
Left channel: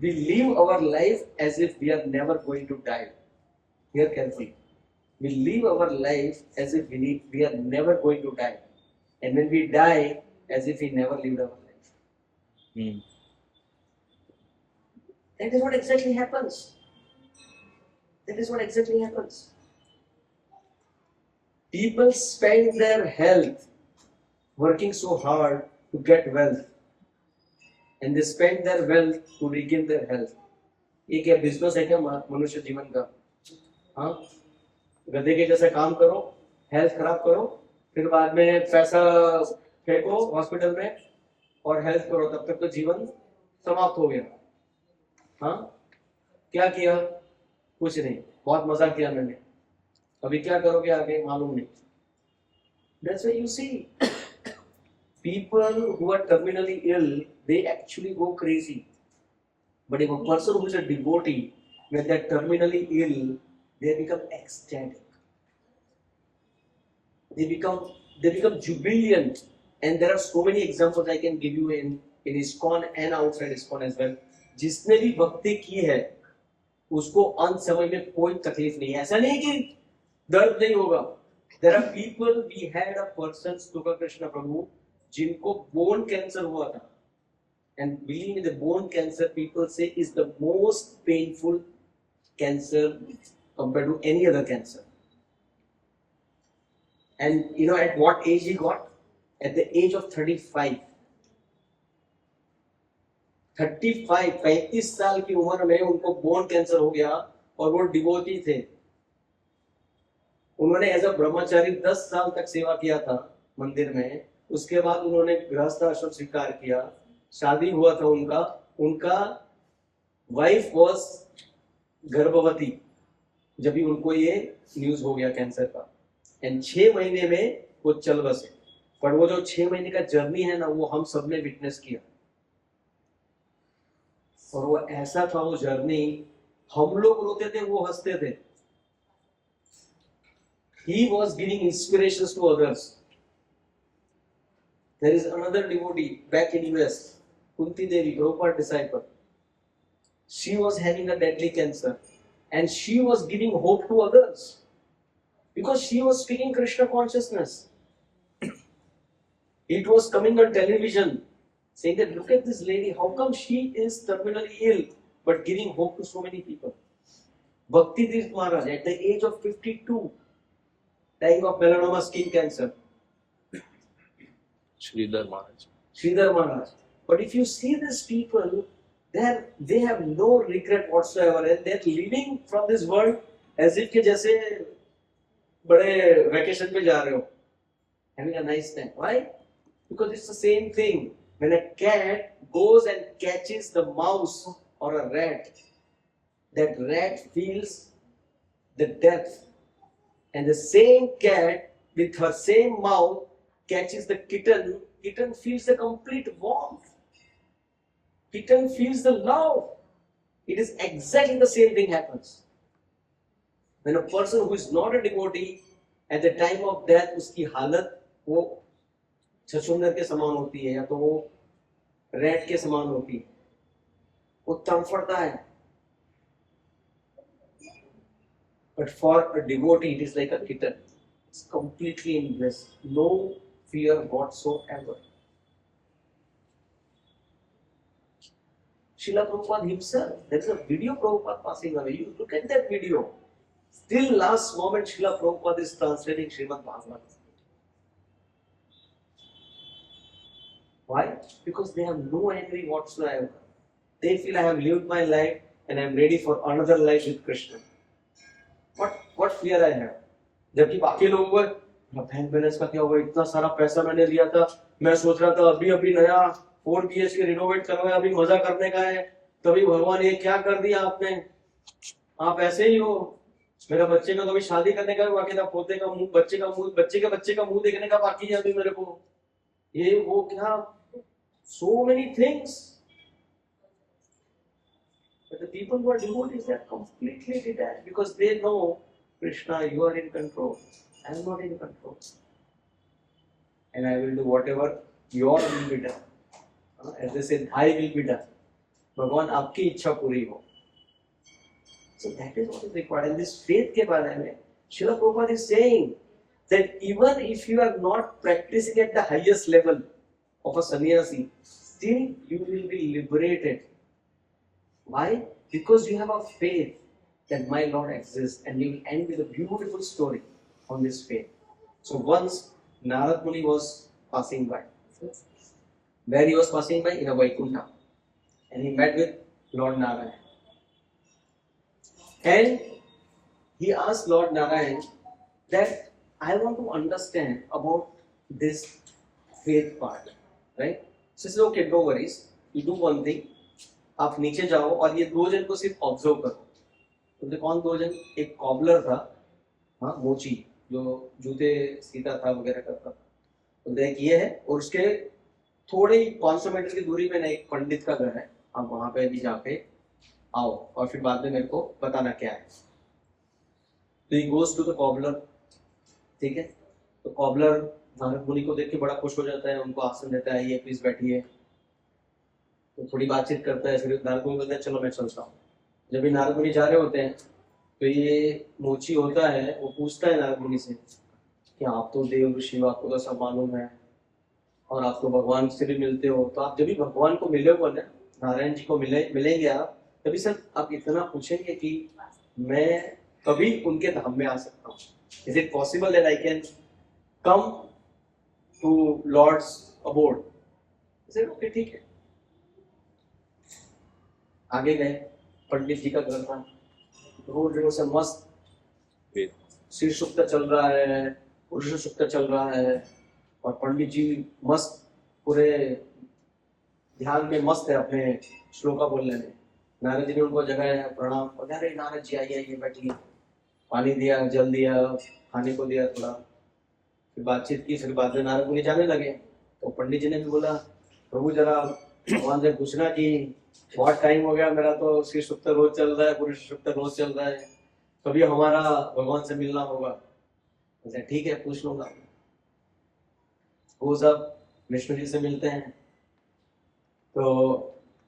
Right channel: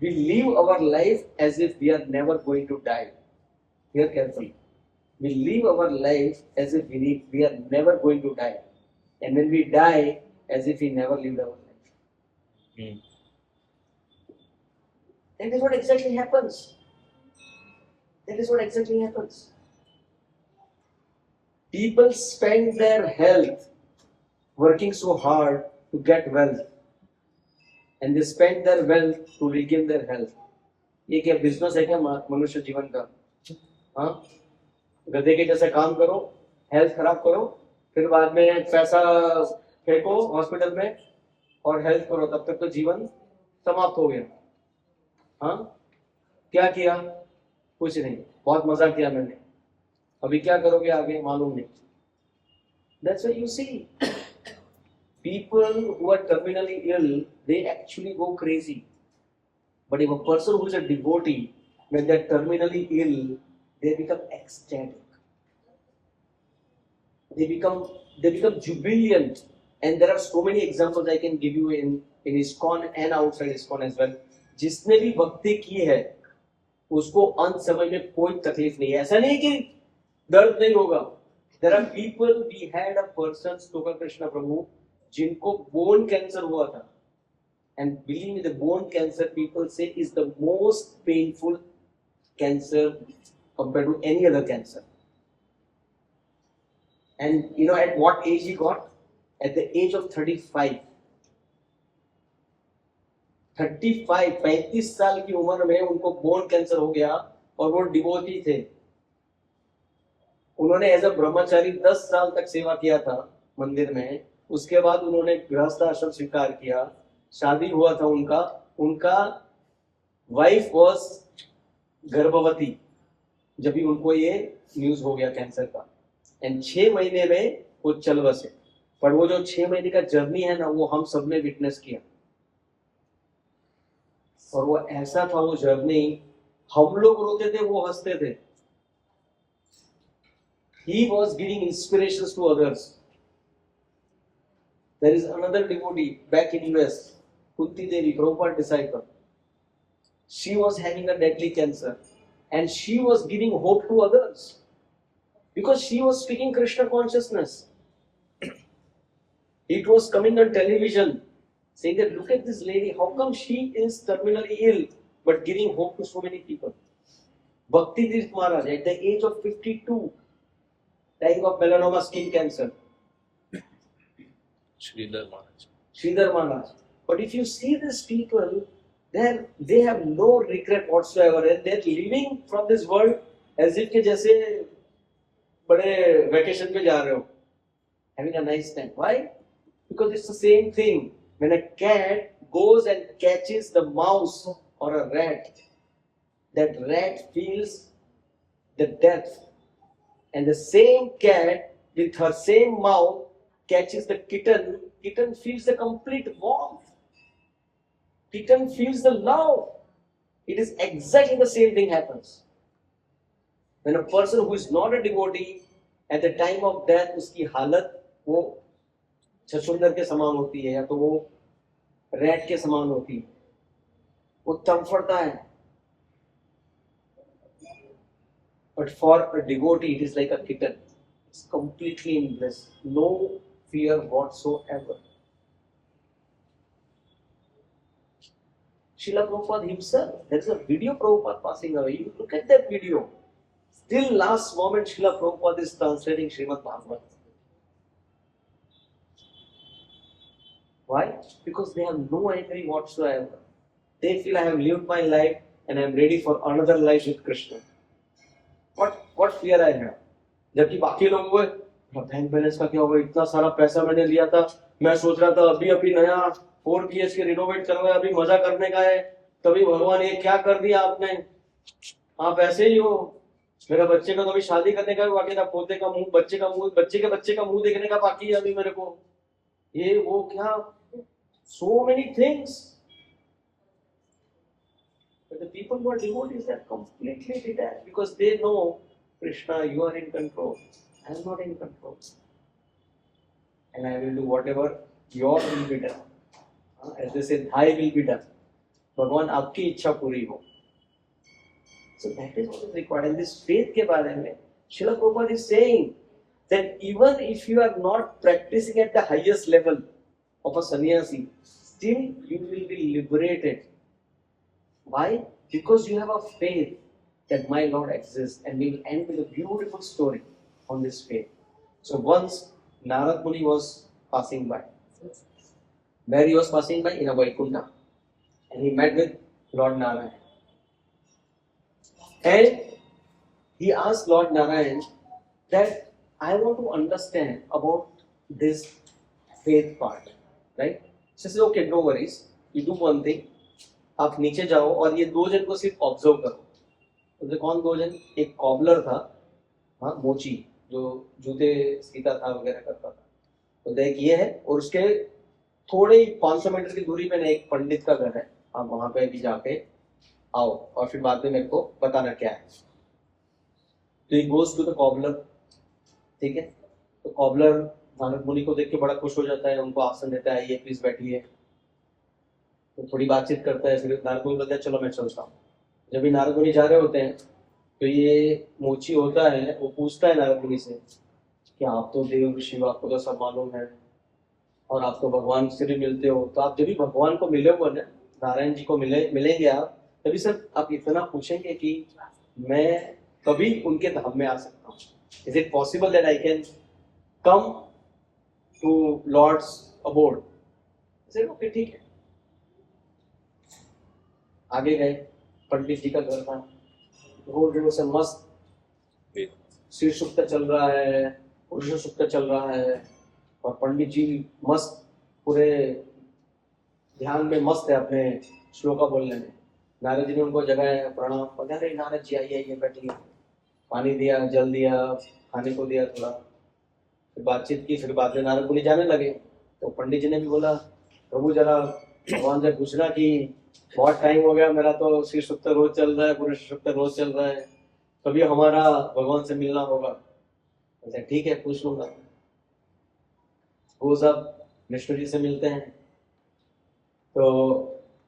We live our life as if we are never going to die. Hear carefully. We live our life as if we are never going to die. And when we die, as if we never lived our life. That is what exactly happens. People spend their health working so hard to get wealth. And they spend their wealth to regain their health. ये क्या बिजनेस है क्या मनुष्य जीवन का? हाँ, गधे के जैसा काम करो, हेल्थ खराब करो, फिर बाद में पैसा फेंको हॉस्पिटल में और हेल्थ करो, तब तक तो जीवन समाप्त हो गया. हाँ, क्या किया? कुछ नहीं, बहुत मजा किया मैंने, अभी क्या करोगे आगे मालूम नहीं. That's why you see people who are terminally ill, they actually go crazy. But if a person who is a devotee, when they are terminally ill, they become ecstatic. They become jubilant. And there are so many examples I can give you in ISKCON and outside ISKCON as well. जिसने भी भक्ति की है उसको अंत समय में कोई तकलीफ नहीं है. ऐसा नहीं कि दर्द नहीं होगा. There are people, we had a person, Stoka Krishna Prabhu, जिनको बोन कैंसर हुआ था. And believe me, the bone cancer, people say, is the most painful cancer compared to any other cancer. And you know at what age he got? At the age of 35. 35 साल की उम्र में उनको बोन कैंसर हो गया और वो डिवोटी थे. उन्होंने एज अ ब्रह्मचारी 10 साल तक सेवा किया था मंदिर में. उसके बाद उन्होंने गृहस्थ आश्रम स्वीकार किया, शादी हुआ था उनका वाइफ वॉज गर्भवती जब भी उनको ये न्यूज हो गया कैंसर का. एंड 6 महीने में वो चल बसे. पर वो जो 6 महीने का जर्नी है ना, वो हम सब ने विटनेस किया. और वो ऐसा था वो जर्नी, हम लोग रोते थे, वो हंसते थे. He was giving inspirations to others. There is another devotee back in US, Kunti Devi, Prabhupada disciple. She was having a deadly cancer and she was giving hope to others because she was speaking Krishna consciousness. It was coming on television saying that look at this lady, how come she is terminally ill but giving hope to so many people. Bhakti Tirth Maharaj at the age of 52 dying of melanoma skin cancer. Sridhar Maharaj. But if you see these people, then they have no regret whatsoever and they're living from this world as if के जैसे बड़े vacation पे जा रहे हो, having a nice time. Why? Because it's the same thing. When a cat goes and catches the mouse or a rat, that rat feels the death. And the same cat with her same mouth catches the kitten feels the complete warmth. Kitten feels the love. It is exactly the same thing happens. When a person who is not a devotee, at the time of death, उसकी हालत वो छछूंदर के समान होती है या तो वो रैट के समान होती है. वो तड़फड़ता है. But for a devotee, it is like a kitten. It's completely in bliss. No fear whatsoever. Srila Prabhupada himself, there is a video Prabhupada passing away. You look at that video. Till last moment, Srila Prabhupada is translating Srimad Bhagavatam. Why? Because they have no envy whatsoever. They feel I have lived my life and I am ready for another life with Krishna. What fear I have? जबकि बाकी लोगों को बैंक बैलेंस का क्या होगा, इतना सारा पैसा मैंने लिया था, मैं सोच रहा था अभी नया 4 BHK रिनोवेट करवाया, अभी मजा करने का है, तभी भगवान ये क्या कर दिया आपने. आप ऐसे ही हो। मेरा बच्चे का कभी शादी करने का भी बाकी था, पोते का मुंह, बच्चे के बच्चे का मुंह देखने का बाकी है अभी मेरे को, ये वो क्या, so many things. But the people who are devotees, they are completely detached because they know, Krishna, you are in control. I am not in control. And I will do whatever your will be done. As they say, thy will be done. भगवान आपकी इच्छा पूरी हो. So that is what is required. And this faith के बारे में Srila Prabhupada is saying that even if you are not practicing at the highest level of a sannyasi, still you will be liberated. Why? Because you have a faith that my Lord exists, and you will end with a beautiful story on this faith. So once Narad Muni was passing by. Where he was passing by? In a Vaikuntha. And he met with Lord Narayan. And he asked Lord Narayan that I want to understand about this faith part. Right? So he said, okay, no worries. You do one thing. आप नीचे जाओ और ये दो जन को सिर्फ ऑब्जर्व करो. तो कौन दो जन? एक कॉबलर था, हाँ, मोची, जो जूते सीता था वगैरह करता था. तो देख ये है, और उसके थोड़े ही 500 मीटर की दूरी पे ना एक पंडित का घर है. आप वहां पे भी जाके आओ और फिर बाद में मेरे को बताना क्या है. तो he goes to the cobbler. ठीक है. तो कॉबलर नारद मुनि को देख के बड़ा खुश हो जाता है, उनको आसन देता है, ये प्लीज बैठिए. तो थोड़ी बातचीत करता है, फिर नारद मुनि बोलते हैं चलो मैं चलता हूँ. जब भी नारद मुनि जा रहे होते हैं तो ये मोची होता है, वो पूछता है नारद मुनि से कि आप तो देव ऋषि हो, आपको तो सब मालूम है और आप तो भगवान से भी मिलते हो, तो आप जब भी भगवान को मिले हो ना, नारायण जी को मिलेंगे आप, तभी सर आप इतना पूछेंगे कि मैं कभी उनके धाम में आ सकता हूँ. Is it possible that I can come to Lord's abode? Okay ठीक है. आगे गए, पंडित जी का घर था. रोज से मस्त श्री सुक्त चल रहा है, पुरुष सुक्त चल रहा है, और पंडित जी मस्त पूरे ध्यान में मस्त है अपने श्लोका बोलने में. नारद जी ने उनको जगाया, प्रणाम. बोले अरे नारद जी आइए आइए बैठिए. पानी दिया, जल दिया, खाने को दिया थोड़ा, फिर बातचीत की. फिर बाद में नारद मुनि जाने लगे. तो पंडित जी ने भी बोला, प्रभु जरा भगवान से पूछना कि बहुत टाइम हो गया, मेरा तो श्री सुक्त रोज चल रहा है, पुरुष सुक्त रोज चल रहा है, कभी हमारा भगवान से मिलना होगा. ठीक है, पूछ लूंगा. वो सब विष्णु जी से मिलते हैं. तो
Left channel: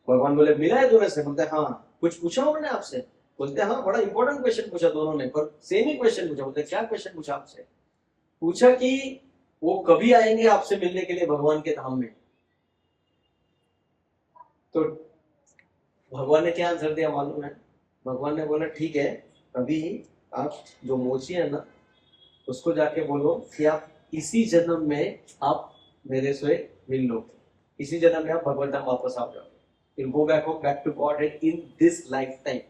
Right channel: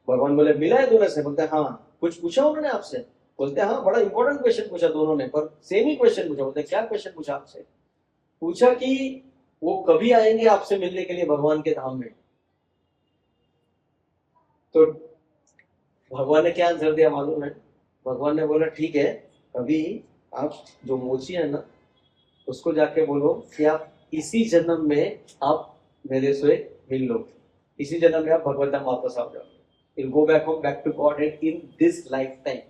भगवान बोले मिला है दोनों से? बोलते हैं हाँ. कुछ पूछा उन्होंने आपसे? बोलते हैं हाँ, बड़ा इंपॉर्टेंट क्वेश्चन पूछा दोनों ने, पर सेम ही क्वेश्चन पूछा. बोलते हैं क्या क्वेश्चन पूछा आपसे? पूछा कि वो कभी आएंगे आपसे मिलने के लिए भगवान के धाम में. तो भगवान ने क्या आंसर दिया मालूम है? भगवान ने बोला ठीक है, अभी आप जो मोची है ना, उसको जाके बोलो कि आप इसी जन्म में आप मेरे से मिल लो, इसी जन्म में आप भगवत धाम वापस आ जाओ. You'll go back home, back to Godhead in this lifetime.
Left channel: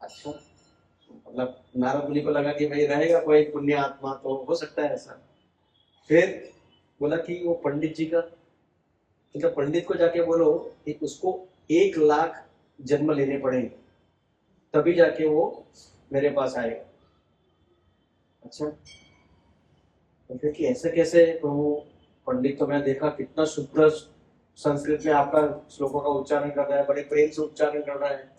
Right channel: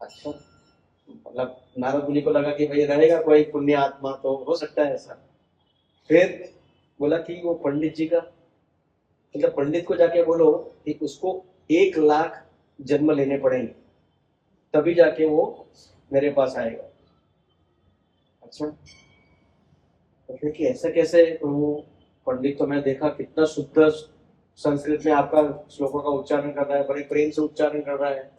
अच्छा, मतलब नारद मुनि को लगा कि भाई रहेगा कोई पुण्य आत्मा तो हो सकता है ऐसा. फिर बोला कि वो पंडित जी का, मतलब पंडित को जाके बोलो कि उसको 1 लाख जन्म लेने पड़ेंगे, तभी जाके वो मेरे पास आएगा. अच्छा, तो कि ऐसा कैसे? वो पंडित तो मैं देखा कितना शुद्ध संस्कृत में आपका श्लोकों का उच्चारण कर रहा है, बड़े प्रेम से उच्चारण कर रहा है.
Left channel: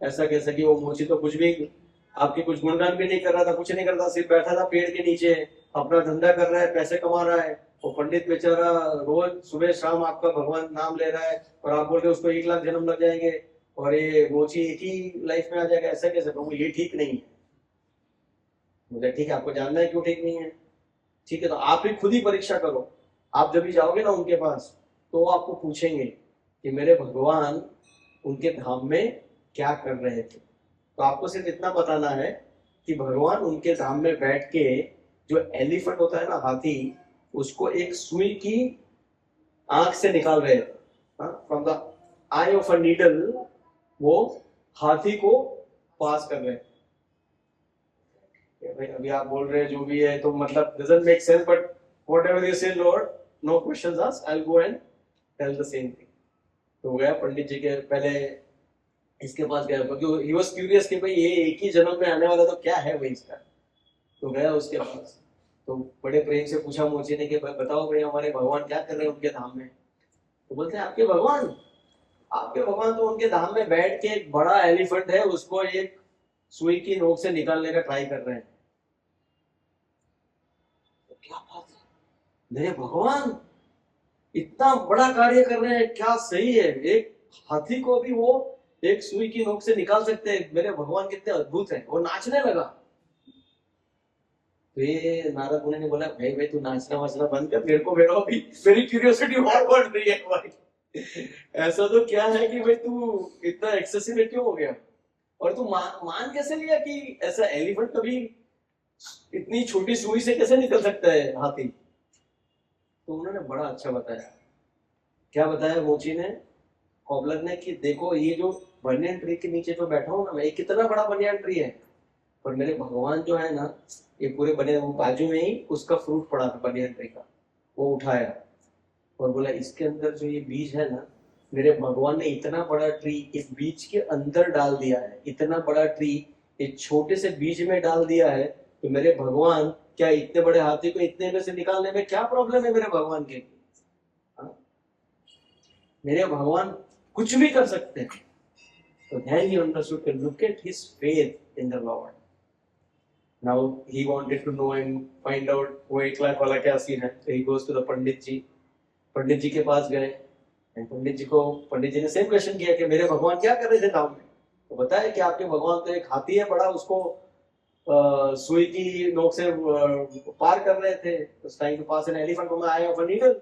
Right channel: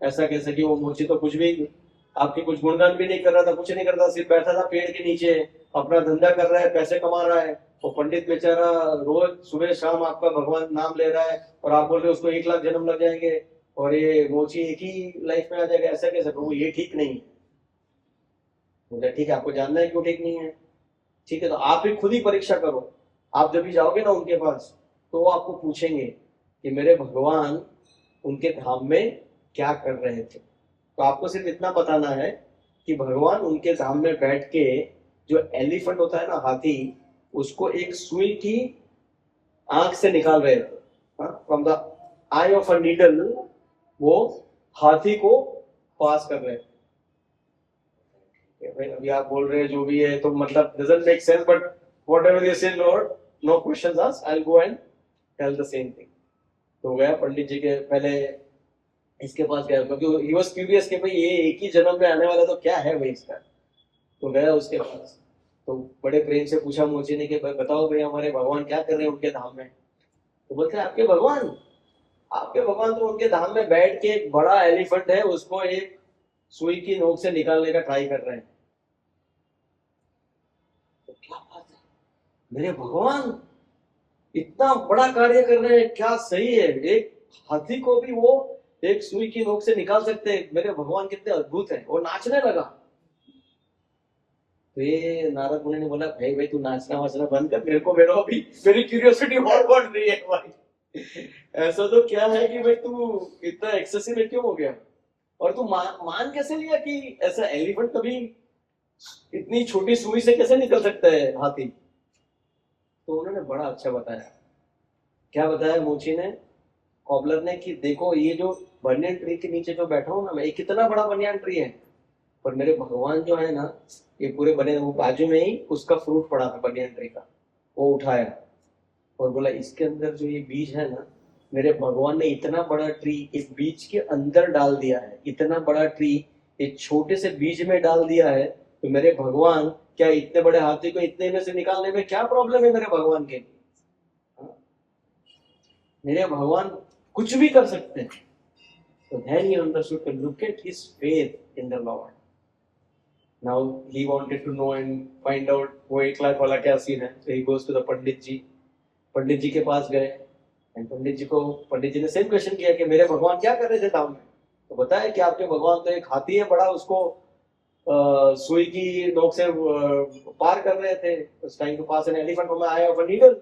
ऐसा कैसे कि वो मोची तो कुछ भी आपके कुछ गुणगान भी नहीं कर रहा था, कुछ नहीं करता, सिर्फ बैठा था पेड़ के नीचे, अपना धंधा कर रहा है, पैसे कमा रहा है. वो पंडित बेचारा रोज सुबह शाम आपका भगवान नाम ले रहा है, और आप बोल रहे हो उसको 1 लाख जन्म लग जाएंगे और ये मोची एक ही लाइफ में आ जाएगा. ऐसा कैसे? प्रभु ये ठीक नहीं है. मुझे ठीक है, आपको जानना है क्यों ठीक नहीं है. ठीक है, तो आप ही खुद ही परीक्षा करो. आप जब भी जाओगे ना उनके पास, तो वो आपको पूछेंगे कि मेरे भगवान उनके धाम में क्या कर रहे थे. तो आपको सिर्फ इतना बताना है कि भगवान उनके धाम में बैठ के, जो एलिफेंट होता है ना, हाथी, उसको एक सुई की आंख से निकाल रहे थे. From the I of a needle वो हाथी को पास कर रहे थे. अभी आप बोल रहे हैं जो भी है, तो मतलब doesn't make sense, but whatever you say Lord, no questions asked, I'll go and tell the same thing. तो गया पंडित जी के, पहले इसके पास गया क्योंकि ही वाज क्यूरियस कि भाई ये एक ही जन्म में आने वाला तो क्या है भाई इसका। तो गया उसके पास, तो बड़े प्रेम से पूछा मोची ने कि भाई बताओ भाई हमारे भगवान क्या कर रहे हैं उनके धाम में। तो बोलते हैं आपके भगवान तो उनके धाम में बैठ के एक बड़ा एलिफेंट है उसको एक सुई की नोक से निकालने का ट्राई कर रहे हैं। तो क्या बात है, मेरे भगवान इतना बड़ा कार्य कर रहे हैं, क्या सही है, एक हाथी को भी वो एक सुई की नोक से निकाल सकते हैं, मेरे भगवान कितने अद्भुत हैं। वो नाचने लगा। तो ये नारद मुनि ने बोला भाई भाई तू नाचना वाचना बंद कर, मेरे को मेरा अभी मेरी क्यूरियोसिटी और बढ़ रही है भाई। ऐसा तो क्या है कि भाई तू इतना एक्सेसिव क्यों हो गया, और तू मान कैसे लिया कि ऐसा एलिफेंट कभी इतनी छोटी सुई से कैसे निकल सकता है हाथी। तो उन्होंने बड़ा अच्छा बताया। क्या बताया मोची ने, कॉबलर ने, कि देखो ये जो बनियन ट्री के नीचे जो बैठा हूं ना मैं, ये कितना बड़ा बनियन ट्री है, पर मेरे भगवान जो है ना ये पूरे बने बाजू में ही उसका फ्रूट पड़ा था बनियन ट्री का, वो उठाया और बोला इसके अंदर जो ये बीज है ना, मेरे भगवान ने इतना बड़ा ट्री इस बीज के अंदर डाल दिया है, इतना बड़ा ट्री एक छोटे से बीज में डाल दिया है। तो मेरे भगवान क्या इतने बड़े हाथी को इतने में से निकालने में क्या प्रॉब्लम है मेरे भगवान के। मेरे भगवान कुछ भी कर सकते हैं। So then he understood to look at his faith in the Lord. Now he wanted to know and find out वो 1 लाख वाला क्या सीन है। So he goes to the पंडित जी के पास गए and पंडित जी ने सेम क्वेश्चन किया कि मेरे भगवान क्या कर रहे थे धाम में। तो बताया कि आपके भगवान तो एक हाथी है बड़ा, उसको सुई की नोक से पार कर रहे थे। उस time to pass an elephant from the eye of a needle।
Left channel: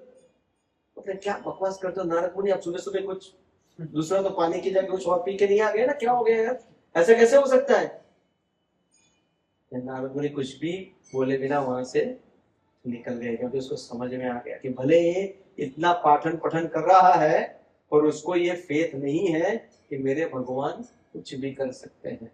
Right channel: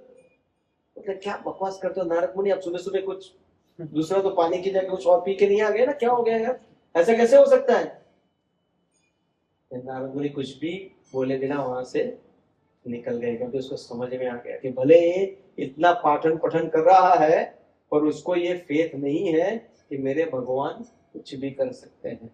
मतलब क्या बकवास करते हो नारद मुनि, आप सुबह सुबह कुछ दूसरा तो पानी की जगह कुछ और पी के नहीं आ गए ना, क्या हो गया यार, ऐसा कैसे हो सकता है। नारद मुनि कुछ भी बोले बिना वहां से निकल गए, क्योंकि उसको समझ में आ गया कि भले ये इतना पाठन पठन कर रहा है पर उसको ये फेथ नहीं है कि मेरे भगवान कुछ भी कर सकते हैं।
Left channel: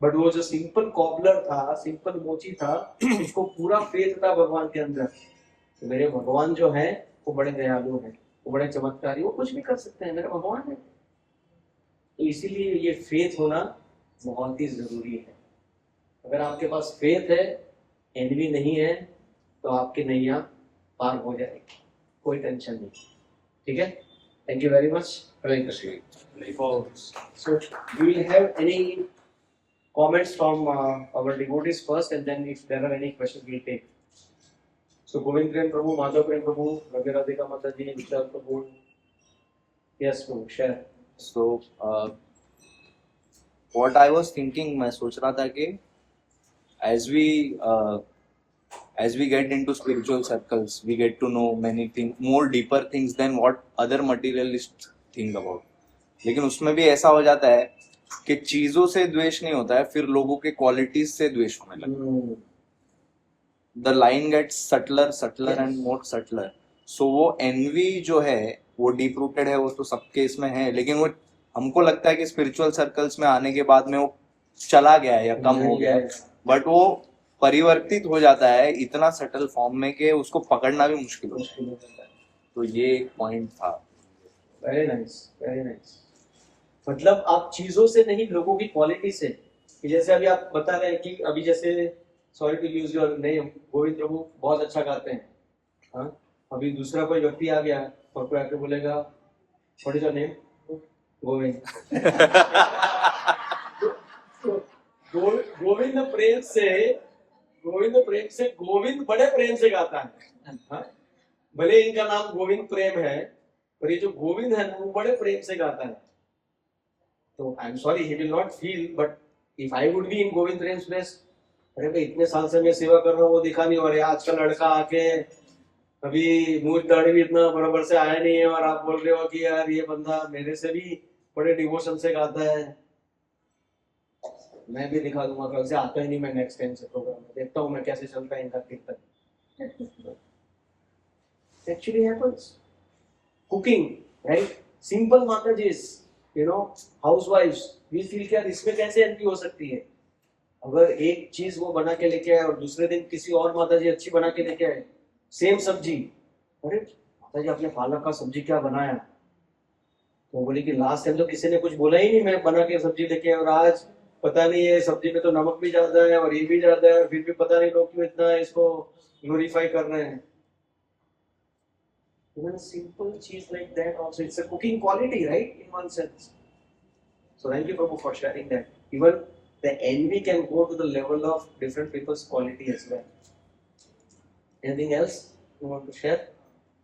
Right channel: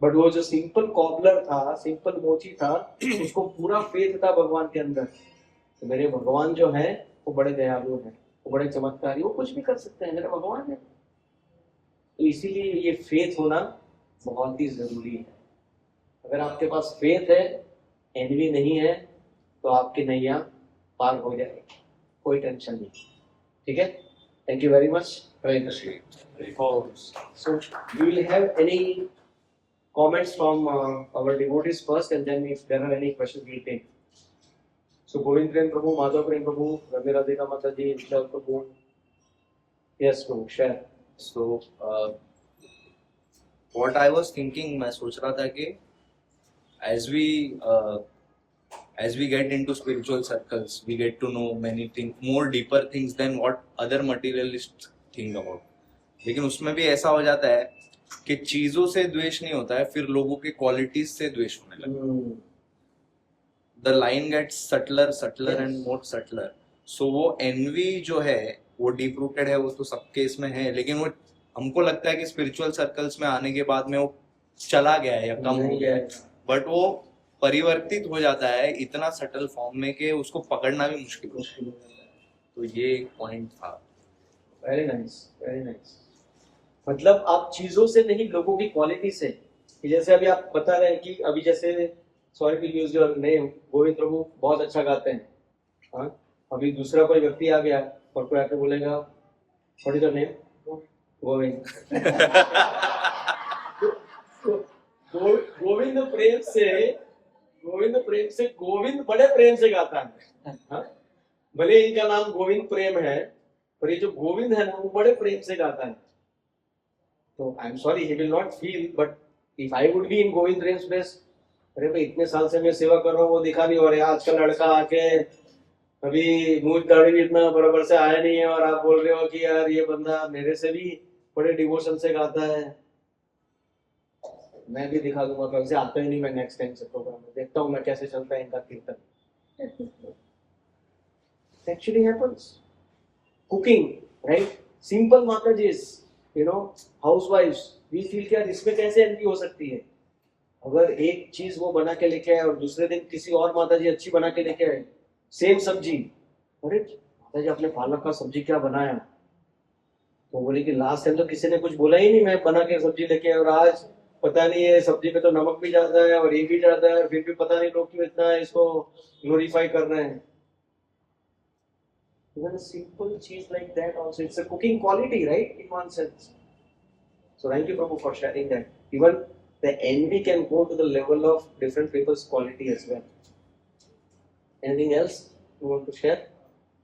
बट वो जो सिंपल कॉबलर था, सिंपल मोची था, उसको पूरा फेथ था भगवान के अंदर। तो मेरे भगवान जो है वो बड़े दयालु हैं, वो बड़े चमत्कारी, वो कुछ भी कर सकते हैं, मेरे भगवान है। तो इसीलिए ये फेथ होना बहुत ही जरूरी है। अगर आपके पास फेथ है, एनवी नहीं है, तो आपकी नैया पार हो जाएगी, कोई टेंशन नहीं। ठीक है, thank you very much. Hare Krishna. So you will have any comments from our devotees first, and then if there are any questions we'll take. So Govind Prem Prabhu, Madhav Prem Prabhu, Ravi Radhika Mataji, Vishal Prabhu. Yes, Prabhu, share. So what I was thinking, मैं सोच रहा था कि as we get into spiritual circles, we get to know many things, more deeper things than what other materialists think about. लेकिन उसमें भी ऐसा हो जाता है कि चीजों से द्वेष नहीं होता है, फिर लोगों के क्वालिटीज से द्वेष होने लगता है। The line gets subtler and more subtler. So वो envy जो है वो deep rooted है, वो तो सबके इसमें है, लेकिन वो हमको लगता है कि spiritual circles में आने के बाद में वो चला गया है या कम हो गया है, बट वो परिवर्तित हो जाता है इतना सटल फॉर्म में कि उसको पकड़ना भी मुश्किल हो जाता है। तो ये एक पॉइंट था। Very nice, very nice. मतलब आप चीजों से नहीं, लोगों की क्वालिटी से। कि जैसे अभी आप बता रहे हैं कि अभी जैसे sorry to use your name, Govind प्रभु बहुत अच्छा गाते हैं। हाँ, अभी दूसरा कोई व्यक्ति आ गया और कोई आके बोलेगा what is your name, Govind. Govind प्रेम से गोविंद बड़े प्रेम से गाता है। हाँ? भले इनका नाम गोविंद प्रेम है, पर ये जो गोविंद है ना वो बड़े प्रेम से गाता है। तो I am sorry, he will not feel, but if I would be in Govind Prem's place, अरे भाई इतने साल से मैं सेवा कर रहा हूँ, वो दिखा नहीं हो रहा है, आजकल लड़का आके अभी मूंछ दाढ़ी भी इतना बराबर से आया नहीं है और आप बोल रहे हो कि यार ये बंदा मेरे से भी बड़े डिवोशन से गाता है। मैं भी दिखा दूंगा, कल से आता ही नहीं मैं नेक्स्ट टाइम से प्रोग्राम में, देखता हूँ मैं कैसे चलता है इनका कीर्तन। Actually happens. Cooking, right, simple माताजीज, यू नो, हाउसवाइफ्स, वी फील क्या इसमें कैसे एनवी हो सकती है। अगर एक चीज वो बना के लेके आए और दूसरे दिन किसी और माताजी अच्छी बना के लेके आए, सेम सब्जी, अरे माताजी आपने पालक का सब्जी क्या बनाया, तो बोले कि लास्ट टाइम तो किसी ने कुछ बोला ही नहीं, मैं बना के सब्जी लेके आया, और आज पता नहीं है सब्जी में तो नमक भी ज्यादा है और ये भी ज्यादा है, फिर भी पता नहीं लोग क्यों इतना इसको ग्लोरीफाई कर रहे हैं. Even a simple cheese like that also, it's a cooking quality, right? In one sense. So thank you, Prabhu, for sharing that. Even the envy can go to the level of different people's quality as well. Anything else you want to share?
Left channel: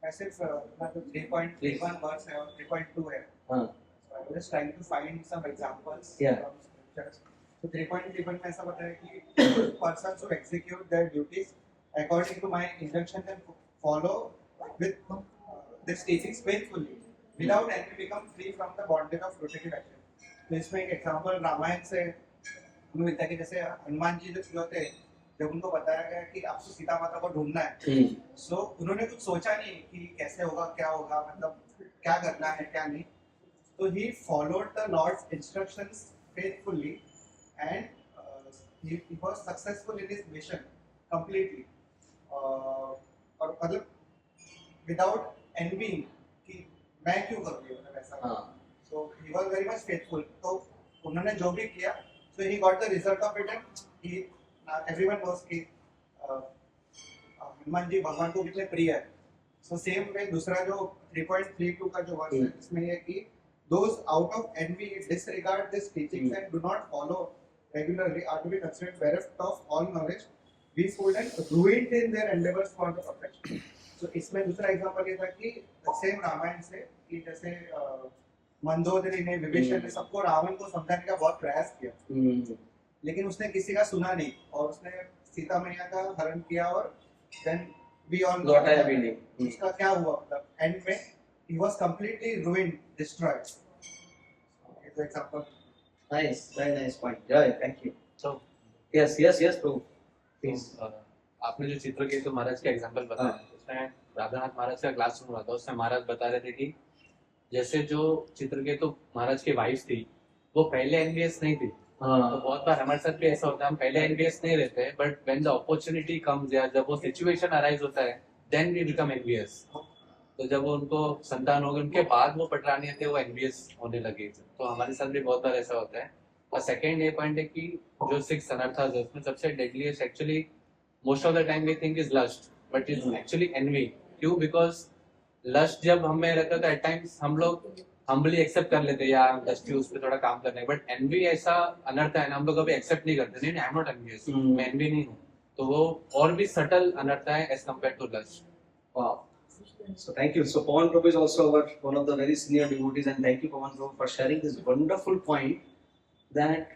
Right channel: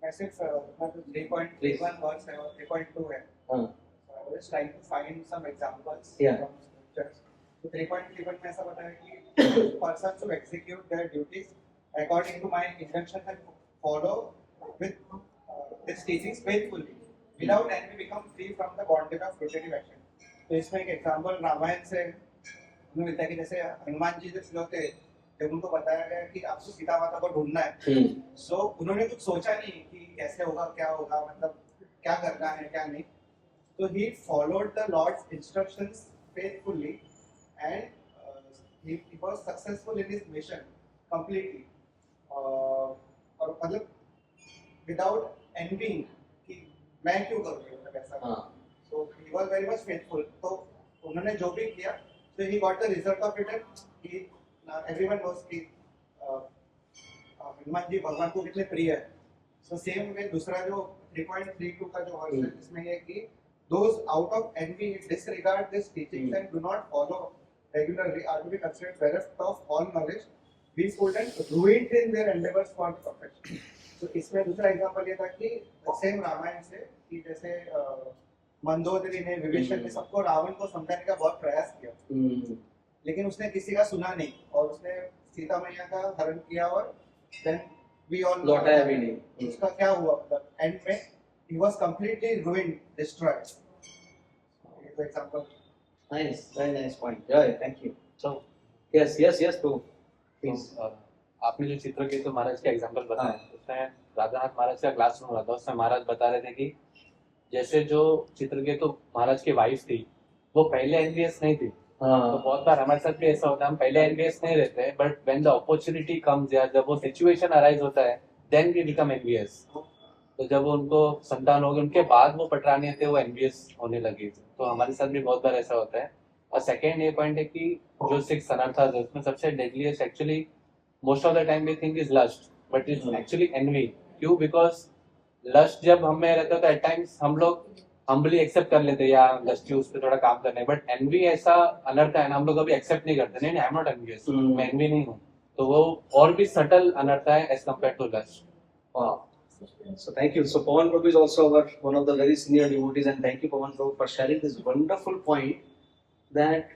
I said 3.31 verse है और 3.2 है. हाँ. So I was just trying to find some examples Yeah. from scriptures. So 3.31 में ऐसा बताया कि persons who execute their duties according to my instructions and follow with these teachings faithfully without envy become free from the bondage of rotative action. तो इसमें एक एग्जांपल रामायण से हमें मिलता है कि जैसे हनुमान जी जो होते जब उनको बताया गया कि आपको सीता माता को ढूंढना है, सो उन्होंने कुछ सोचा नहीं कि कैसे होगा, क्या होगा, मतलब क्या करना है क्या नहीं. तो he followed the Lord's instructions faithfully and he was successful in his mission completely. और मतलब without envying कि मैं क्यों करूँ ये, मतलब ऐसा. हाँ. So he was very much faithful. तो उन्होंने जो भी किया, so he got the result of it and he everyone knows कि हनुमान जी भगवान को कितने प्रिय है. So same way दूसरा जो 3.32 का जो वर्स है इसमें ये कि those out of envy disregard these teachings and do not follow regularly are to be considered bereft of all knowledge, weak-fooled and ruined in their endeavors for the perfection. तो इसमें दूसरा एग्जांपल ये था कि सेम रामायण से कि जैसे मंदोदरी ने विभीषण ने सबको रावण को समझाने का बहुत प्रयास किया, लेकिन उसने किसी का सुना नहीं और उसने सीता मैया का हरण किया और देन वी ऑल लौटाया भी नहीं. उसका क्या हुआ, मतलब एंड में he was completely ruined, destroyed. For example. Nice, very nice point. Joy, thank you. So Yes, Prabhu. Please. आपने जो चित्रकेतु महाराज का एग्जांपल बताया, उसमें राधानाथ महाराज का क्लास सुन रहा था, उसमें महाराज बता रहे थे कि जैसे जो चित्रकेतु महाराज की वाइफ थी वो पहले एनवीएस नहीं थी. तो बहुत बार हमारे साथ भी ऐसा होता है, हम पहले एनवीएस नहीं रहते हैं, but when the opportunity comes या जब वो सिचुएशन अराइज होता है देन वी बिकम एनवीएस. तो जब उनको संतान हो गई उनके बाद वो पटरानी थे वो एनवीएस होने लगी. तो हमारे साथ भी बहुत बार ऐसा होता है. और सेकेंड ये पॉइंट है कि जो 6 अनर्थास है उसमें सबसे deadliest actually most of the time we think is lust, but is actually envy. क्यों? बिकॉज लस्ट जब हम में रहता था एट टाइम्स हम लोग हम्बली एक्सेप्ट कर लेते या लस्ट उस पे थोड़ा काम करने, बट एनवी ऐसा अनर्थ है ना, हम लोग कभी एक्सेप्ट नहीं करते. नहीं, आई एम नॉट एनवियस, मैं एनवी नहीं हूँ. तो वो और भी सटल अनर्थ है as compared to lust. Wow. So thank you. So Pawan Prabhu is also one of the very senior devotees, and thank you Pawan Prabhu for sharing this wonderful point that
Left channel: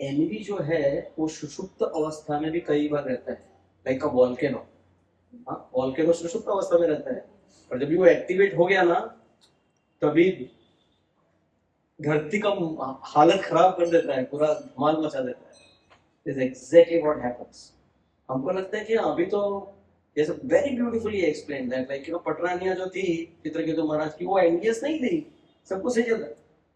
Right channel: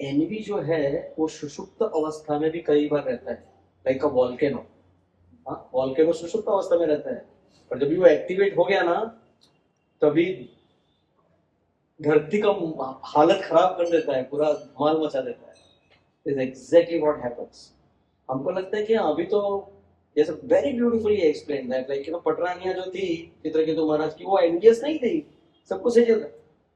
envy जो है वो सुषुप्त अवस्था में भी कई बार रहता है, like a volcano. हाँ, volcano सुषुप्त अवस्था में रहता है, पर जब भी वो एक्टिवेट हो गया ना तभी धरती का हालत खराब कर देता है, पूरा धमाल मचा देता है. This is exactly what happens. हमको लगता है कि अभी तो जैसे very beautifully explain that, like you know पटरानिया जो थी चित्रकेतु महाराज की वो एनवियस नहीं थी, सब कुछ सही चल रहा,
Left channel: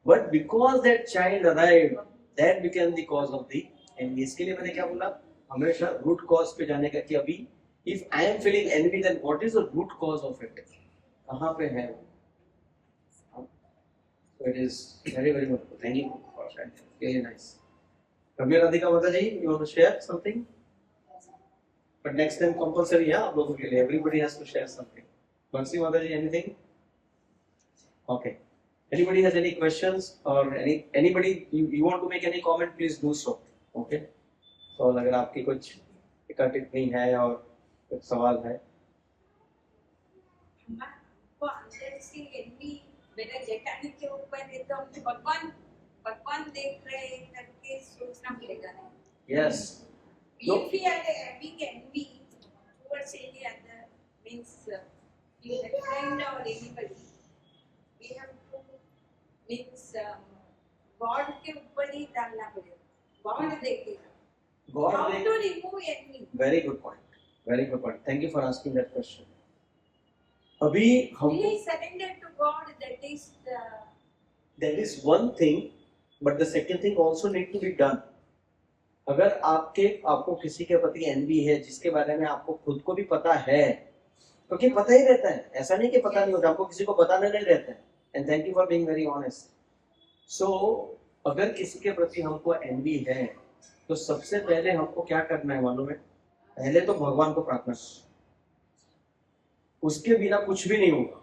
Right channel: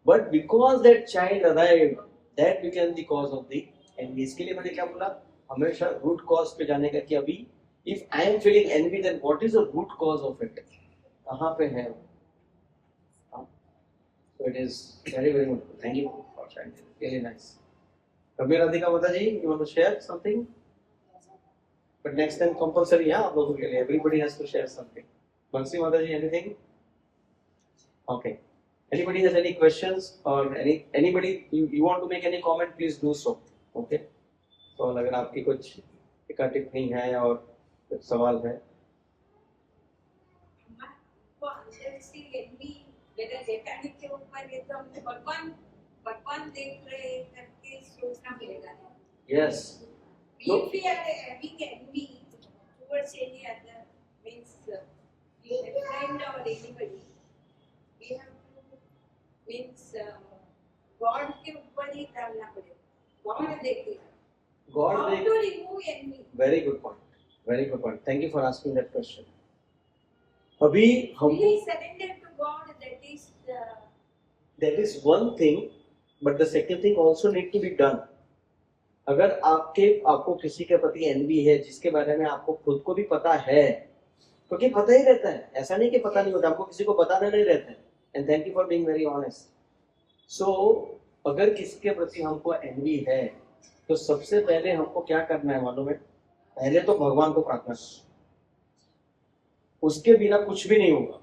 but because that child arrived that became the cause of the envy. इसके लिए मैंने क्या बोला, हमेशा रूट कॉज पे जाने का कि अभी if I am feeling envy then what is the root cause of it, कहां पे है वो. So it is very very good. Thank you for sharing, very nice. Kabir Radhika Mata ji, you want to share something? But next time compulsory, yeah, आप लोगों के लिए everybody has to share something. Bansi Mataji, anything? Okay. Anybody has any questions or anybody you want to make any comment, please do so. Okay. So अगर आपकी कुछ टिक्का टिप्पणी है और कुछ सवाल है. तो अंदर एनवी मेरा जेठानी के ऊपर है तो हमने भगवान देख रहे करके सोचना मिलेगा. Yes. If we are having envy towards any other, means in the friend or anybody, we have to means God के ऊपर ही डालना पड़ेगा. God देखेगा. God How देख. to remove envy? Very good point. Very good point. Thank you for asking that question. अभी हम We surrender to God. that is one thing, but the second thing also need to be done. अगर आपको किसी के प्रति एनवी है जिसके बारे में आपको खुद को भी पता है, क्योंकि पता ही रहता है, ऐसा नहीं कि पता नहीं होता, आपको किसी को बताना नहीं रहता है, and thank you for being very honest. So अगर किसी के प्रति हमको एनवी है तो सबसे पहले हमको क्या करना है मालूम है? पहले तो भगवान को प्रार्थना करना. उसके बिना कुछ भी नहीं होगा.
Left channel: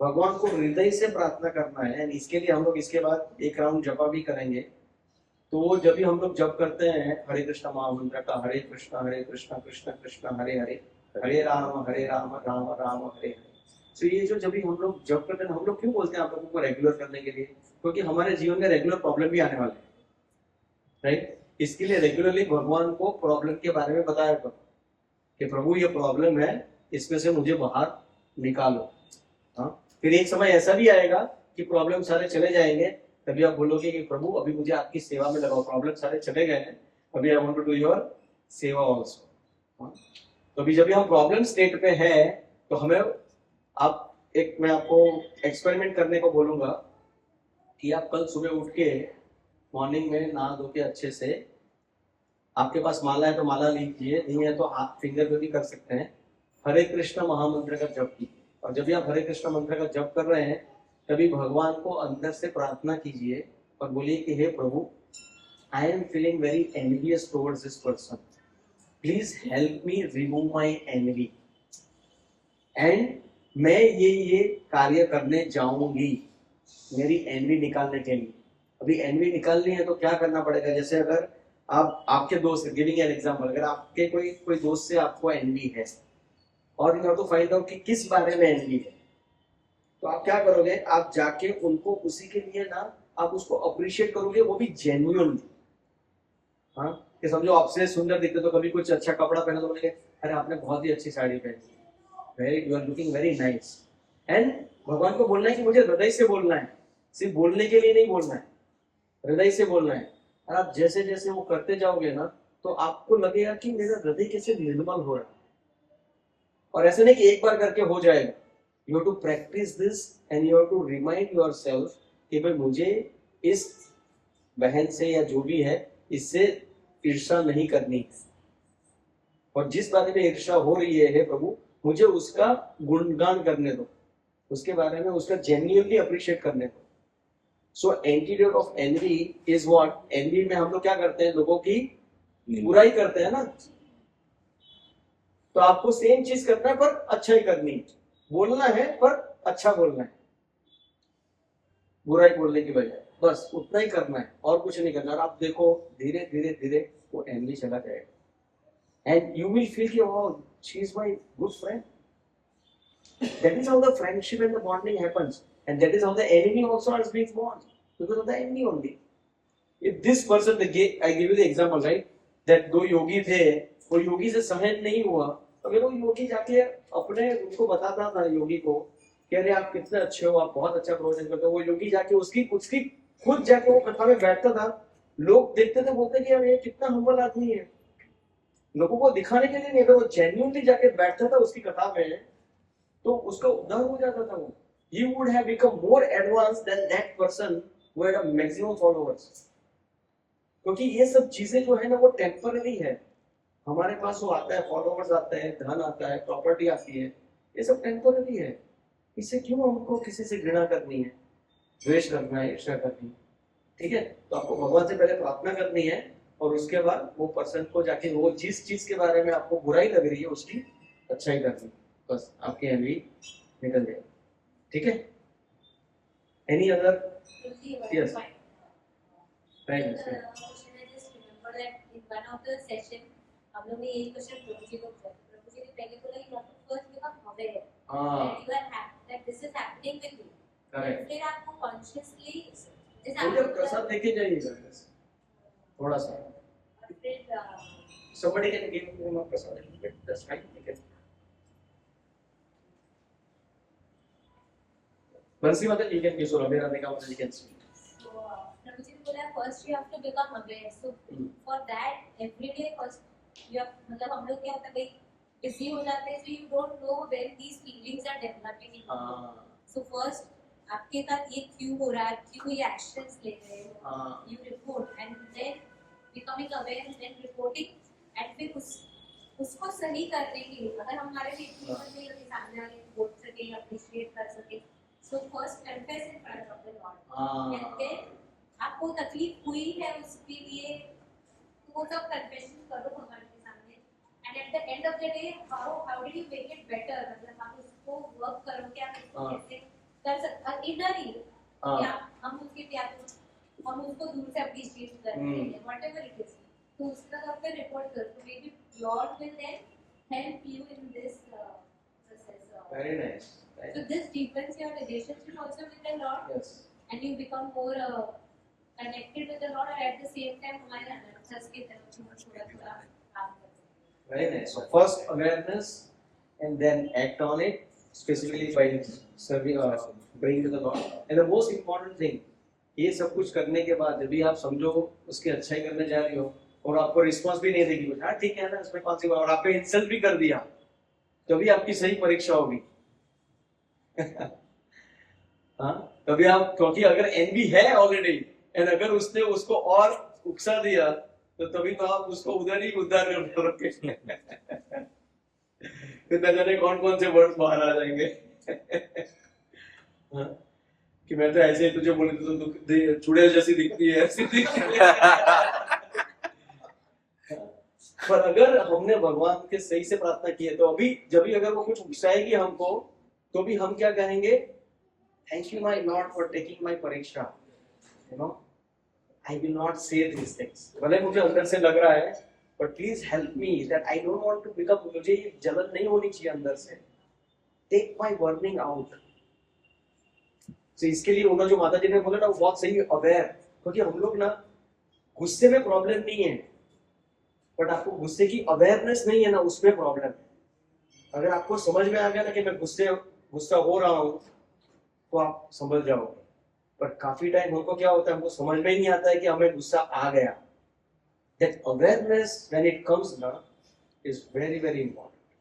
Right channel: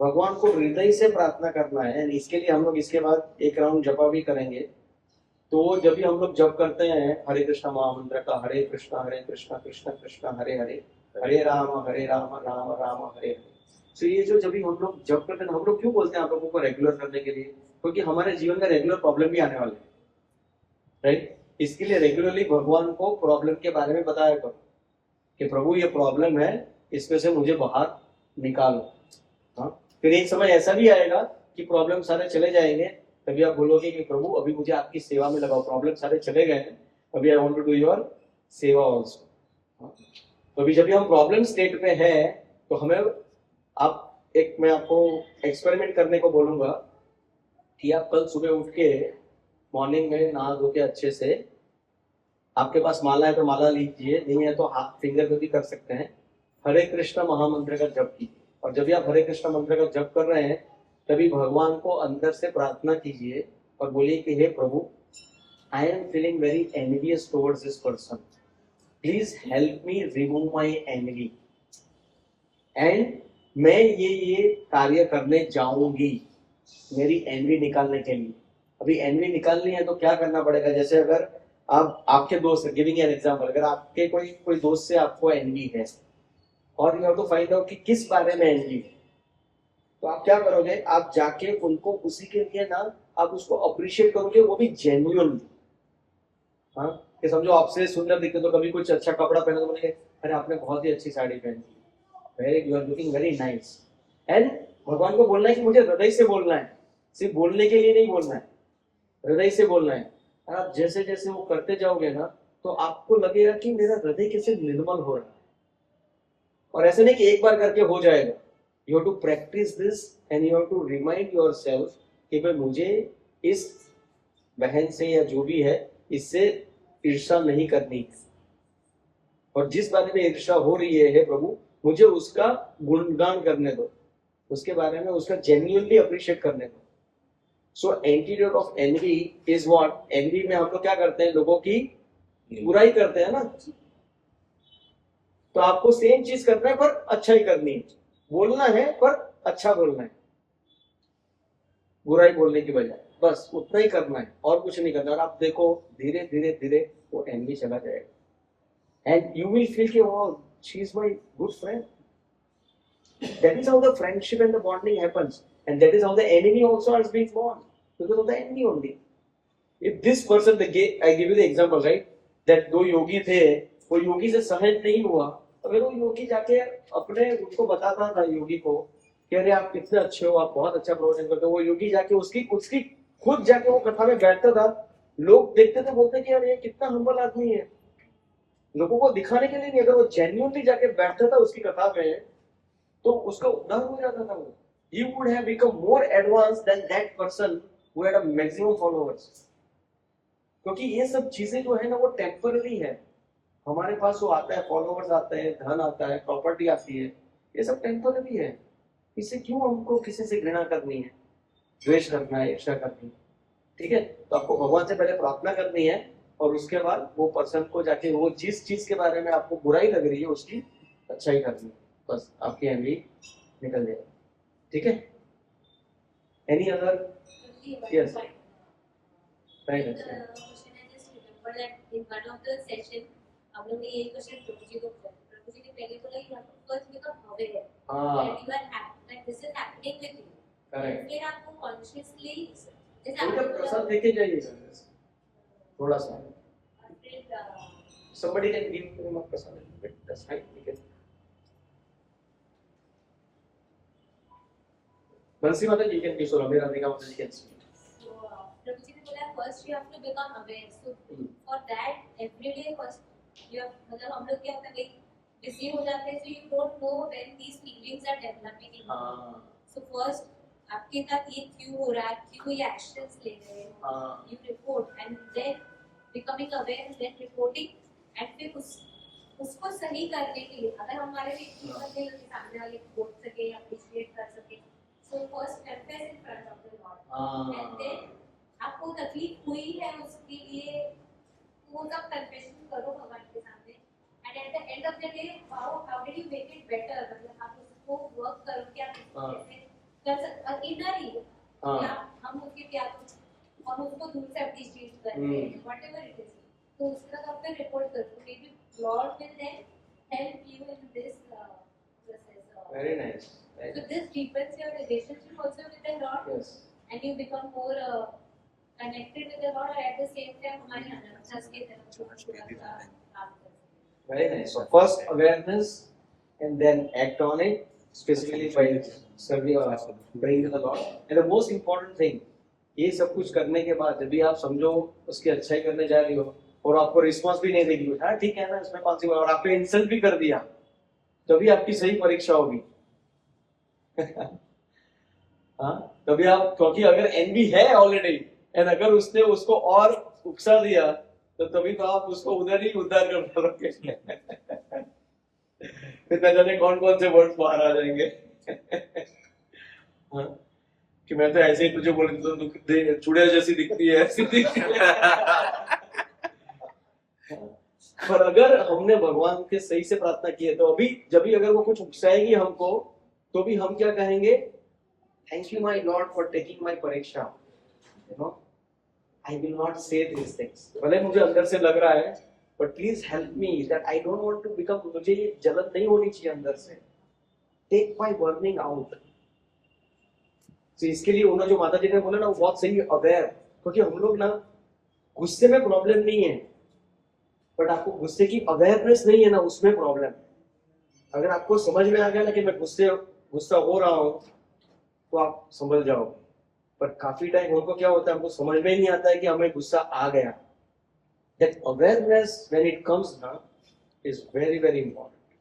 भगवान को हृदय से प्रार्थना करना है. एंड इसके लिए हम लोग इसके बाद एक राउंड जपा भी करेंगे. तो जब भी हम लोग जप करते हैं हरे कृष्ण महामंत्र का, हरे कृष्ण कृष्ण कृष्ण हरे हरे, हरे राम राम राम हरे हरे. तो ये जो जब भी हम लोग जप करते हैं, हम लोग क्यों बोलते हैं आप लोगों को रेगुलर करने के लिए? क्योंकि हमारे जीवन में रेगुलर प्रॉब्लम भी आने वाले हैं, राइट? इसके लिए रेगुलरली भगवान को प्रॉब्लम के बारे में बताया करो कि प्रभु ये प्रॉब्लम है, इसमें से मुझे बाहर निकालो. हाँ, फिर एक समय ऐसा भी आएगा कि प्रॉब्लम सारे चले जाएंगे, तभी आप बोलोगे कि प्रभु अभी मुझे आपकी सेवा में लगाओ. प्रॉब्लम सारे चले गए हैं, अभी I want to do your seva also. तो अभी जब भी हम प्रॉब्लम स्टेट पे है तो हमें मैं आपको एक्सपेरिमेंट करने को बोलूंगा कि आप कल सुबह उठ के मॉर्निंग में नहा धो के अच्छे से, आपके पास माला है तो माला लीजिए, नहीं है तो हाथ फिंगर पे भी कर सकते हैं, हरे कृष्ण महामंत्र का जप कीजिए. और जब भी आप हरे कृष्ण मंत्र का जप कर रहे हैं तभी भगवान को अंदर से प्रार्थना कीजिए और बोलिए कि हे प्रभु, I am feeling very envious towards this person, please help me remove my envy, and मैं ये कार्य करने जाऊंगी मेरी एनवी निकालने के लिए. अभी एनवी निकालनी है तो क्या करना पड़ेगा? जैसे अगर आपके दोस्त, गिविंग एन एग्जांपल, अगर आपके कोई दोस्त से आपको एनवी है और you have to find out कि किस बारे में एनवी है, तो आप क्या करोगे? आप जाके उनको उसी के लिए ना आप उसको अप्रिशिएट करोगे, वो भी जेन्युइनली. हाँ, कि समझो आपसे सुंदर दिखते तो कभी कुछ अच्छा कपड़ा पहना तो बोलेंगे अरे आपने बहुत ही अच्छी साड़ी पहनी, very you are looking very nice. And भगवान को बोलना है कि मुझे हृदय से बोलना है, सिर्फ बोलने के लिए नहीं बोलना है, हृदय से बोलना है. और आप जैसे जैसे वो करते जाओगे ना तो आपको लगेगा कि मेरा हृदय कैसे निर्मल हो रहा है. और ऐसे नहीं कि एक बार करके हो जाएगा. You have to practise this and you have to remind yourself कि भाई मुझे इस बहन से या जो भी है इससे ईर्ष्या नहीं करनी, और जिस बारे में ईर्ष्या हो रही है हे प्रभु मुझे उसका गुणगान करने दो, उसके बारे में उसका जेन्युइनली अप्रिशिएट करने दो. So antidote of envy is what? Envy में हम लोग क्या करते हैं? लोगों की बुराई करते हैं ना. तो आपको सेम चीज करना है पर अच्छा ही करनी है. बोलना है पर अच्छा बोलना है, बुराई बोलने की बजाय, बस उतना ही करना है और कुछ नहीं करना. और आप देखो धीरे धीरे धीरे वो एनवी चला जाएगा एंड यू विल फील कि wow she is my good friend. That is how the friendship and the bonding happens, and that is how the enemy also has been born, because of the envy only. If this person, I give you the example, right? That दो योगी थे, वो योगी से सहन नहीं हुआ, अगर वो योगी जाके अपने उनको बताता था योगी को कि अरे आप कितने अच्छे हो, आप बहुत अच्छा प्रवचन करते हो, वो योगी जाके उसकी खुद जाके वो कथा में बैठता था, लोग देखते थे, बोलते कि यार ये कितना हम्बल आदमी है. लोगों को दिखाने के लिए नहीं, अगर वो जेन्युइनली जाके बैठता था उसकी कथा में तो उसका उद्धार हो जाता था. वो he would have become more advanced than that person who had a maximum followers. क्योंकि ये सब चीजें जो है ना वो टेम्पररी है. हमारे पास वो आता है, फॉलोवर्स आते हैं, धन आता है, प्रॉपर्टी आती है, ये सब टेम्पररी है. इससे क्यों हमको किसी से घृणा करनी है, द्वेष करना है, ईर्ष्या करनी है? ठीक है, तो आपको भगवान से पहले प्रार्थना करनी है और उसके बाद वो पर्सन को जाके वो जिस चीज के बारे में आपको बुराई लग रही है उसकी अच्छाई करनी है. बस आपकी एनवी निकल जाएगी. ठीक है? Any other? Yes. Right. Question I just remember that in one of the session हम लोग ने ये क्वेश्चन प्रभु जी को किया. प्रभु जी ने पहले बोला कि आपको फर्स्ट बिकम अवेयर हाँ, that you are happy, that this is happening with you. Correct. फिर आपको consciously जैसे तो जब प्रसाद लेके जाइएगा थोड़ा सा, और फिर somebody can give him a prasad a little bit, that's fine. We can. बंसी मतलब you can give, so मेरा का मतलब you can speak. प्रभु जी ने बोला first you have to become aware. So Hmm. For that every day first you मतलब हम लोग क्या होता है भाई बिजी हो जाते हैं, so you don't know when these feelings are developing in. हाँ, सो फर्स्ट आपके साथ ये क्यों हो रहा है, क्यों ये एक्शंस ले रहे हो, हाँ, you report and then becoming aware and then reporting and फिर उसको सही करने के लिए अगर हमारे लिए हाँ. सामने वाले को बोल सके, अप्रिशिएट कर सके, So first confess in front of the Lord. हाँ And then आपको तकलीफ हुई है उसके लिए वो सब कन्फेशन करो भगवान के सामने. And at the end of the day, how did you make it better? मतलब आप उसको वर्क करो कि आप इसको हाँ. कैसे कर सकते इनर ही हाँ. हम उसके प्यार हम उसको दूर से अप्रिशिएट करते हैं whatever it is. तो उसका तो आपने रिपोर्ट करो. तो maybe Lord will then help you in this process. Very nice. So this deepens your relationship also with the Lord. Yes. And you become more connected with the Lord, and at the same time हमारे अंदर के तरफ थोड़ा काम करते हैं. Very nice. So first awareness and then act on it, specifically by serving, praying to the Lord. And the most important thing, ये सब कुछ करने के बाद जब भी आप समझो उसकी अच्छाई करने जा रही हो और आपको रिस्पॉन्स भी नहीं देगी, हाँ ठीक है ना, इसमें कौन सी बात, और आपने इंसल्ट भी कर दिया, तभी आपकी सही परीक्षा होगी. हाँ, तभी आप, क्योंकि अगर एनवी है ऑलरेडी एंड अगर उसने उसको और उकसा दिया तो तभी तो आप उसको उधर ही उद्धार कर पाओगे. फिर न जाने कौन कौन से वर्ड्स बाहर आ जाएंगे. हाँ, कि मैं तो ऐसे ही तुझे बोले तो चुड़ैल जैसी दिखती है, ऐसी दिखती है. पर अगर हमने भगवान के सही से प्रार्थना की है तो अभी जब भी अगर वो कुछ उकसाएगी हमको तो भी हम क्या कहेंगे, thank you my lord for taking my परीक्षा. You know, I will not say this things, भले मुझे अंदर से लग रहा है, but please help me that I don't want to become, मुझे ये जलन नहीं होनी चाहिए अंदर से. Take my burning out. तो इसके लिए उन्होंने जो माता जी ने बोला ना, वो बहुत सही अवेयर, क्योंकि हम लोग ना गुस्से में प्रॉब्लम नहीं है, बट आपको गुस्से की अवेयरनेस नहीं है ना, उसमें प्रॉब्लम है. अगर आपको समझ में आ गया ना कि मैं गुस्सा हो रहा हूं तो आप समझ जाओगे. पर काफी टाइम हमको क्या होता है, हमको समझ में ही नहीं आता है कि हमें गुस्सा आ गया. That awareness when it comes ना इज वेरी वेरी इंपॉर्टेंट.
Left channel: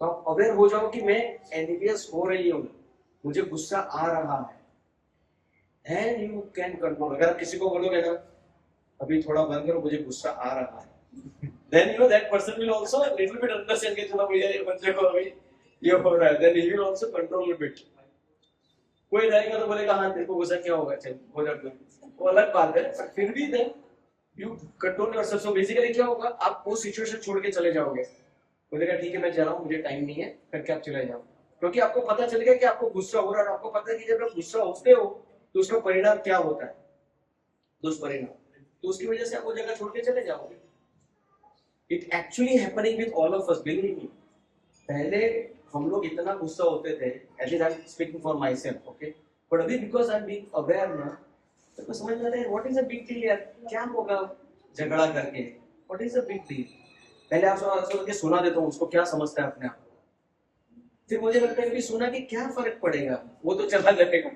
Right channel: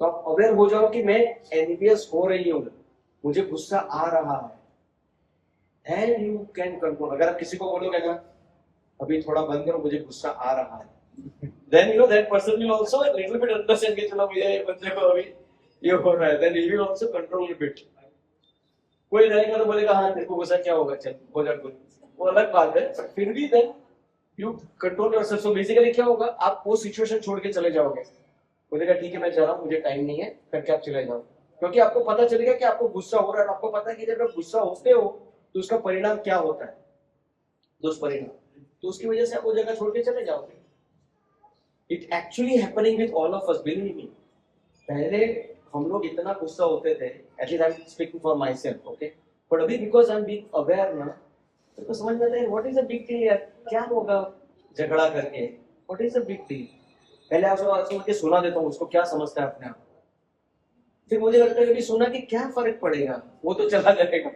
तो आप अवेयर हो जाओ कि मैं एनवीएस हो रही हूँ, मुझे गुस्सा आ रहा है, एंड यू कैन कंट्रोल. अगर आप किसी को बोलोगे ना अभी थोड़ा बंद करो, मुझे गुस्सा आ रहा है, then you know that person will also a little bit understand कि चलो भैया ये बच्चे को अभी ये हो रहा है, then he will also control a bit. कोई रहेगा तो बोलेगा हाँ तेरे को गुस्सा क्या होगा, चल हो जा कुछ, वो अलग बात है, पर फिर भी then you control yourself. So basically क्या होगा, आप वो सिचुएशन छोड़ के चले जाओगे, बोलेगा ठीक है मैं जा रहा हूँ, मुझे टाइम नहीं है, करके आप चले जाओ, क्योंकि आपको पता चलेगा कि आपको गुस्सा हो रहा है. आपको पता है कि जब आप गुस्सा होते हो तो उसका परिणाम क्या होता है, दुष्परिणाम, तो उसकी वजह से आप वो जगह छोड़ के चले जाओगे. It actually happening with all of us, believe me. पहले हम लोग इतना गुस्सा होते थे, at least I'm speaking for myself, okay? But अभी because I'm being aware ना, तो को समझ में आता है what is the big deal यार, क्या होगा झगड़ा करके, what is the big deal? पहले आप सोच के सुना देता हूँ उसको, क्या समझता है अपने आप, फिर मुझे लगता है कि सुना कि क्या फर्क पड़ेगा, वो तो चला जाएगा,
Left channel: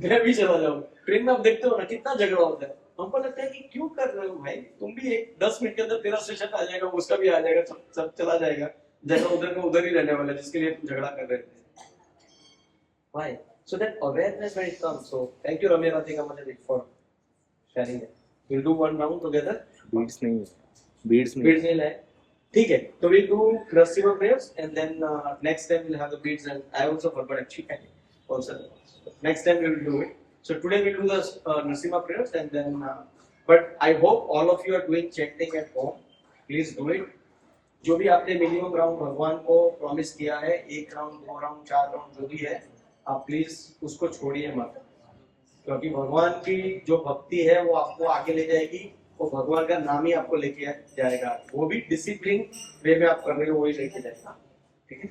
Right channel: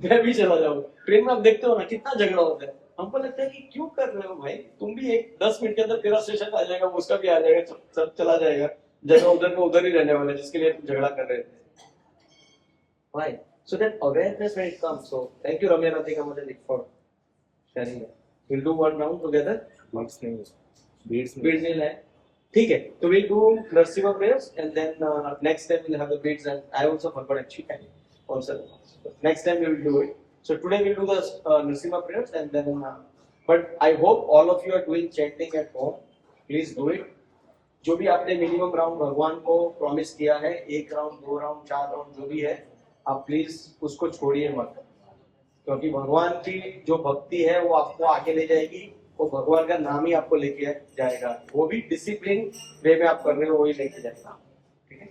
मैं भी चला जाऊँ. ट्रेन में आप देखते हो ना कितना झगड़ा होता है, हमको लगता है कि क्यों कर रहे हो भाई, तुम भी एक 10 मिनट के अंदर तेरा स्टेशन आ जाएगा, उसका भी आ जाएगा, सब चला जाएगा, जगह उधर का उधर ही रहने वाला है जिसके लिए तुम झगड़ा कर रहे थे. Why? So that awareness when it comes. So thank you Ramya Radhika Madhuri for sharing it. We'll do one round together. Beads नहीं Beads will have. ठीक है, तो we'll do Narasimha prayers and then next time we'll have the beads, and I also forgot actually also. Next time we will do it. So today we'll do the Narasimha prayers and then but I hope all of you are doing chanting at home. Please do it. जो भी आपने मिनिमम राउंड भगवान को प्रॉमिस किया है, 1 राउंड 2 राउंड 4 राउंड जो भी है, आप प्लीज उसको छोड़िए मत, क्योंकि भगवान की जो भक्ति है वो आपको आगे ले जाएगी, वो भगवान का नाम ही आपको लेके जाएगा, वो भी डिसिप्लिन वे में आप कर रहे हो वही लेके जाएगा. ठीक है.